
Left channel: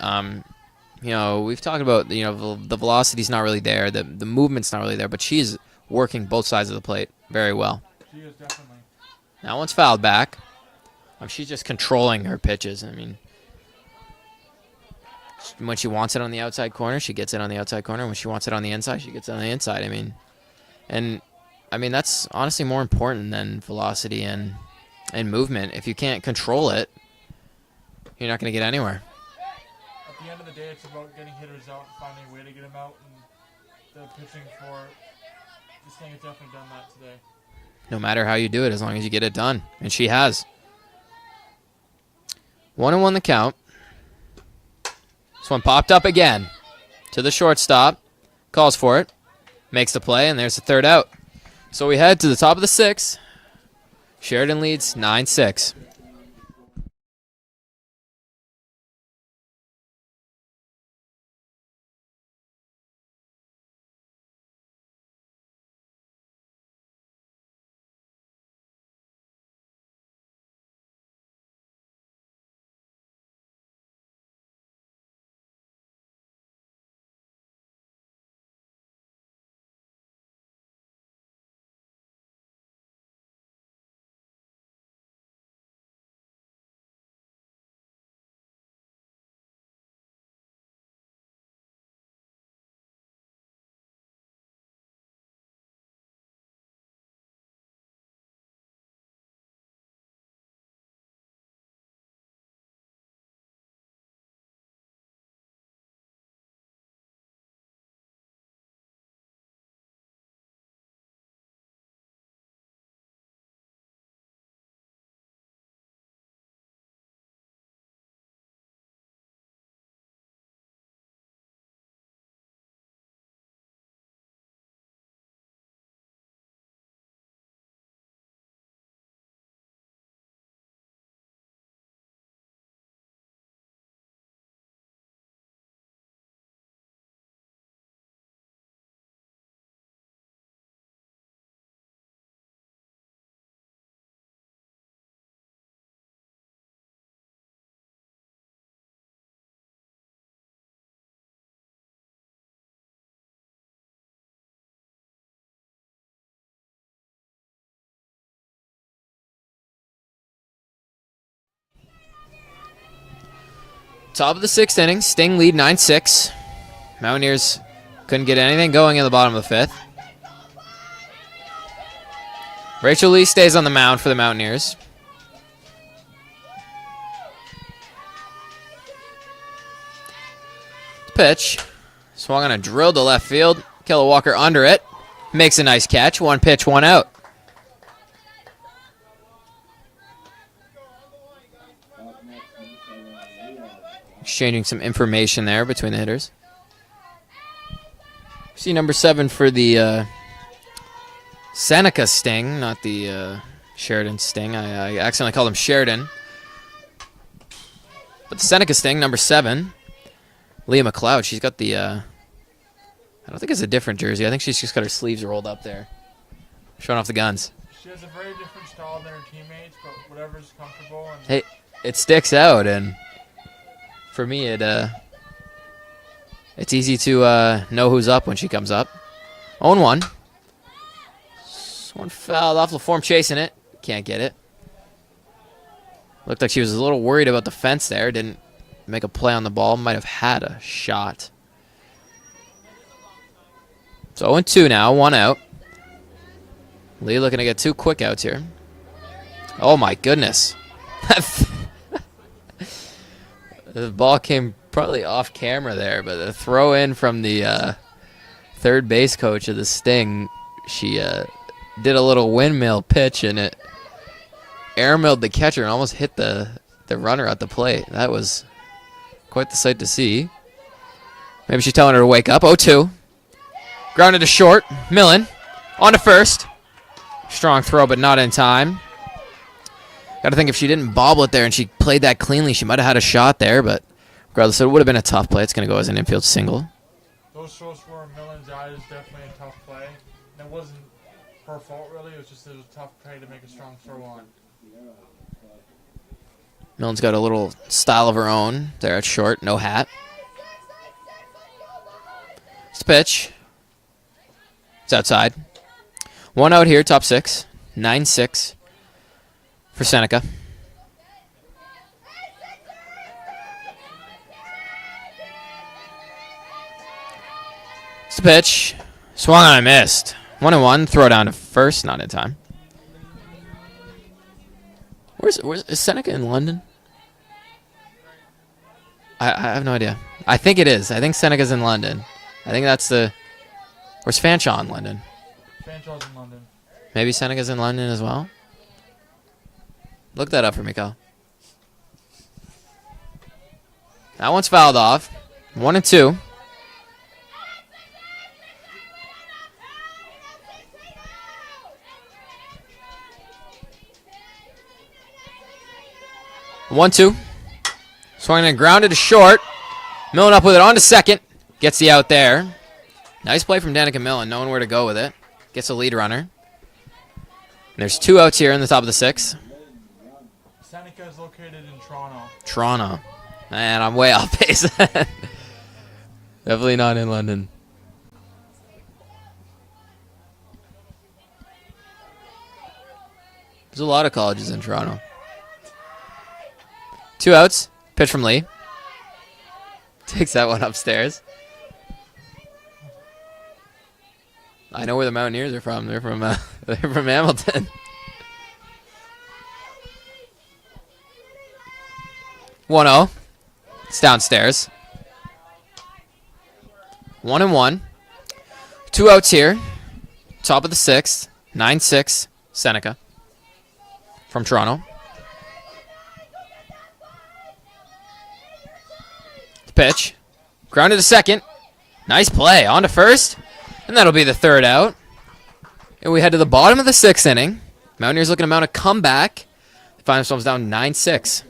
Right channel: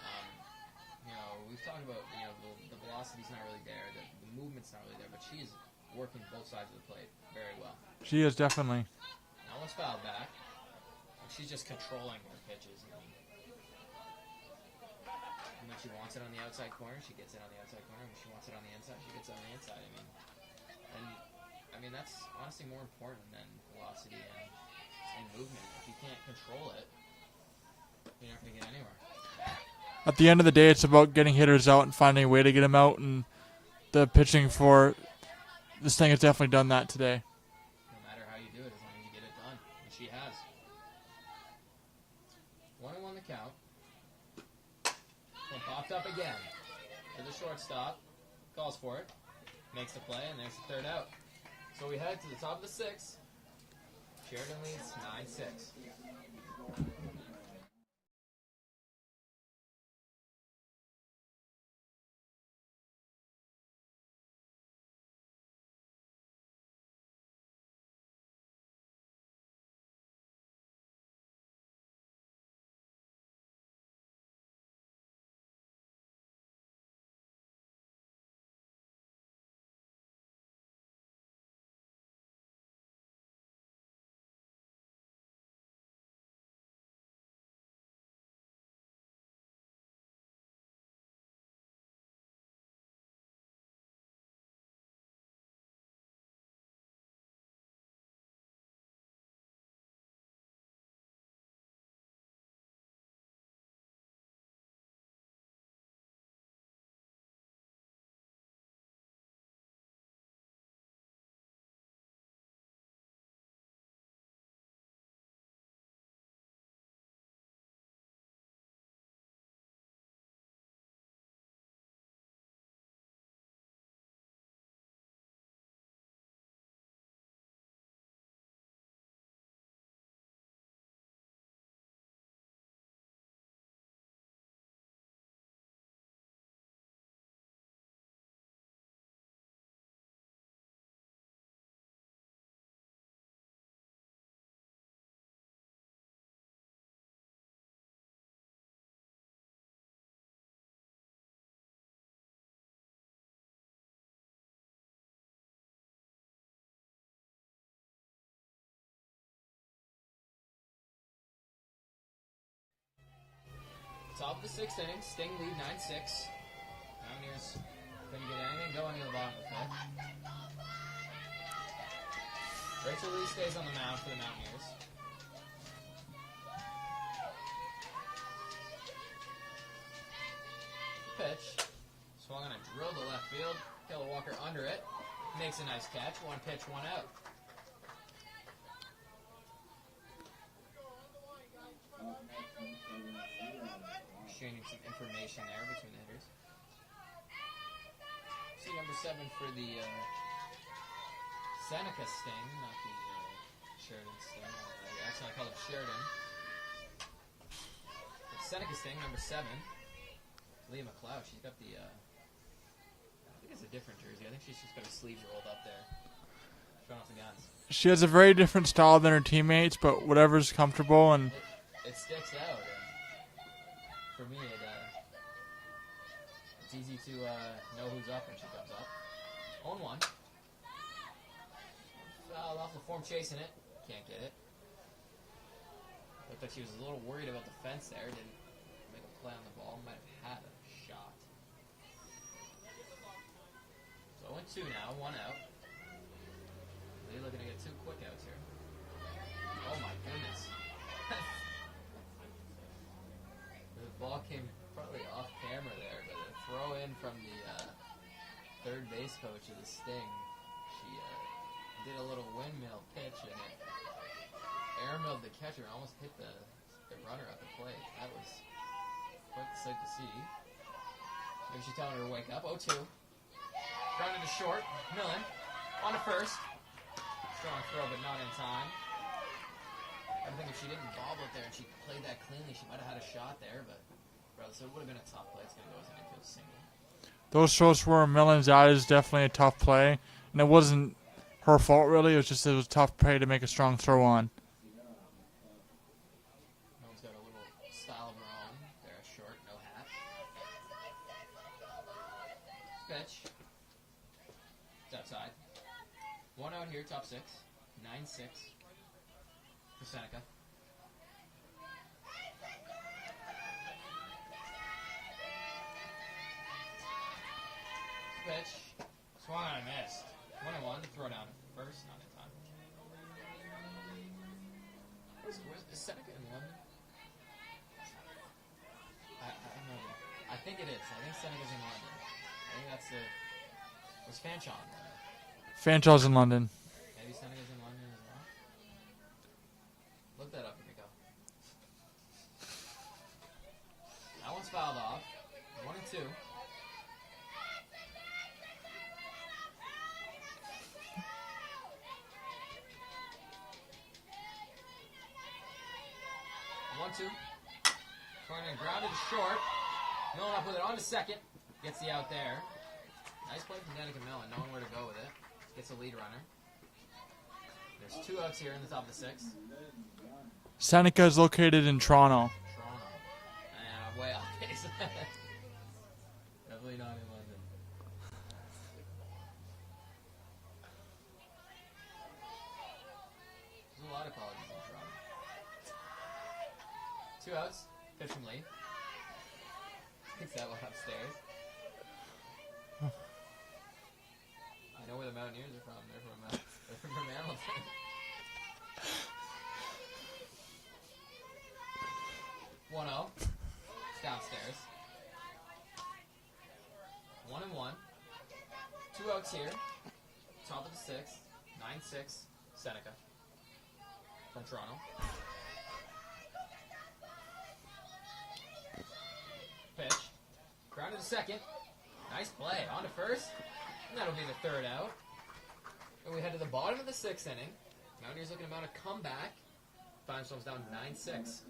you know, we've talked about, you know, the velocity's not really there, the movement's not really there, but she's working both sides of the plate very well. She is, definitely. That one's fouled back. She's just controlling her pitches. I mean, when she wants it on the outside corner, she gets it on the outside corner. When she wants it on the inside, she gets it on the inside. I mean, that's honestly more important than velocity and movement. If you can't control it, you're not going to get anywhere. At the end of the day, it's about getting hitters out and finding a way to get them out, and the pitching for this thing has definitely done that today. No matter how you do it, as long as you get it done. And she has. 1-1 the count. This one popped up again to the shortstop. Calls for it. Makes the play, and there's the 3rd out. So we head to the top of the 6th. Sheridan leads 9-6. Top of the 6th inning. Sting lead 9-6. Mountaineers couldn't get anything going in the bottom of the 5th. Rachel Lee stays on the mound for the Mountaineers. Pitch. Swung on a drill to left field. Kella Walker under it. Makes a nice catch. 1 pitch, 1 out. Exchanging some information there between the hitters. See number 7 for the Seneca Sting, not the Sheridan Sting. I accidentally called him Sheridan. But the Seneca Sting, number 7, Leah McLeod. She's got the, I don't think it's a different jersey. I think she's just got her sleeves rolled up there, showing off the guns. She has a very different style than her teammates, but whatever's comfortable. And Hey, it sticks out, and for me, it's easy to know who's up when she comes up. 0-1. This one fouled off. LaForme chasing it. Can't get it. Looked like she was a little worried about the fence there. Didn't make a play on the ball. Might have had a shot. So 0-2 now. 1 out. Lee looking to get 2 quick outs here. Oh, my goodness. The ball came probably off camera there, but the throw in from the third base coach of the Sting, she did a little windmill pitch, and it air-milled the catcher and almost hit the runner at the plate. That was quite the sight to see. Maybe she's telling her to wake up. 0-2. Grounded to short. Millen on to first. Strong throw, but not in time. Got to think if she didn't bobble it there and she played that cleanly, she might have had a shot there, but regardless, it would have been a tough play. It's going to go as an infield single. those throws were Millen's out is definitely a tough play. And it wasn't her fault, really. It was a tough play to make a strong throw on. Millen's got a little style of her own there at short. No hat. It's a pitch. It's outside. 1 out here, top 6. 9-6 for Seneca. It's a pitch. Swung on, I missed. 1-1. Throw down to first. Not in time. Is Seneca in London? I have no idea. I think it is. I think Seneca's in London. I think that's the... Where's Fanshawe in London? Fanshaw's in London. Maybe Seneca's in London as well? Look that up for me, Kyle. That one's fouled off. 1-2. One, two. Swung and grounded to short. Millen up with it on to second. Gets the out there. Nice play from Danica Millen, knowing where to go with it. Gets a lead runner. And there's 2 outs here in the top of the 6th. Seneca is located in Toronto. Toronto. Man, I'm way off base. Definitely not in London. There's a lot of colleges in Toronto. 2 outs. Pitch from Lee. Takes that one upstairs. I know where the Mountaineers are from. They're from Hamilton. One 0. It's downstairs. 1-1. 2 outs here. Top of the 6th. 9-6. Seneca from Toronto. Pitch. Grounded to second. Nice play. On to first. And that'll be the 3rd out. And we head to the bottom of the 6th inning. Mountaineers looking to mount a comeback. They find themselves down 9-6.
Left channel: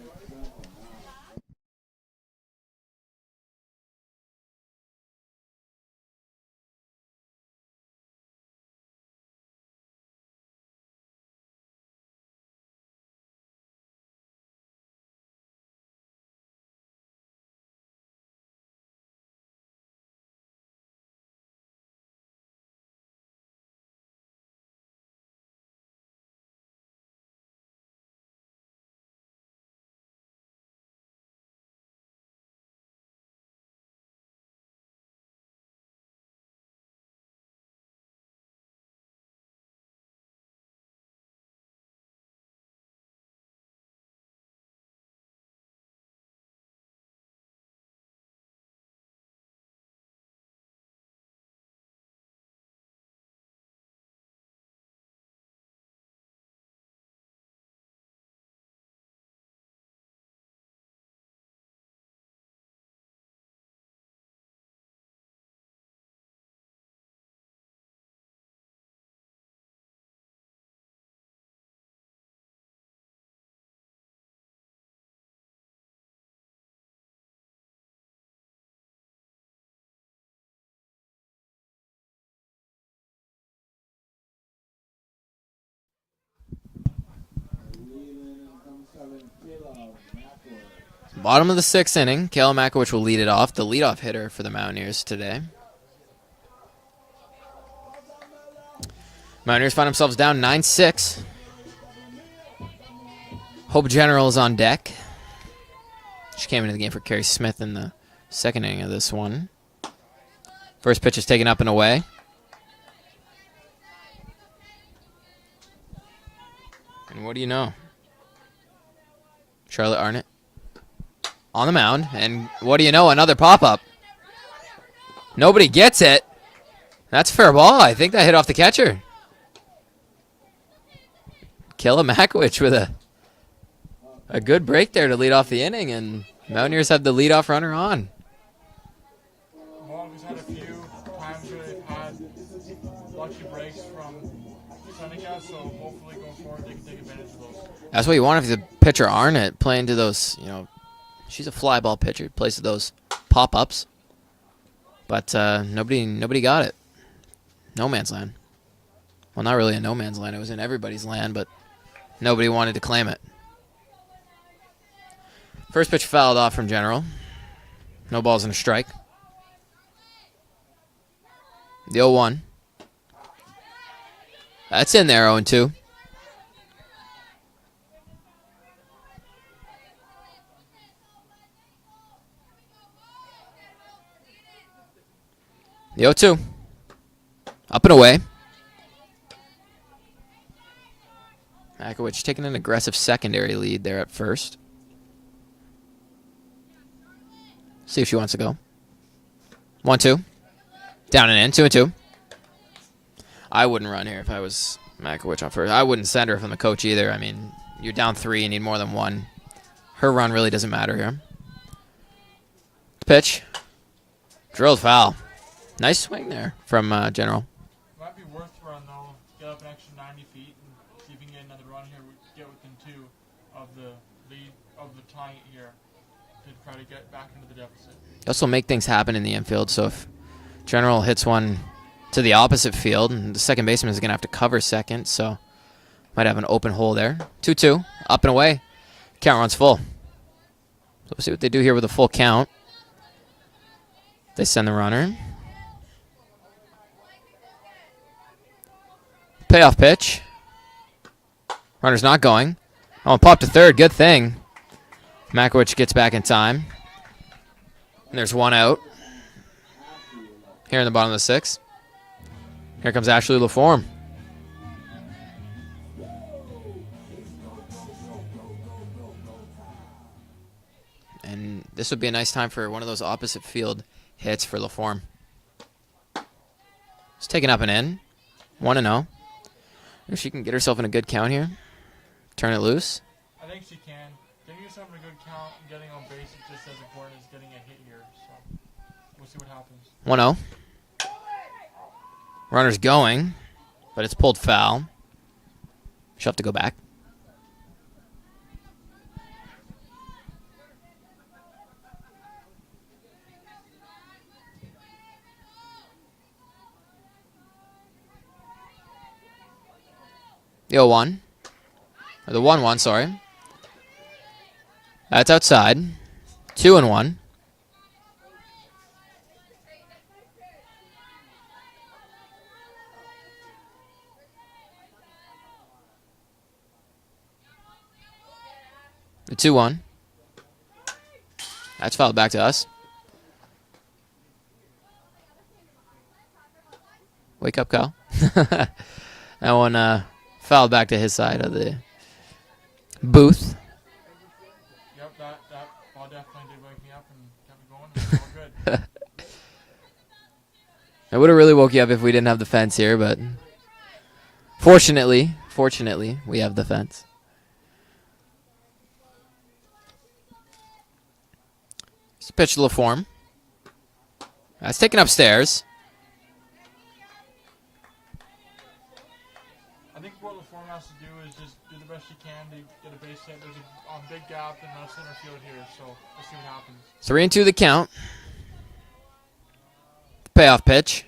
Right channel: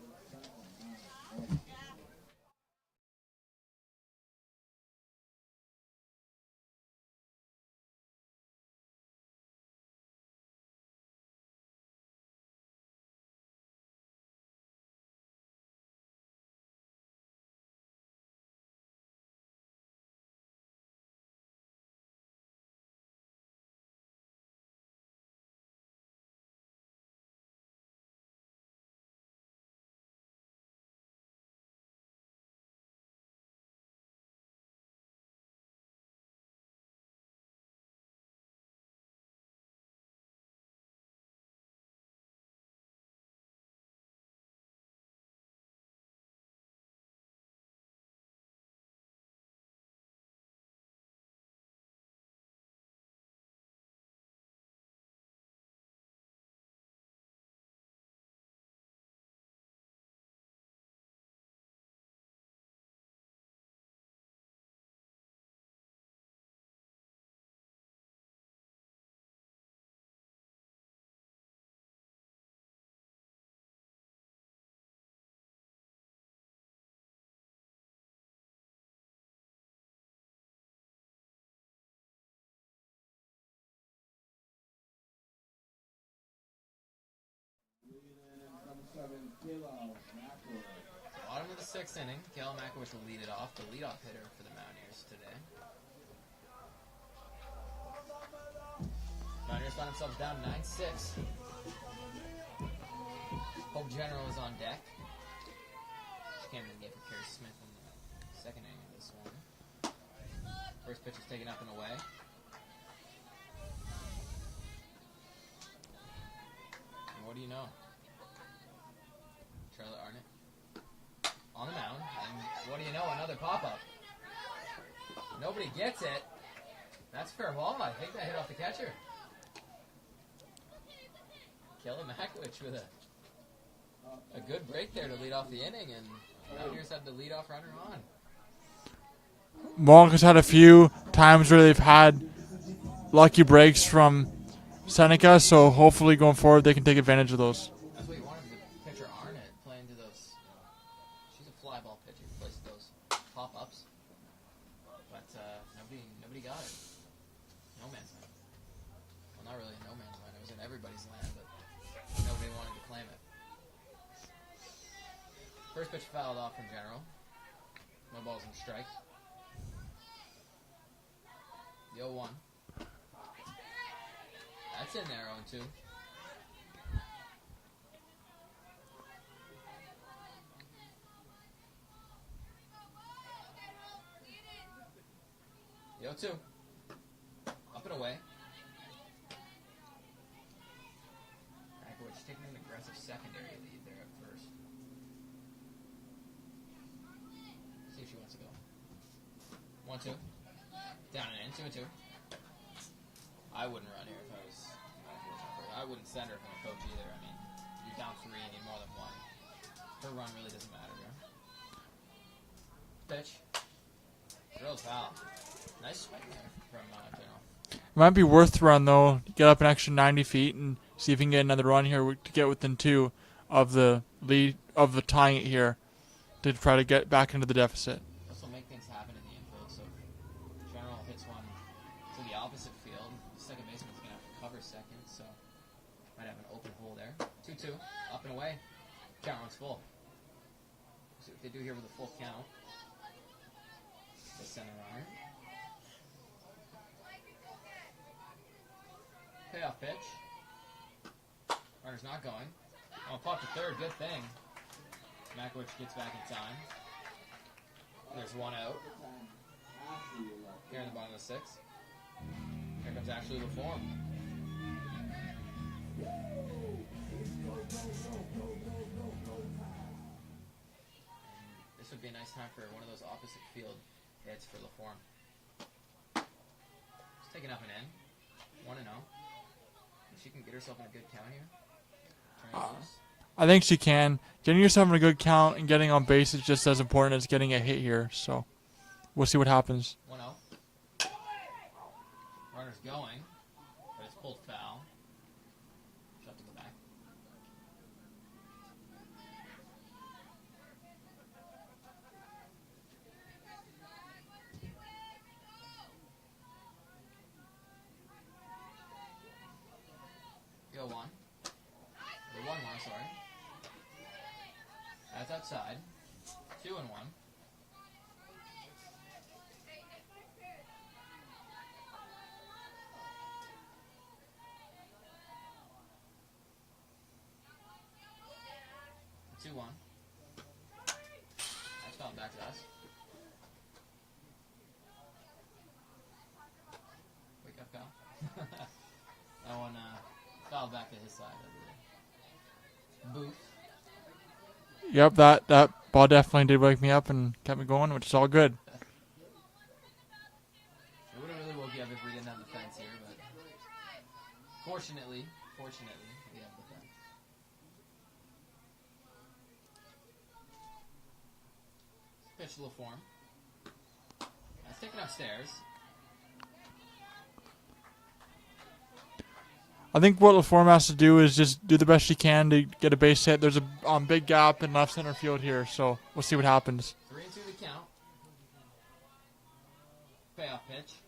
Bottom of the 6th inning, Kayla Makowicz will lead it off, the leadoff hitter for the Mountaineers today. Mountaineers find themselves down 9-6. Hope General is on deck. She came into the game for Carrie Smith in the 2nd inning of this one. First pitch is taken up and away. And what do you know? Charlotte Arnott on the mound, and what do you know? Another pop-up. Nobody gets it. That's fair ball. I think that hit off the catcher. Kayla Makowicz with a good break there to lead off the inning, and Mountaineers have the leadoff runner on. Mohawk has had a few times where they've had lucky breaks from Seneca, so hopefully going forward they can take advantage of those. That's what you want if the pitcher Arnott playing to those, she's a fly ball pitcher, plays to those pop-ups. But nobody got it. No man's land. Well, not really a no man's land. It was in everybody's land, but nobody wanted to claim it. First pitch fouled off from General. No balls and a strike. The 0-1. That's in there, 0-2. The 0-2. Up and away. Makowicz taking an aggressive secondary lead there at first. See if she wants to go. 1-2. Down and in. 2-2. I wouldn't run here if I was Makowicz on first. I wouldn't send her from the coach either. I mean, you're down 3, you need more than 1. Her run really doesn't matter here. Pitch. Drilled foul. Nice swing there from General. It might be worth the run, though. Get up an extra 90 feet and see if you can get another run here to get within 2 of the lead, of the tying it here, to try to get back into the deficit. Also make things happen in the infield, so if General hits one to the opposite field, and the second baseman is going to have to cover second, so might have an open hole there. 2-2, up and away. Count runs full. So we'll see what they do here with a full count. They send the runner. Payoff pitch. Runner's not going. Oh, pop to third. Good thing. Makowicz gets back in time. And there's 1 out. Here in the bottom of the 6th. Here comes Ashley LaForme. And this would be a nice time for one of those opposite field hits for LaForme. It's taken up and in. 1-0. If she can get herself in a good count here. Turn it loose. I think she can. Getting yourself in a good count and getting on base is just as important as getting a hit here. So we'll see what happens. 1-0. Runner's going, but it's pulled foul. She'll have to go back. The 0-1. Or the 1-1, sorry. That's outside. 2-1. The 2-1. That's fouled back to us. Wake up, Kyle. That one fouled back to his side of the booth. Yep, that ball definitely did wake me up and kept me going, which is all good. I would have really woke you up if we didn't have the fence here, but fortunately, we have the fence. It's a pitch to LaForme. That's taken upstairs. I think what LaForme has to do is just do the best she can to get a base hit. There's a big gap in left center field here, so we'll see what happens. 3-2 the count. Payoff pitch.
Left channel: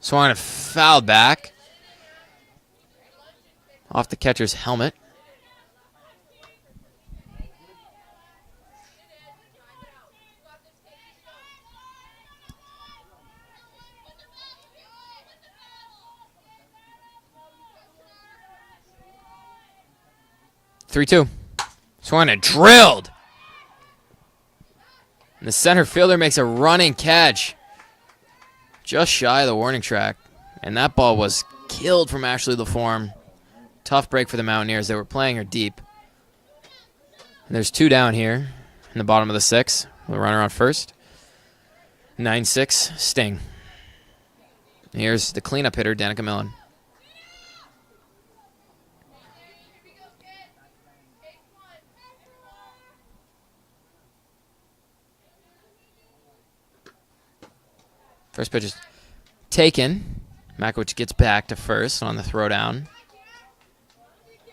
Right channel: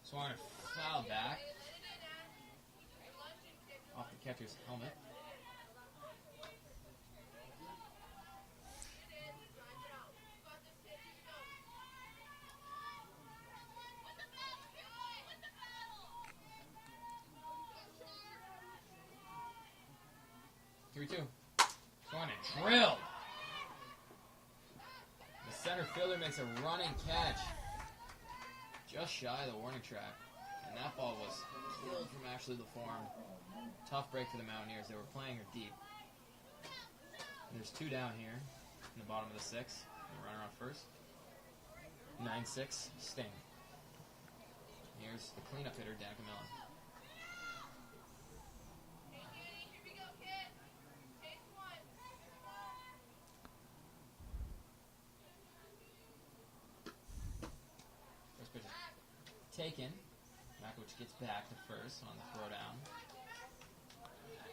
Swung and fouled back. Off the catcher's helmet. 3-2. Swung and drilled. And the center fielder makes a running catch. Just shy of the warning track. And that ball was killed from Ashley LaForme. Tough break for the Mountaineers. They were playing her deep. And there's 2 down here in the bottom of the 6th. The runner on first. 9-6, Sting. Here's the cleanup hitter, Danica Millen. First pitch is taken. Makowicz gets back to first on the throwdown.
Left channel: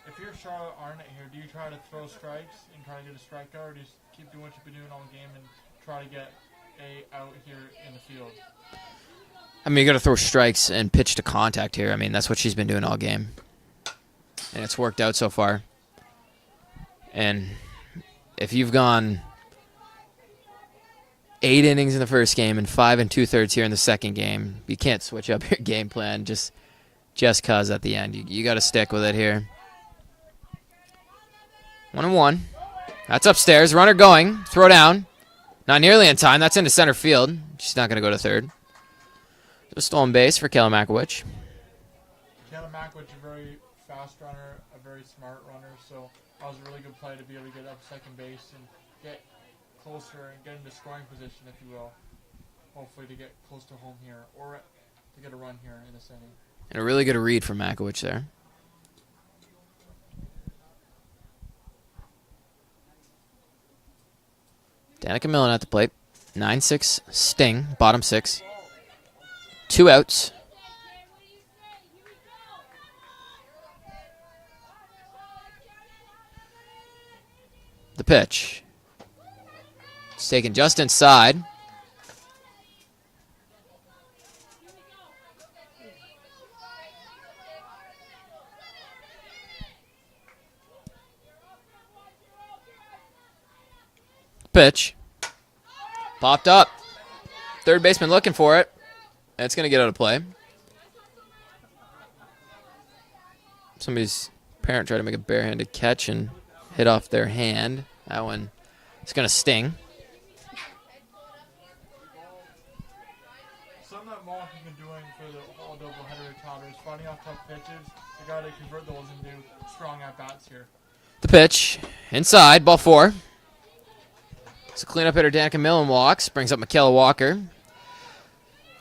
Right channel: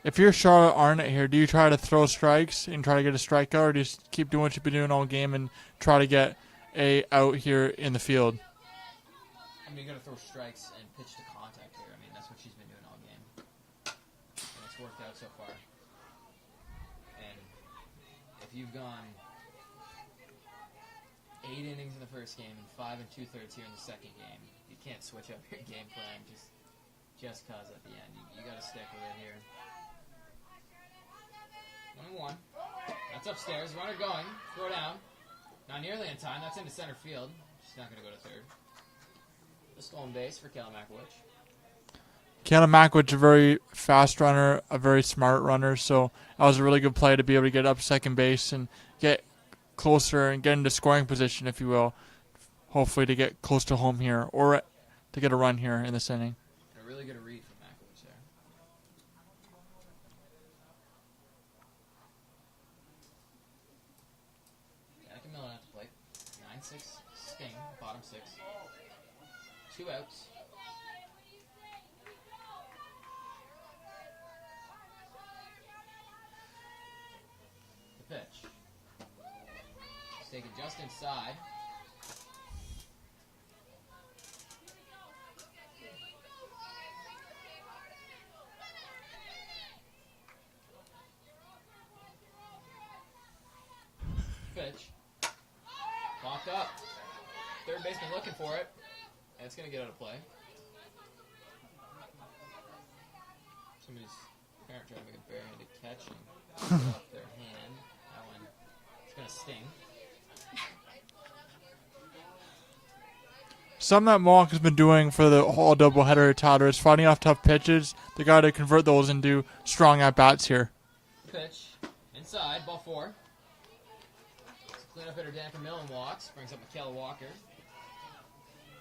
If you're Charlotte Arnott here, do you try to throw strikes and try to get a strikeout, or do you just keep doing what you've been doing all game and try to get a out here in the field? I mean, you got to throw strikes and pitch to contact here. I mean, that's what she's been doing all game. And it's worked out so far. And if you've gone 8 innings in the first game and 5 2/3 here in the second game, you can't switch up your game plan just cause at the end. You got to stick with it here. 1-1. That's upstairs. Runner going. Throw down. Not nearly in time. That's into center field. She's not going to go to third. A stolen base for Kayla Makowicz. Kayla Makowicz, a very fast runner, a very smart runner, so that was a really good play to be able to get up second base and get closer and get into scoring position, if you will, hopefully to get close to home here or to get a run here in this inning. And a really good read from Makowicz there. Danica Millen at the plate. 9-6 Sting, bottom 6. 2 outs. The pitch. It's taken just inside. Pitch. Popped up. Third baseman looking for it. And it's going to get out of play. Somebody's parent tried to make a barehanded catch and hit off their hand. That one is going to sting. Something that Mohawk has been doing for the whole doubleheader title is fighting off tough pitches. They got to convert those into strong at-bats here. The pitch. Inside. Ball 4. So cleanup hitter Danica Millen walks. Brings up Michaela Walker.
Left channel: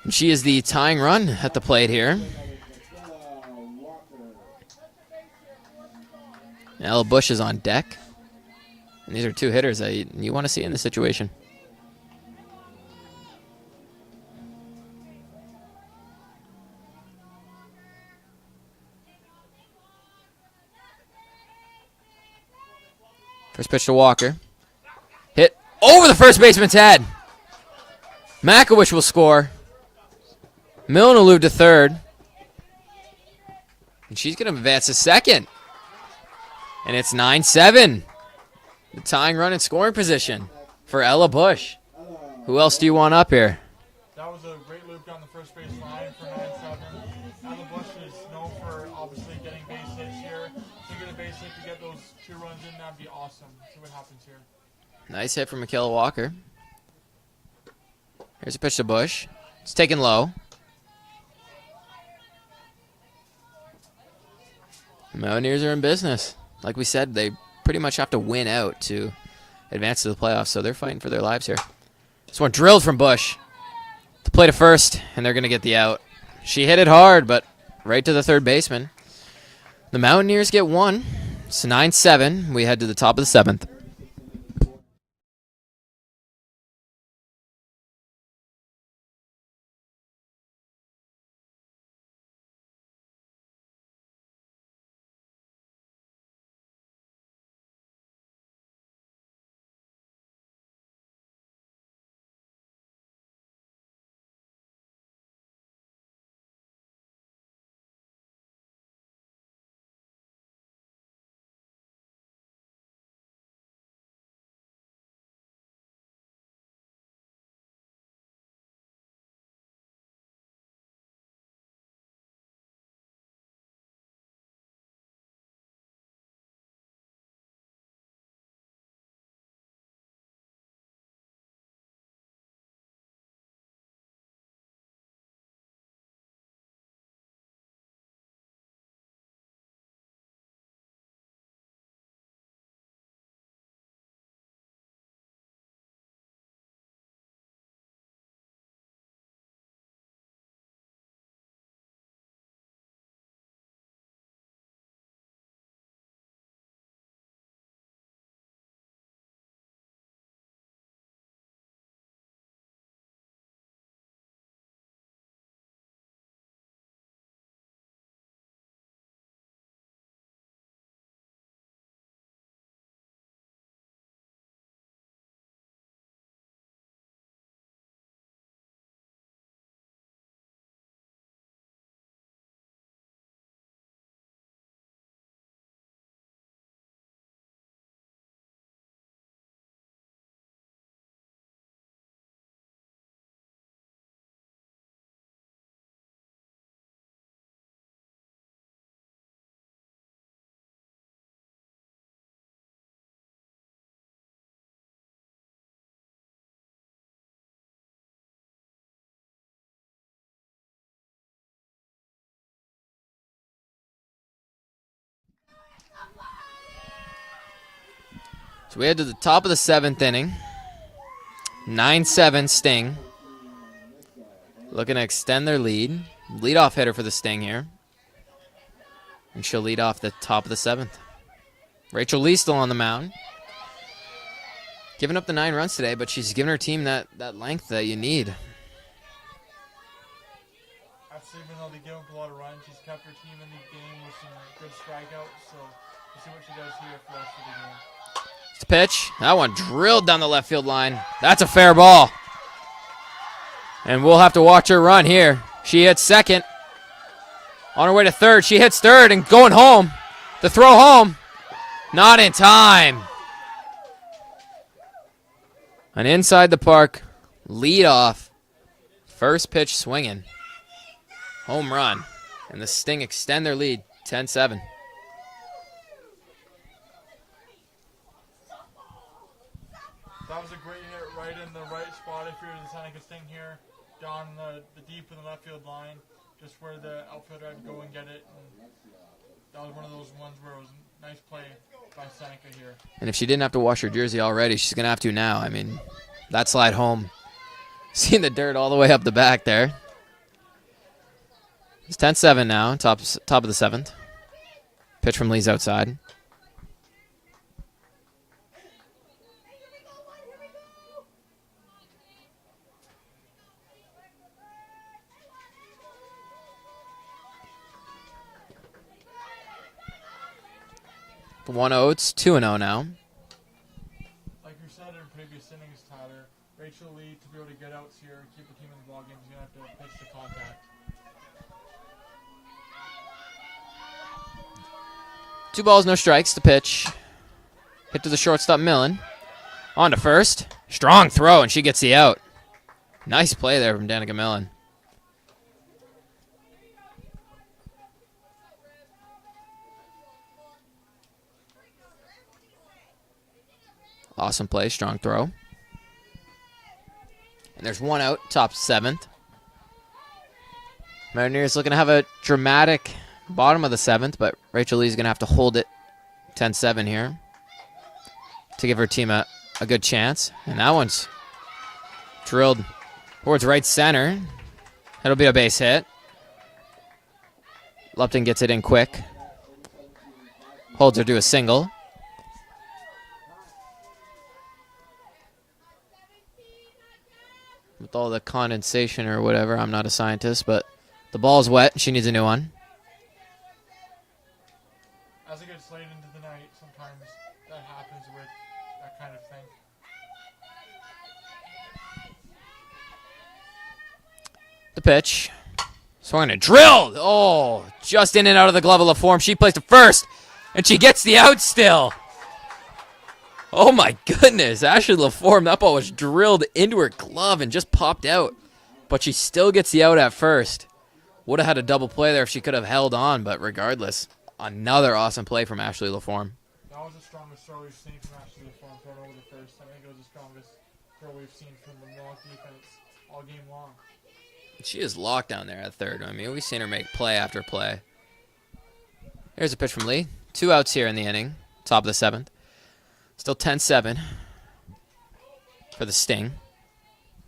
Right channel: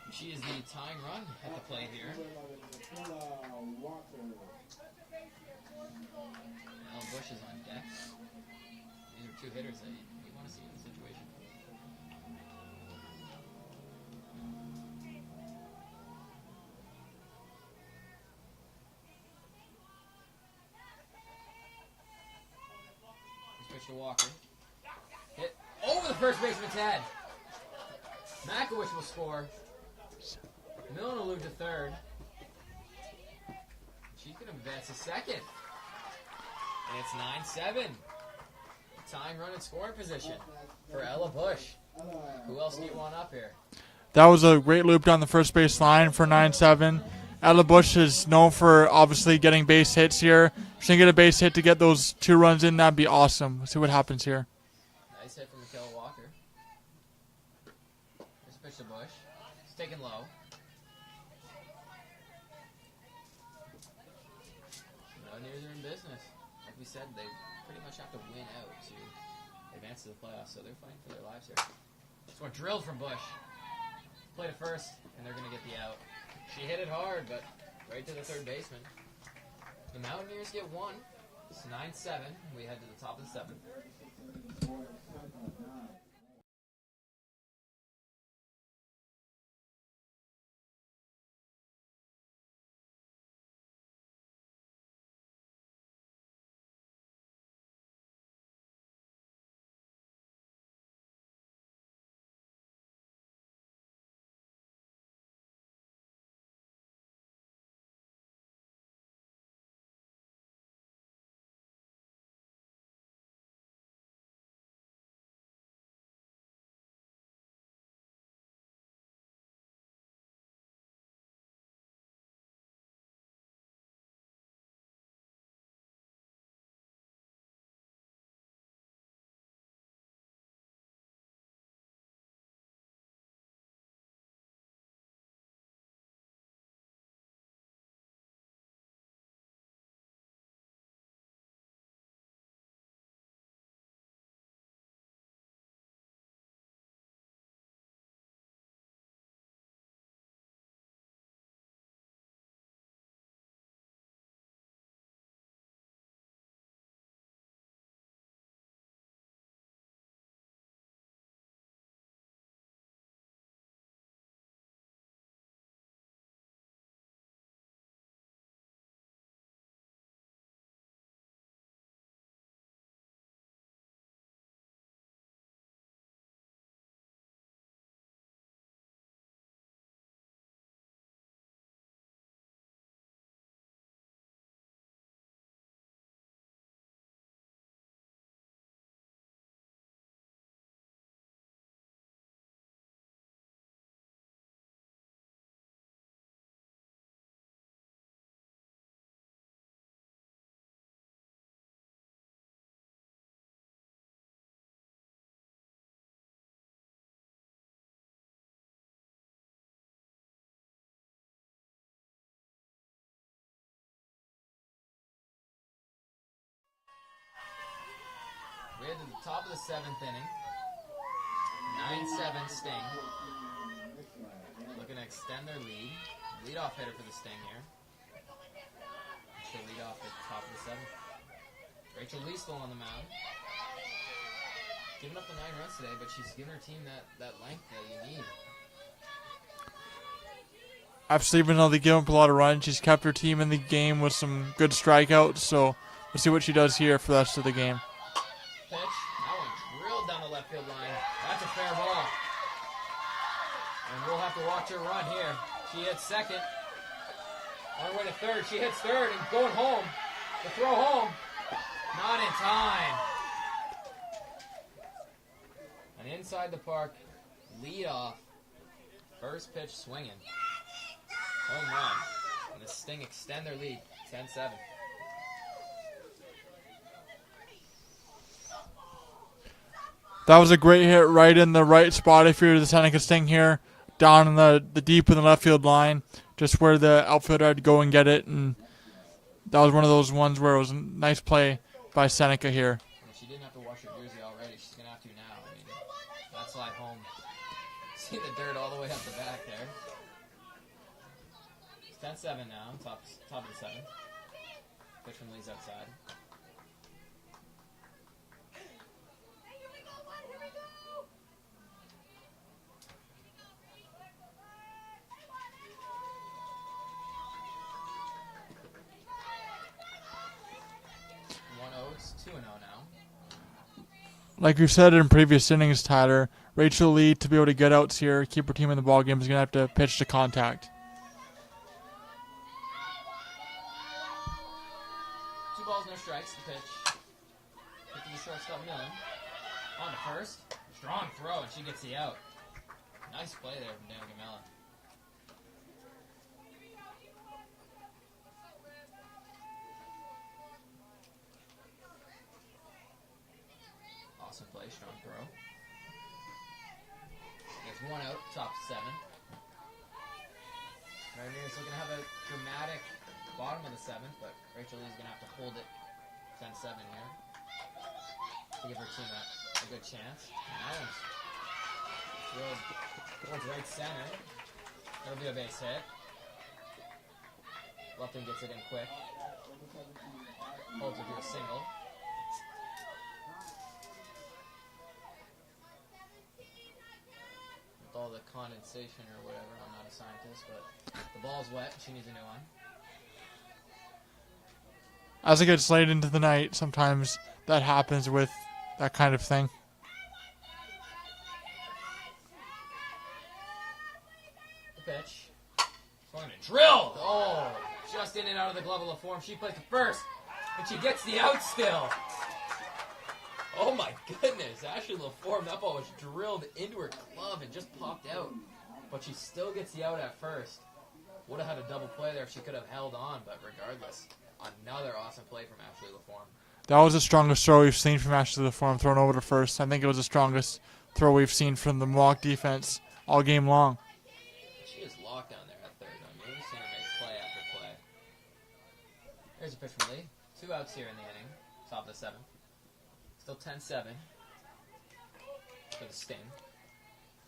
And she is the tying run at the plate here. Ella Bush is on deck. And these are 2 hitters that you want to see in this situation. First pitch to Walker. Hit over the first baseman's head. Makowicz will score. Millen will move to third. And she's going to advance to second. And it's 9-7. The tying run in scoring position for Ella Bush. Who else do you want up here? That was a great loop down the first base line for 9-7. Ella Bush is known for obviously getting base hits here. If she can get a base hit to get those 2 runs in, that'd be awesome. Let's see what happens here. Nice hit from Michaela Walker. Here's a pitch to Bush. It's taken low. The Mountaineers are in business. Like we said, they pretty much have to win out to advance to the playoffs, so they're fighting for their lives here. This one drilled from Bush. To play to first, and they're going to get the out. She hit it hard, but right to the third baseman. The Mountaineers get 1. It's 9-7. We head to the top of the 7th. So we head to the top of the 7th inning. 9-7 Sting. Looking to extend their lead. Leadoff hitter for the Sting here. And she'll lead off the top of the 7th. Rachel Lee still on the mound. Giving up the 9 runs today, but she's given her team that length that you need. Absolutely, even though they give up a lot of runs, she's kept her team in the game with some good strikeouts. So we'll see what she does here for the rest of the game. It's a pitch. That one drilled down the left field line. That's a fair ball. And we'll have to watch her run here. She hits second. On her way to third. She hits third and going home. The throw home. Not in time. An inside the park lead off. First pitch swinging. Home run. And the Sting extend their lead 10-7. That was a great hit right in the right spot if you're the Seneca Sting here. Down in the deep in the left field line. Just where the outfielder had to go and get it. And that was one of those ones where it was a nice play by Seneca here. And if she didn't have to wash her jersey already, she's going to have to now. I mean, that slide home. Seeing the dirt all the way up the back there. It's 10-7 now, top of the 7th. Pitch from Lee's outside. For 1-0, it's 2-0 now. Like you said in previous innings, Tyler, Rachel Lee, to be able to get outs here, keep her team in the ballgame, is going to have to pitch to contact. 2 balls, no strikes. The pitch. Hit to the shortstop, Millen. On to first. Strong throw, and she gets the out. Nice play there from Danica Millen. Awesome play, strong throw. And there's 1 out, top 7th. Mountaineers looking to have a dramatic bottom of the 7th, but Rachel Lee's going to have to hold it 10-7 here to give her team a good chance. And that one's drilled towards right center. That'll be a base hit. Lupton gets it in quick. Holds her to a single. With all the condensation or whatever, I'm not a scientist, but the ball's wet. She needs a new one. As it gets late into the night, sometimes that happens with that kind of thing. The pitch. Swung and drilled. Oh, just in and out of the glove of LaForme. She plays to first, and she gets the out still. Oh, my goodness. Ashley LaForme, that ball was drilled into her glove and just popped out. But she still gets the out at first. Would have had a double play there if she could have held on, but regardless, another awesome play from Ashley LaForme. That was the strongest throw we've seen from Ashley LaForme thrown over to first. I think it was the strongest throw we've seen from the Mohawk defense all game long. She is locked down there at third. I mean, we've seen her make play after play. Here's a pitch from Lee. 2 outs here in the inning, top of the 7th. Still 10-7 for the Sting.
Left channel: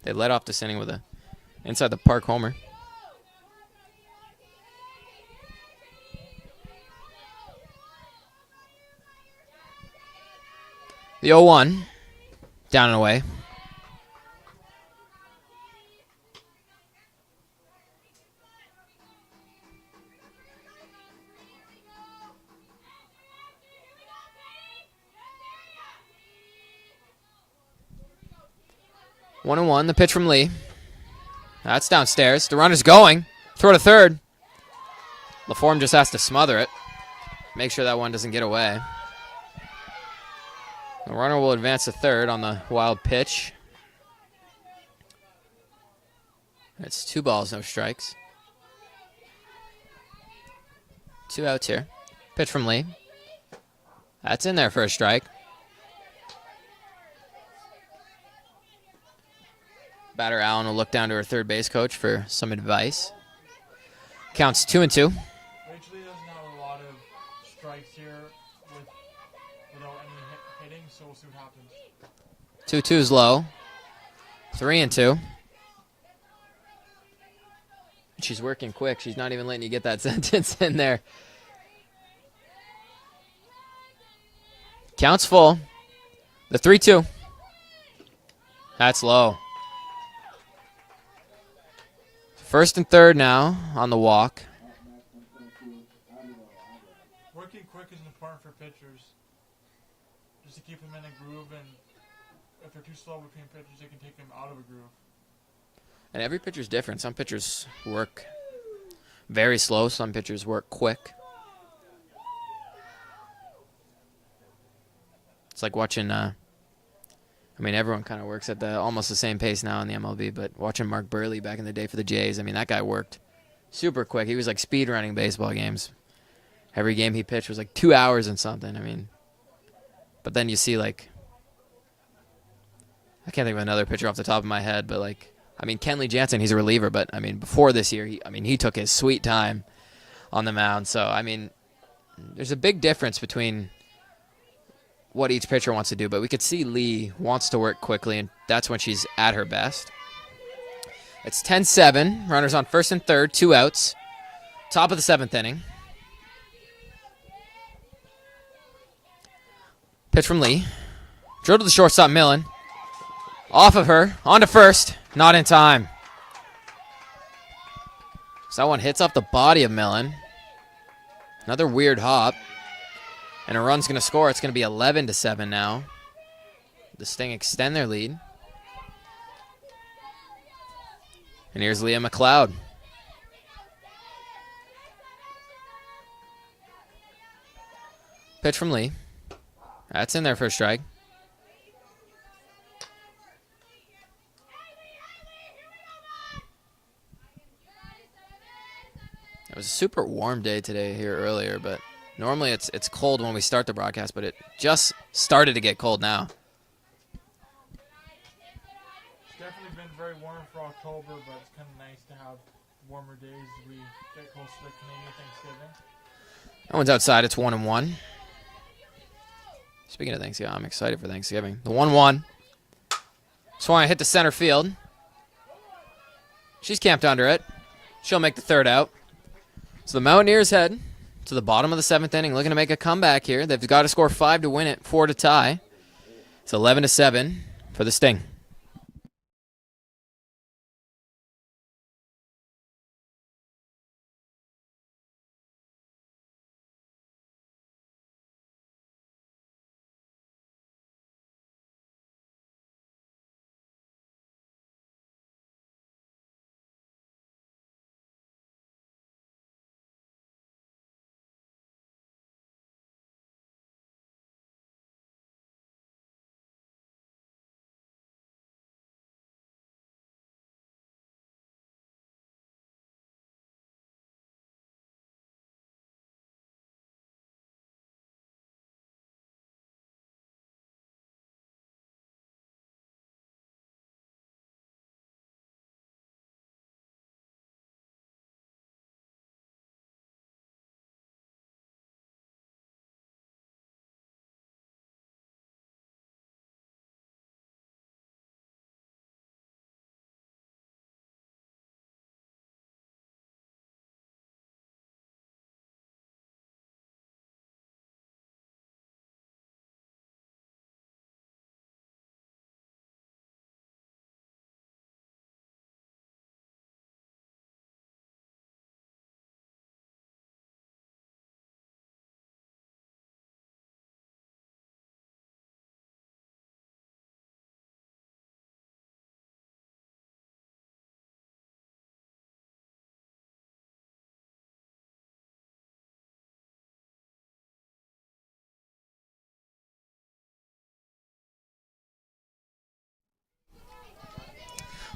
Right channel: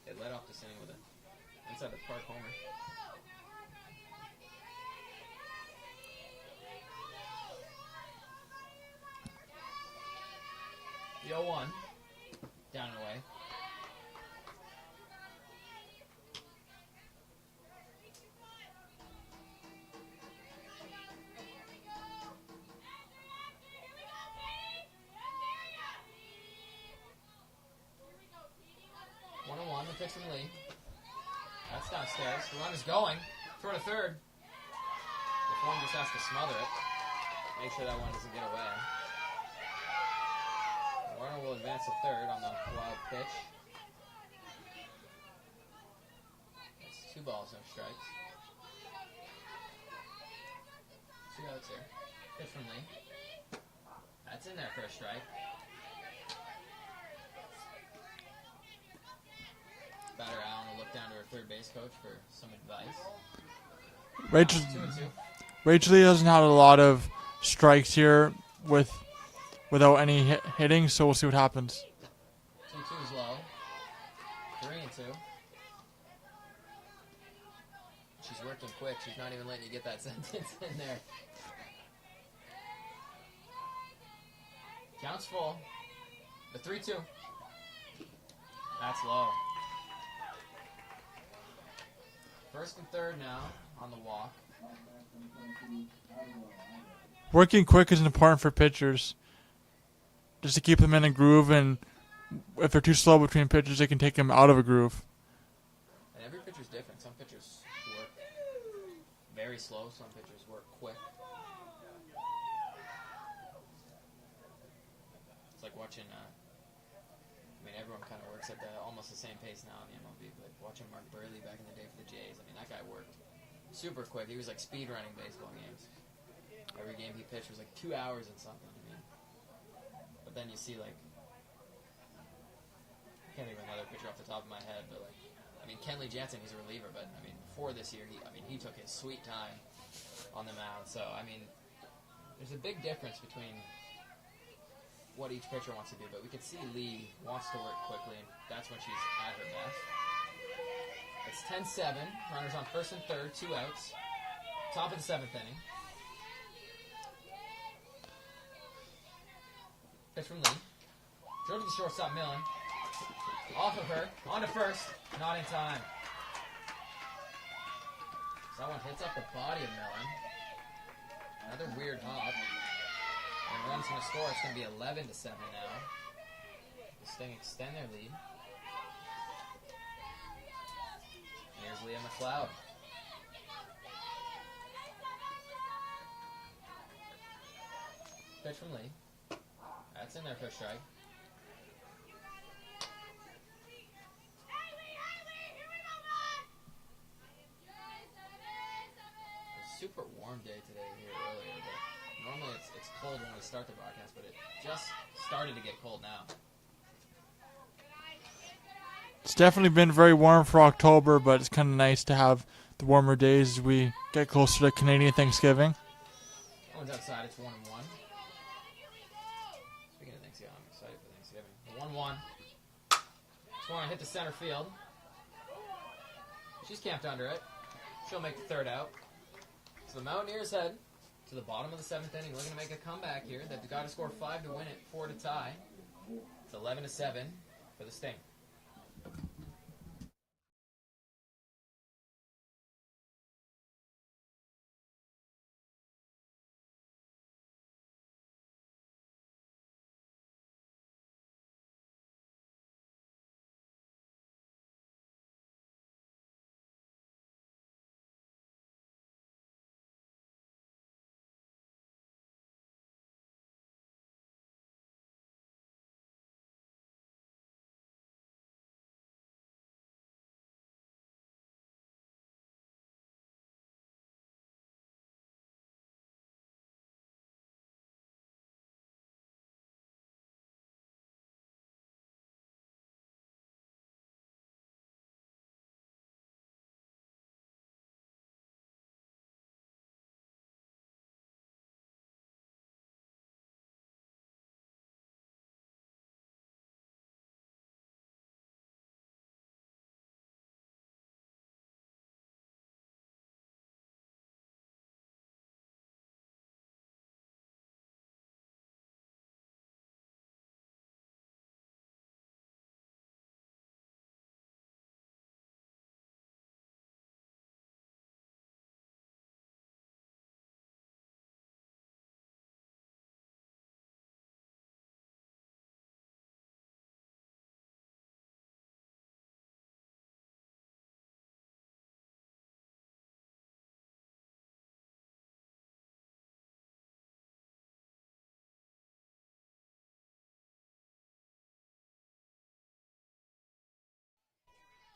They led off this inning with a inside the park homer. The 0-1, down and away. One and one, the pitch from Lee. That's downstairs. The runner's going. Throw to third. LaForme just has to smother it. Make sure that one doesn't get away. The runner will advance to third on the wild pitch. It's 2 balls, no strikes. 2 outs here. Pitch from Lee. That's in there for a strike. Batter Allen will look down to her third base coach for some advice. Counts 2-2. Rachel Lee hasn't had a lot of strikes here with without any hitting, so we'll see what happens. 2-2's low. 3-2. She's working quick. She's not even letting you get that sentence in there. Counts full. The 3-2. That's low. First and third now on the walk. Working quick is important for pitchers, just to keep them in a groove, and if they're too slow between pitches, they can take them out of a groove. And every pitcher's different. Some pitchers work very slow. Some pitchers work quick. It's like watching, everyone kind of works at almost the same pace now in the MLB, but watching Mark Burley back in the day for the Jays, that guy worked super quick. He was like speed running baseball games. Every game he pitched was like 2 hours and something. But then you see I can't think of another pitcher off the top of my head, but Kenley Jansen, he's a reliever, but before this year, he took his sweet time on the mound. So there's a big difference between what each pitcher wants to do, but we could see Lee wants to work quickly, and that's when she's at her best. It's 10-7. Runners on first and third, 2 outs. Top of the 7th inning. Pitch from Lee. Drill to the shortstop, Millen. Off of her, on to first. Not in time. So that one hits off the body of Millen. Another weird hop. And a run's going to score. It's going to be 11-7 now. The Sting extend their lead. And here's Leah McLeod. Pitch from Lee. That's in there for a strike. It was a super warm day today here earlier, but normally it's cold when we start the broadcast, but it just started to get cold now. It's definitely been very warm for October, but it's kind of nice to have the warmer days as we get closer to Canadian Thanksgiving. That one's outside. It's 1-1. Speaking of Thanksgiving, I'm excited for Thanksgiving. The 1-1. Swan hit the center field. She's camped under it. She'll make the third out. So the Mountaineers head to the bottom of the 7th inning, looking to make a comeback here. They've got to score 5 to win it, 4 to tie. It's 11-7 for the Sting.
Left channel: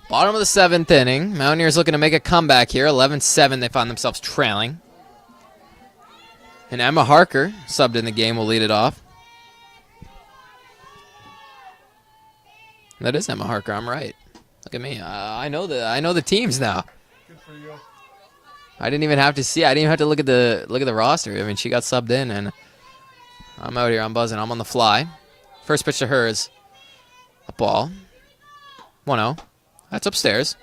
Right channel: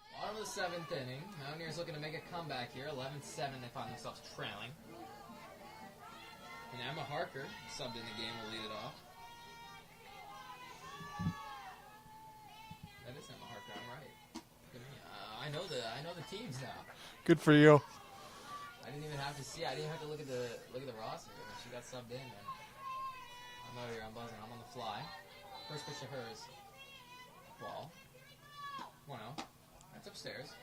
Bottom of the 7th inning. Mountaineers looking to make a comeback here. 11-7. They find themselves trailing. And Emma Harker, subbed in the game, will lead it off. That is Emma Harker. I'm right. Look at me. I know the teams now. Good for you. I didn't even have to see. I didn't even have to look at the roster. She got subbed in, and I'm out here. I'm buzzing. I'm on the fly. First pitch to her is a ball. 1-0. That's upstairs.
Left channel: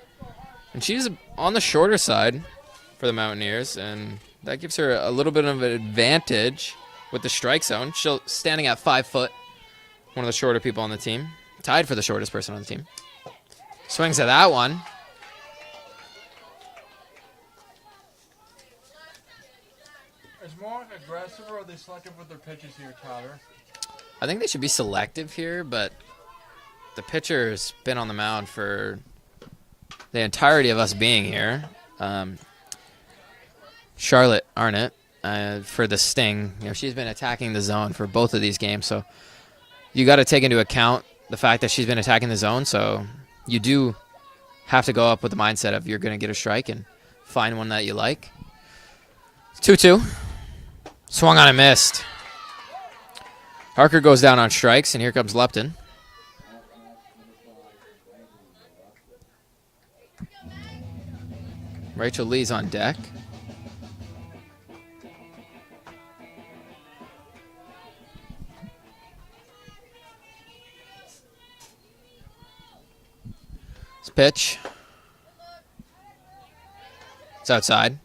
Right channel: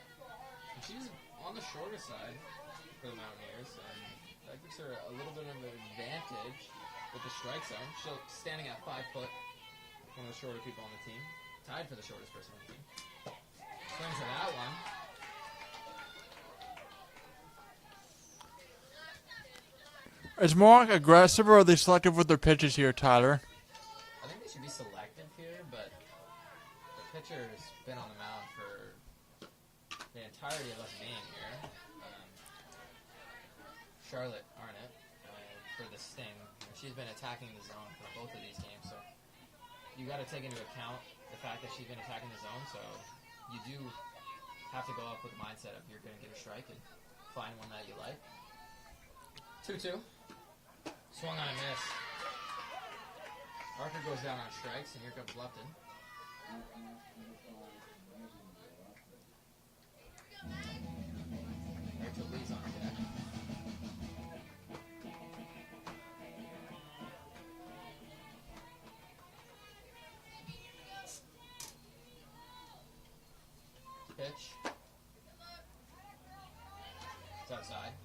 And she's on the shorter side for the Mountaineers, and that gives her a little bit of an advantage with the strike zone. She's standing at 5 foot, one of the shorter people on the team. Tied for the shortest person on the team. Swings at that one. Is Mohawk aggressive or are they selective with their pitches here, Tyler? I think they should be selective here, but the pitcher's been on the mound for the entirety of us being here. Charlotte Arnott, for the Sting, she's been attacking the zone for both of these games, so you got to take into account the fact that she's been attacking the zone, so you do have to go up with the mindset of you're going to get a strike and find one that you like. 2-2. Swung on and missed. Harker goes down on strikes, and here comes Lupton. Rachel Lee's on deck. This pitch. It's outside.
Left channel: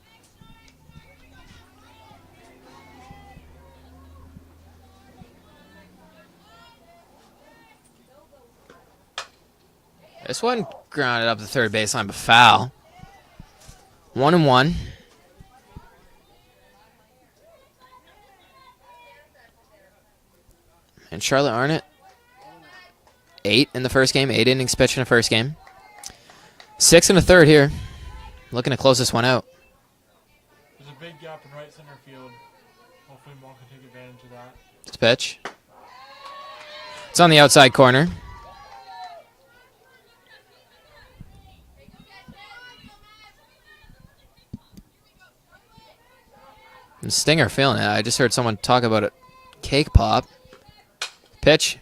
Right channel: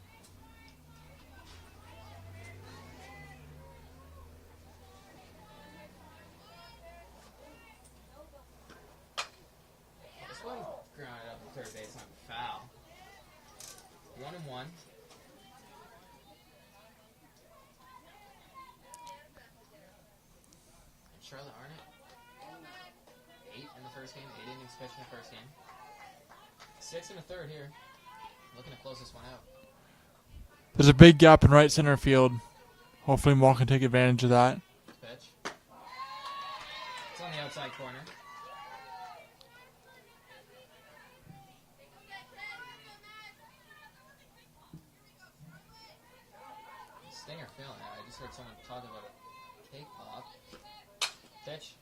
This one grounded up the third baseline, but foul. 1-1. And Charlotte Arnott, 8 in the first game, 8 innings pitched in the first game. 6 in the third here. Looking to close this one out. There's a big gap in right center field. Hopefully Mohawk can take advantage of that. This pitch. It's on the outside corner. And Stinger feeling it. I just heard someone talk about a cake pop. Pitch.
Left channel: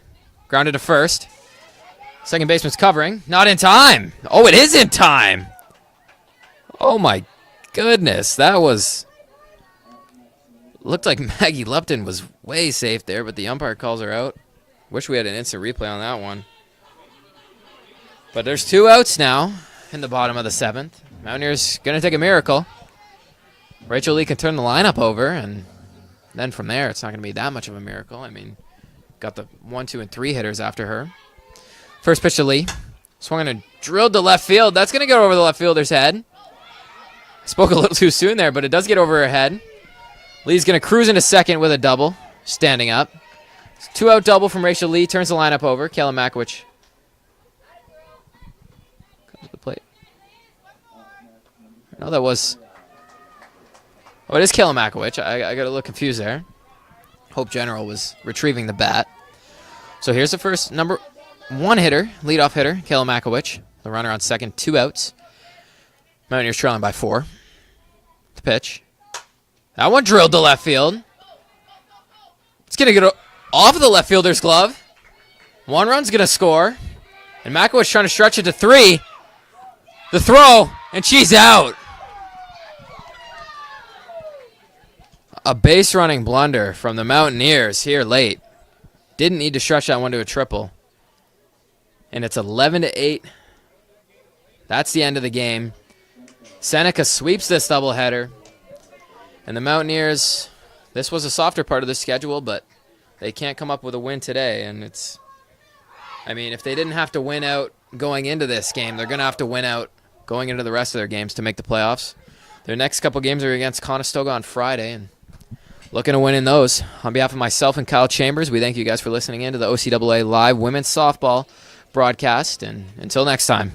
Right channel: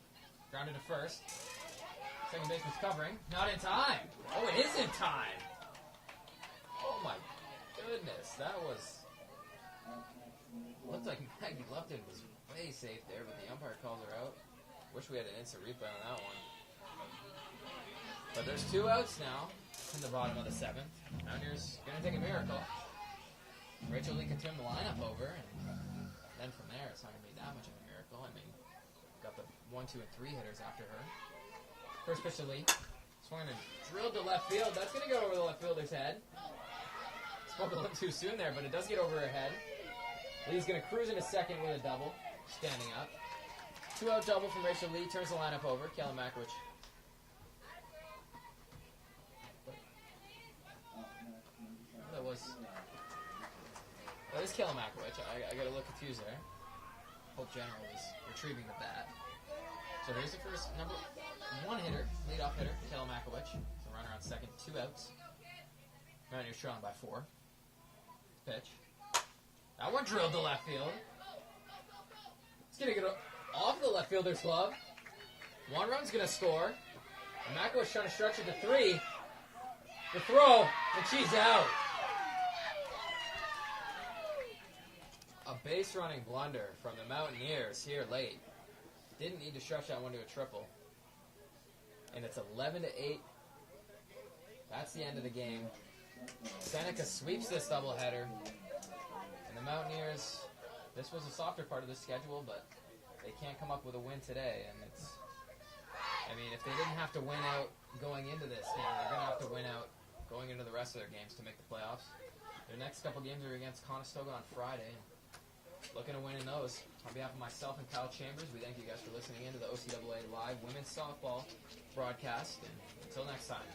Grounded to first. Second baseman's covering. Not in time. Oh, it is in time. Oh, my goodness. That was... Looked like Maggie Lupton was way safe there, but the umpire calls her out. Wish we had an instant replay on that one. But there's 2 outs now in the bottom of the 7th. Mountaineers going to take a miracle. Rachel Lee can turn the lineup over, and then from there, it's not going to be that much of a miracle. I mean, got the 1, 2, and 3 hitters after her. First pitch to Lee. Swung and drilled to left field. That's going to go over the left fielder's head. Spoke a little too soon there, but it does get over her head. Lee's going to cruise into second with a double, standing up. 2-out double from Rachel Lee. Turns the lineup over. Kayla Makowicz comes to the plate. No, that was... Oh, it is Kayla Makowicz. I got a little confused there. Hope General was retrieving the bat. So here's the first number 1 hitter, leadoff hitter, Kayla Makowicz. The runner on second, 2 outs. Mountaineers trailing by 4. The pitch. That one drilled to left field. It's going to get off of the left fielder's glove. 1 run's going to score. And Makowicz trying to stretch it to 3. The throw, and she's out. A base running blunder from the Mountaineers here late. Didn't need to stretch that one to a triple. And it's 11-8. That's the end of the game. Seneca sweeps this doubleheader. And the Mountaineers, this was a softer part of the schedule, but they can't come up with a win today. And it's, I mean, if they didn't have to win out going into this game, they're going to have to win out going into the rest of their games to make the playoffs. Their next couple games are against Conestoga on Friday, and looking to win in those. On behalf of myself and Kyle Chambers, we thank you guys for listening in to the OCAA Live Women's Softball broadcast. And until next time.